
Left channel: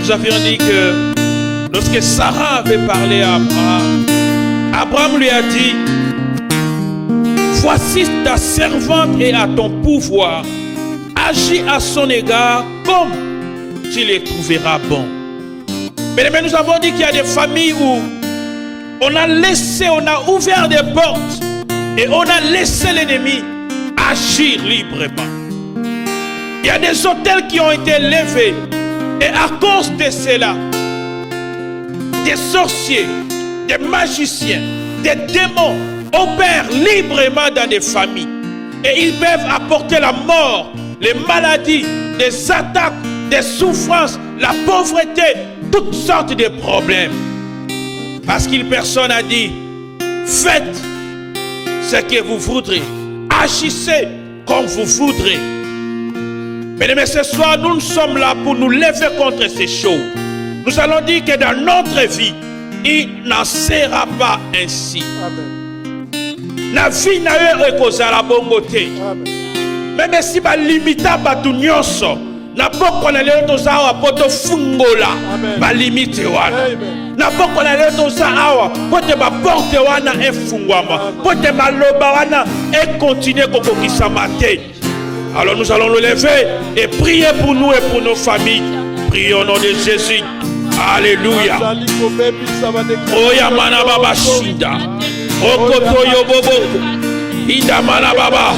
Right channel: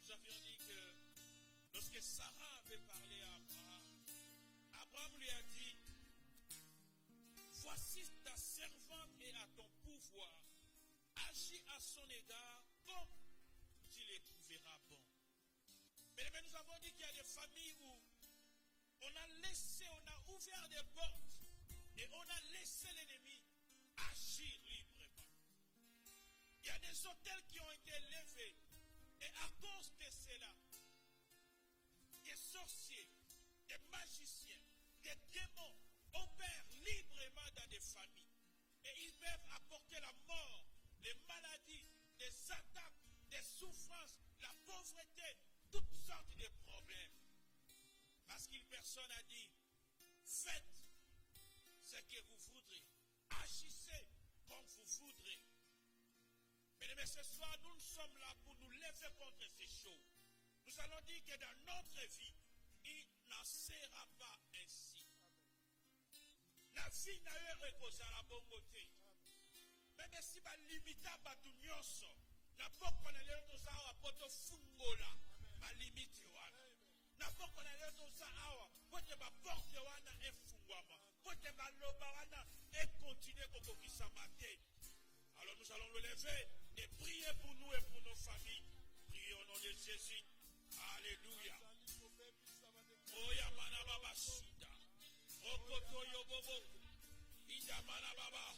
nous avions dit que lorsque Sarah avait parlé à Abraham, Abraham lui a dit, voici ta servante est à ton pouvoir, agis à son égard comme tu les trouveras bon. Mais nous avons dit qu'il y a des familles où on a ouvert des portes et on a laissé l'ennemi agir librement. Il y a des hôtels qui ont été levés et à cause de cela, des sorciers, des magiciens, des démons opèrent librement dans des familles et ils peuvent apporter la mort, les maladies, des attaques, des souffrances, la pauvreté, toutes sortes de problèmes. Parce qu'une personne a dit, faites ce que vous voudrez, agissez comme vous voudrez. Mais ce soir, nous sommes là pour nous lever contre ces choses. Nous allons dire que dans notre vie, il n'en sera pas ainsi. La vie n'a eu cause à la bonne côté. Même si ma limita batu nyonso, na poko na leo toza awa poto fungola, ma limite wana. Na poko na leo toza awa pote ba porte wana efungwama, pote ba loba wana et continuer kokokisa mate. Alors nous allons nous lever et prier pour nous et pour nos familles. Prions au nom de Jésus. Alléluia. Oya mana baba shinda. Okoto yobobo. Ida mana baba.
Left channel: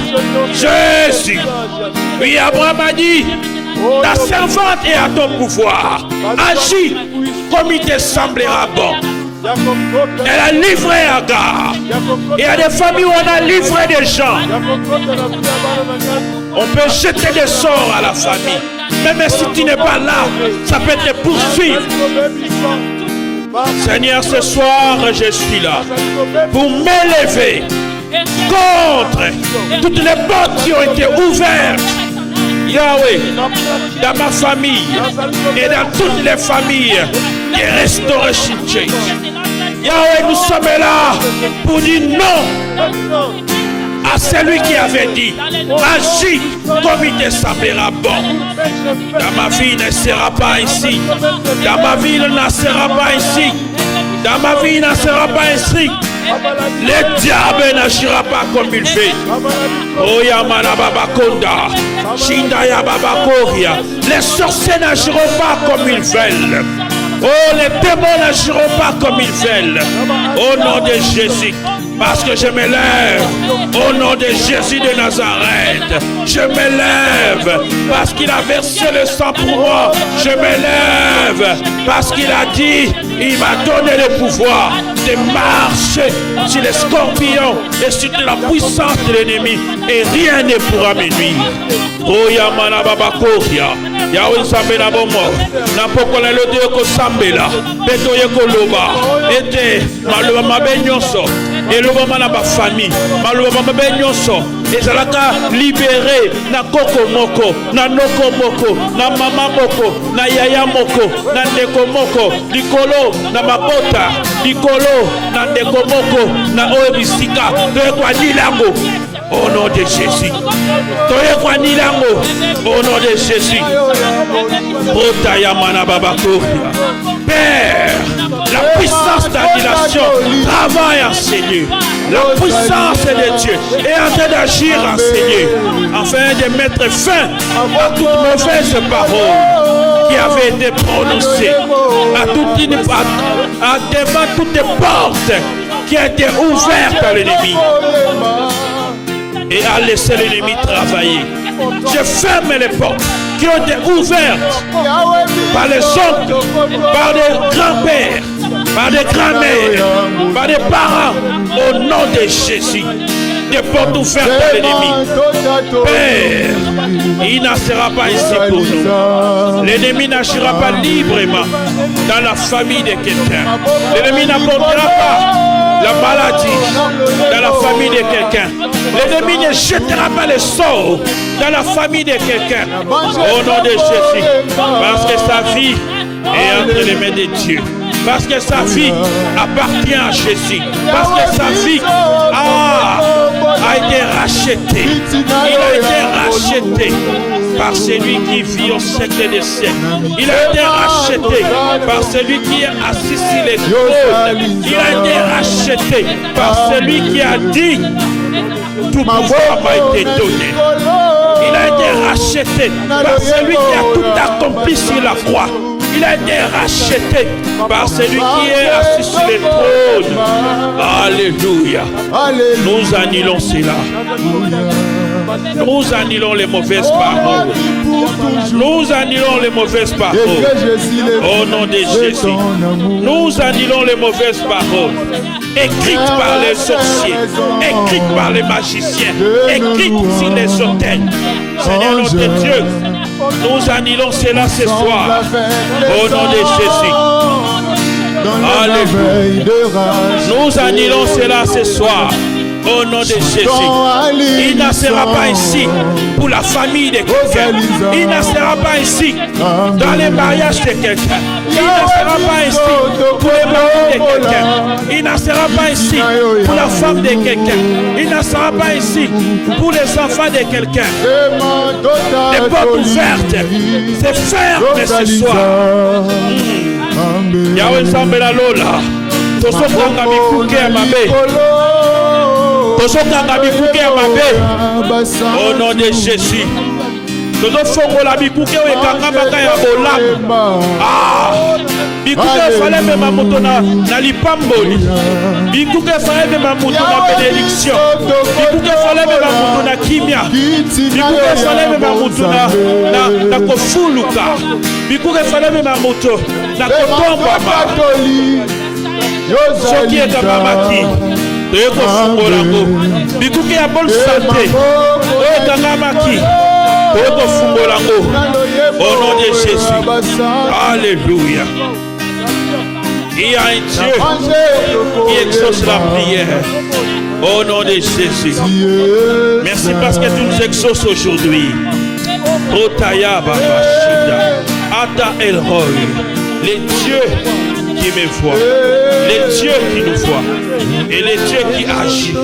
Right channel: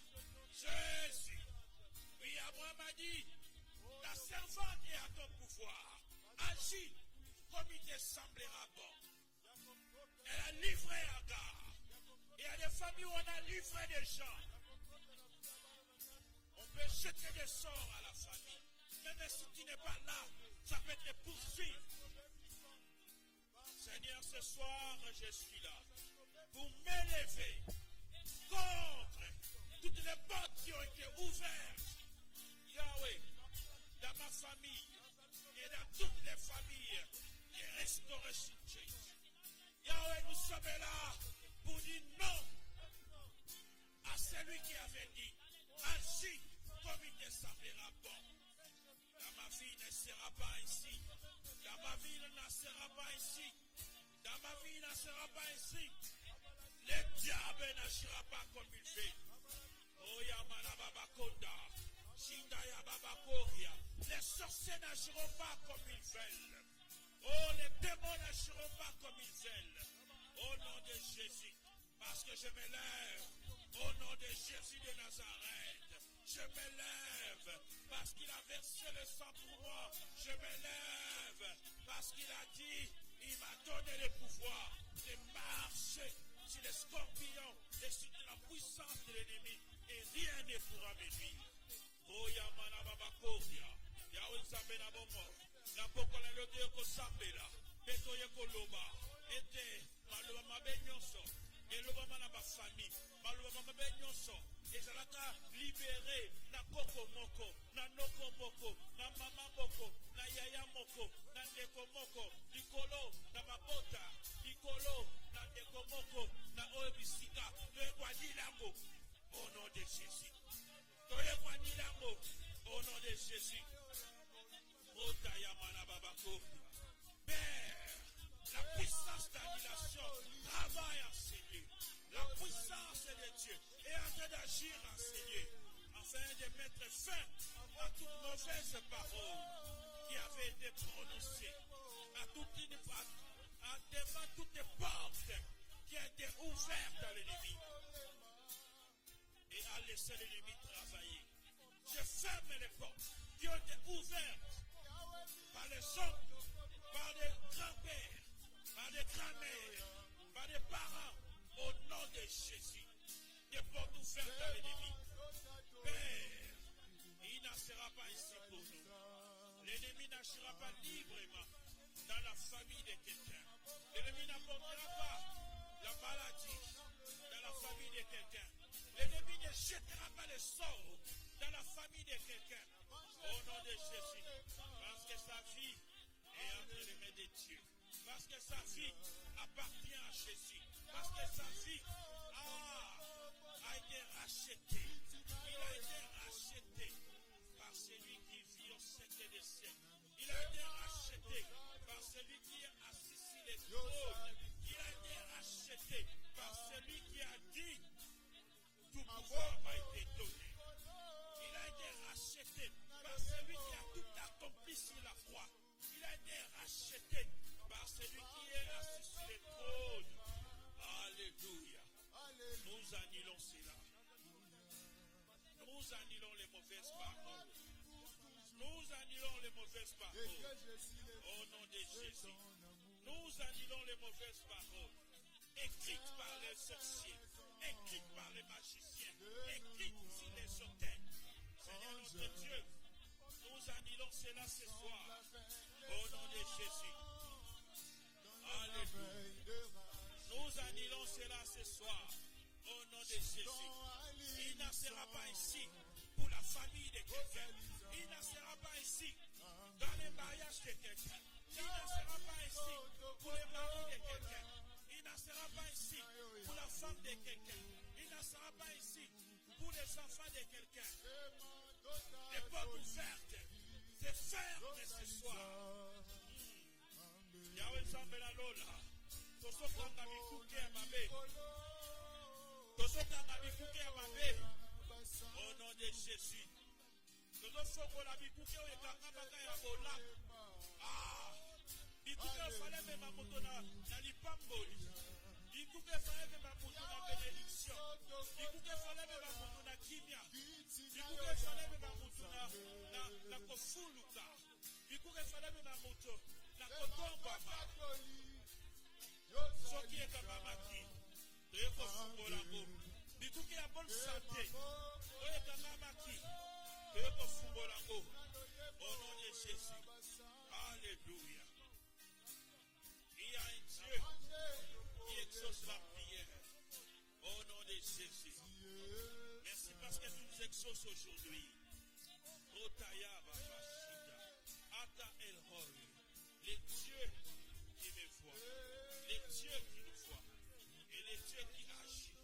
Jésus. Oui, Abraham a dit, ta servante est à ton pouvoir. Agis comme il te semblera bon. Elle a livré Agar. Il y a des familles où on a livré des gens. On peut jeter des sorts à la famille. Même si tu n'es pas là, ça peut te poursuivre. Seigneur, ce soir, je suis là pour m'élever contre toutes les portes qui ont été ouvertes. Yahweh, dans ma famille et dans toutes les familles et Restoration Church. Yahweh, nous sommes là pour dire non à celui qui avait dit, agis comme il te semblera bon. Dans ma vie, il ne sera pas ici. Dans ma vie, il ne sera pas ici. Dans ma vie, il ne sera pas ici. Le diable n'agira pas comme il fait. Oh Yamana Baba Konda, Shindaya Baba Koria. Les sorciers n'agiront pas comme ils veulent. Oh, les démons n'agiront pas comme ils veulent. Au nom de Jésus. Parce que je m'élève au nom de Jésus de Nazareth. Je m'élève parce qu'il a versé le sang pour moi. Je m'élève parce qu'il a dit, il m'a donné le pouvoir de marcher sur les scorpions et sur la puissance de l'ennemi. Et rien ne pourra me nuire. Oh Yamana Baba Koria. Yahweh Sambela Bomo. Napokola le Dieu ko Sambela. Beto Yeko Loba. Ete Maloba Mabenyoso. Et le moment na ba famille, maloba mabe nyonso, ezalaka libéré na koko moko, na noko moko, na mama moko, na yaya moko, na ndeko moko, likolo na mabota, likolo na ndeko moko, na oebisika, to kwa dilango. Au nom de Jésus. Toye kwa nilango. Au nom de Jésus. Père, la puissance d'annulation travaille en Seigneur. La puissance de Dieu est en train d'agir en Seigneur, afin de mettre fin à toute mauvaise parole qui avait été prononcée, devant toutes les portes qui ont été ouvertes par l'ennemi. Et à laisser l'ennemi travailler. Je ferme les portes qui ont été ouvertes par les oncles, par des grands-pères, par des grands-mères, par des parents, au nom de Jésus. Des portes ouvertes par l'ennemi. Père, il n'en sera pas ici pour nous. L'ennemi n'agira pas librement dans la famille de quelqu'un. L'ennemi n'apportera pas la maladie dans la famille de quelqu'un. L'ennemi ne jettera pas le sort dans la famille de quelqu'un. Au nom de Jésus. Parce que sa vie est entre les mains de Dieu. Parce que sa vie appartient à Jésus. Parce que sa vie a été rachetée. Il a été racheté. par celui qui vit au siècle des siècles. Il a été racheté par celui qui est assis sur les trônes. Il a été racheté par celui qui a dit tout pouvoir m'a été donné. Il a été racheté par celui qui a tout accompli sur la croix. Il a été racheté par celui qui est assis sur les trônes. Alléluia. Nous annulons cela. Nous annulons les mauvaises paroles. Nous annulons les mauvaises paroles. Au nom de Jésus. Nous annulons les mauvaises paroles. Écrites par les sorciers. Écrites par les magiciens. Écrites sur les autels. Seigneur notre Dieu, nous annulons cela ce soir. Au nom de Jésus. Alléluia. Nous annulons cela ce soir. Au nom de Jésus. Il ne sera pas ici pour la famille de quelqu'un. Il ne sera pas ici dans les mariages de quelqu'un. Il ne sera pas ici pour les maris de quelqu'un. Il ne sera pas ici pour la femme de quelqu'un. Il ne sera pas ici pour les enfants de quelqu'un. Les portes ouvertes, c'est ferme ce soir. Yahweh Nzambe la Lola. Tosokanga mikuke ya mabe. Tosokanga mikuke ya mabe. Au nom de Jésus. Tozofongola mikuke ekangambaka ya bolamu. Bikuke fallait même moto na lipamboli. Bikuke fallait même moto na bénédiction. Bikuke fallait même moto na kimia. Bikuke fallait même moto na kofuluka. Bikuke fallait même moto na kotombama. Soki ekamamaki. Toye kofungola ngo. Bikuke ya bonne santé. Toye ekamamaki. Toye kofungola ngo. Au nom de Jésus. Alléluia. Il y a un Dieu qui exauce la prière. Au nom de Jésus. Merci parce que tu nous exauces aujourd'hui. Otaya Baba Shida. Ada El Roy. Les dieux qui me voient. Les dieux qui nous voient. Et les dieux qui agissent.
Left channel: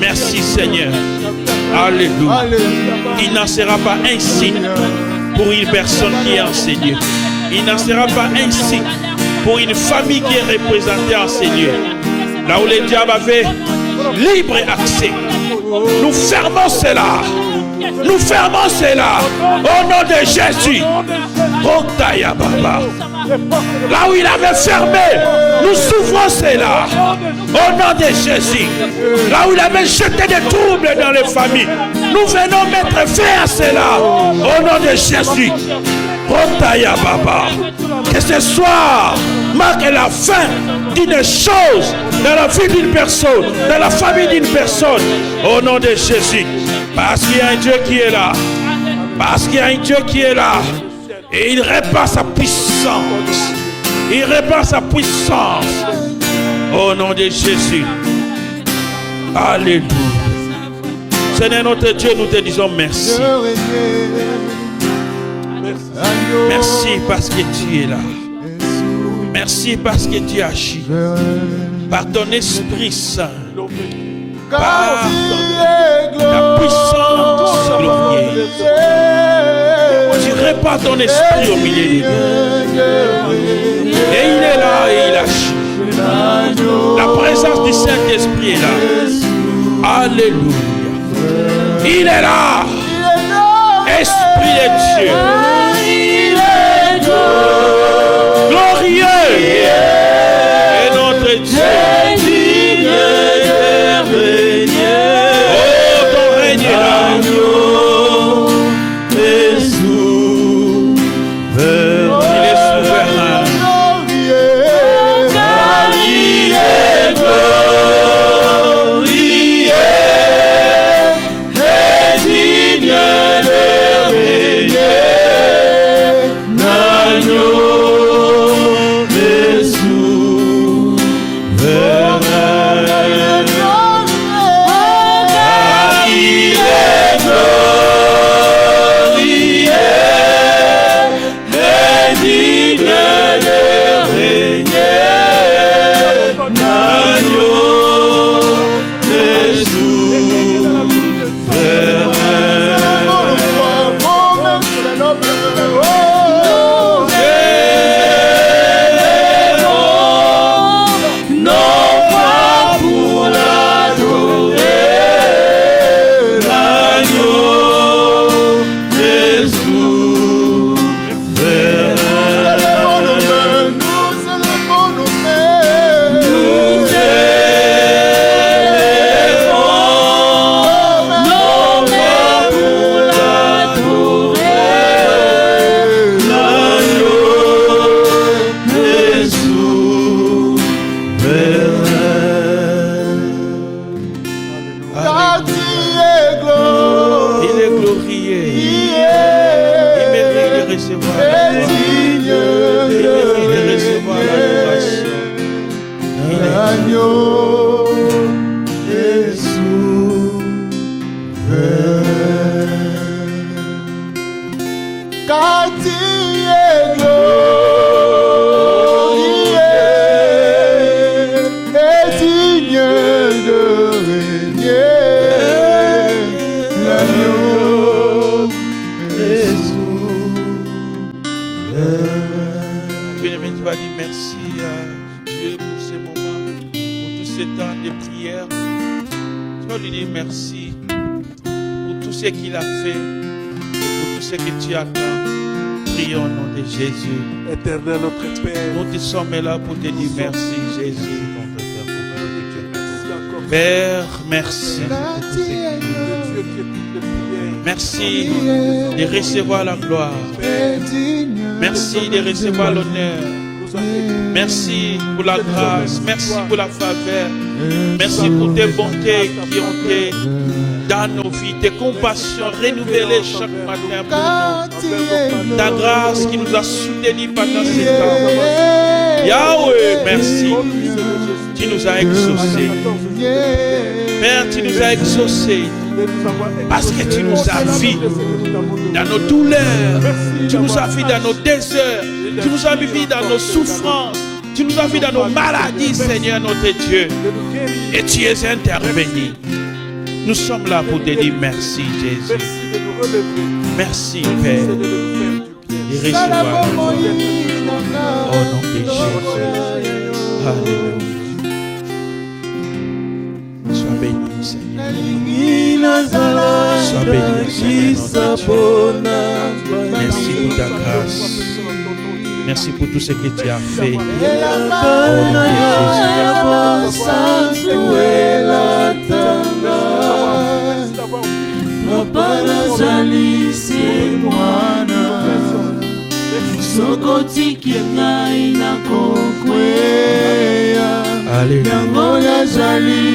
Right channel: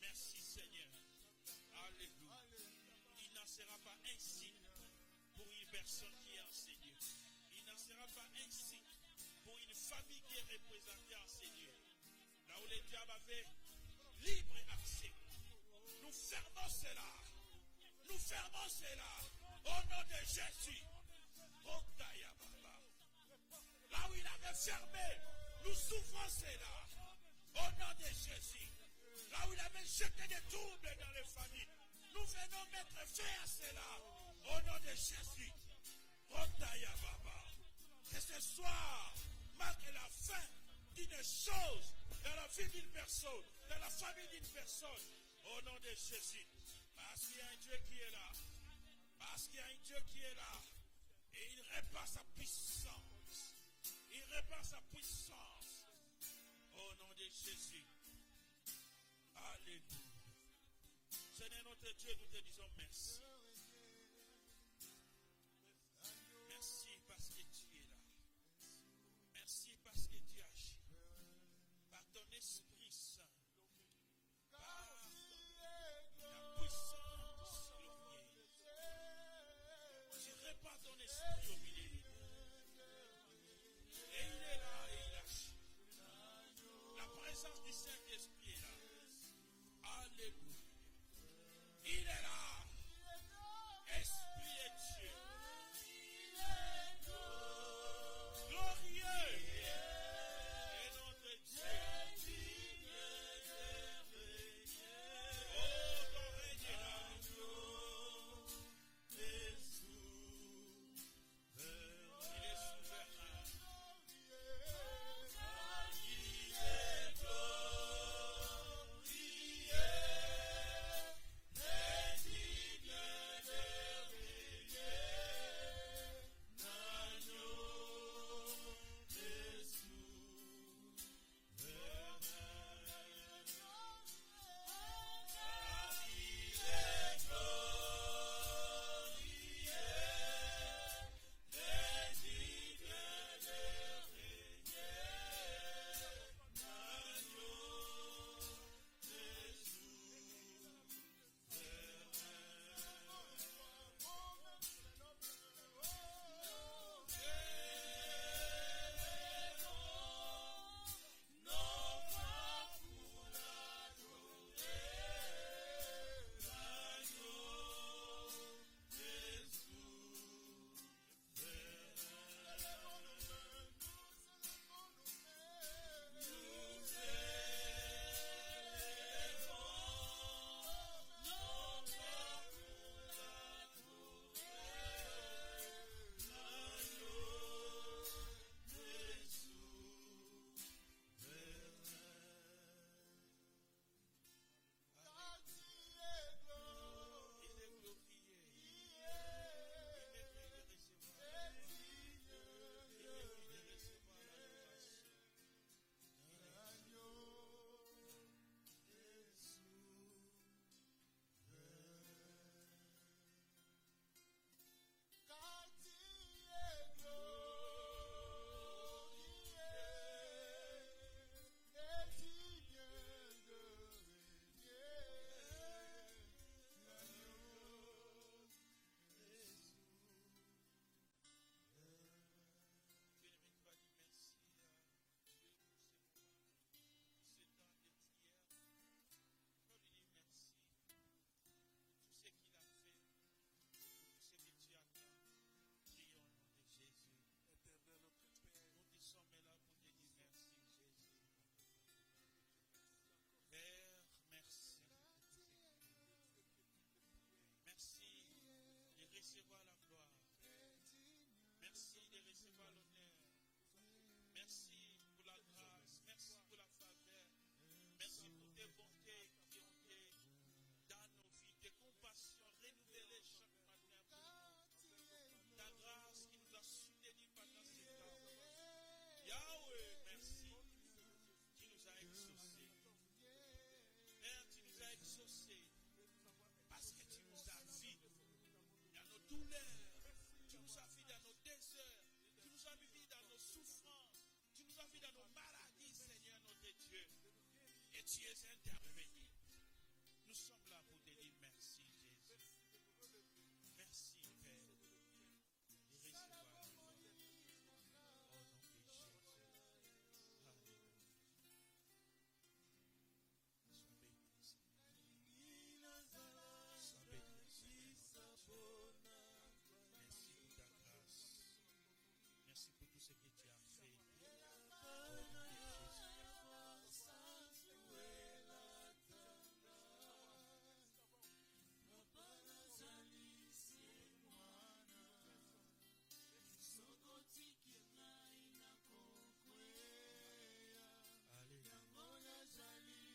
Merci Seigneur. Alléluia. Il n'en sera pas ainsi pour une personne qui est enseignée. Il n'en sera pas ainsi pour une famille qui est représentée en Seigneur. Là où les diables avaient libre accès. Nous fermons cela. Nous fermons cela. Au nom de Jésus. Otaya Baba. Là où il avait fermé, nous souffrons cela. Au nom de Jésus. Là où il avait jeté des troubles dans les familles, nous venons mettre fin à cela. Au nom de Jésus. Otaya Baba. Que ce soir marque la fin d'une chose dans la vie d'une personne, dans la famille d'une personne. Au nom de Jésus. Parce qu'il y a un Dieu qui est là. Parce qu'il y a un Dieu qui est là. Et il répand sa puissance. Il répand sa puissance. Au nom de Jésus. Alléluia. Seigneur notre Dieu, nous te disons merci. Merci parce que tu es là. Merci parce que tu agis. Par ton Esprit Saint. Par ta puissance glorieuse. Tu répands ton esprit au milieu de nous. Et il est là et il agit. La présence du Saint-Esprit est là. Alléluia. Il est là. Esprit de Dieu. Glorieux. Et notre Dieu. Yeah. Merci pour tout ce qu'il a fait et pour tout ce que tu attends. Prions au nom de Jésus. Éternel notre Père, nous te sommes là pour te dire merci, Jésus. Père, merci. Merci de recevoir la gloire. Merci de recevoir l'honneur. Merci pour la grâce. Merci pour la faveur. Merci pour tes bontés qui ont été dans nos vies, tes compassions renouvelées chaque matin pour nous. Ta grâce qui nous a soutenus pendant ces temps. Yahweh, merci. Tu nous as exaucés. Père, tu nous as exaucés parce que tu nous as vus dans nos douleurs. Tu nous as vus dans nos déserts. Tu nous as vus dans nos souffrances. Tu nous as vus dans nos maladies, Seigneur notre Dieu. Et tu es intervenu. Nous sommes là pour te dire merci, Jésus. Merci, Père. Et recevoir au nom de Jésus. Alléluia. Sois béni, Seigneur. Sois béni, Seigneur. Merci pour ta grâce. Merci pour tout ce que tu as fait. Au nom de Jésus. Alléluia.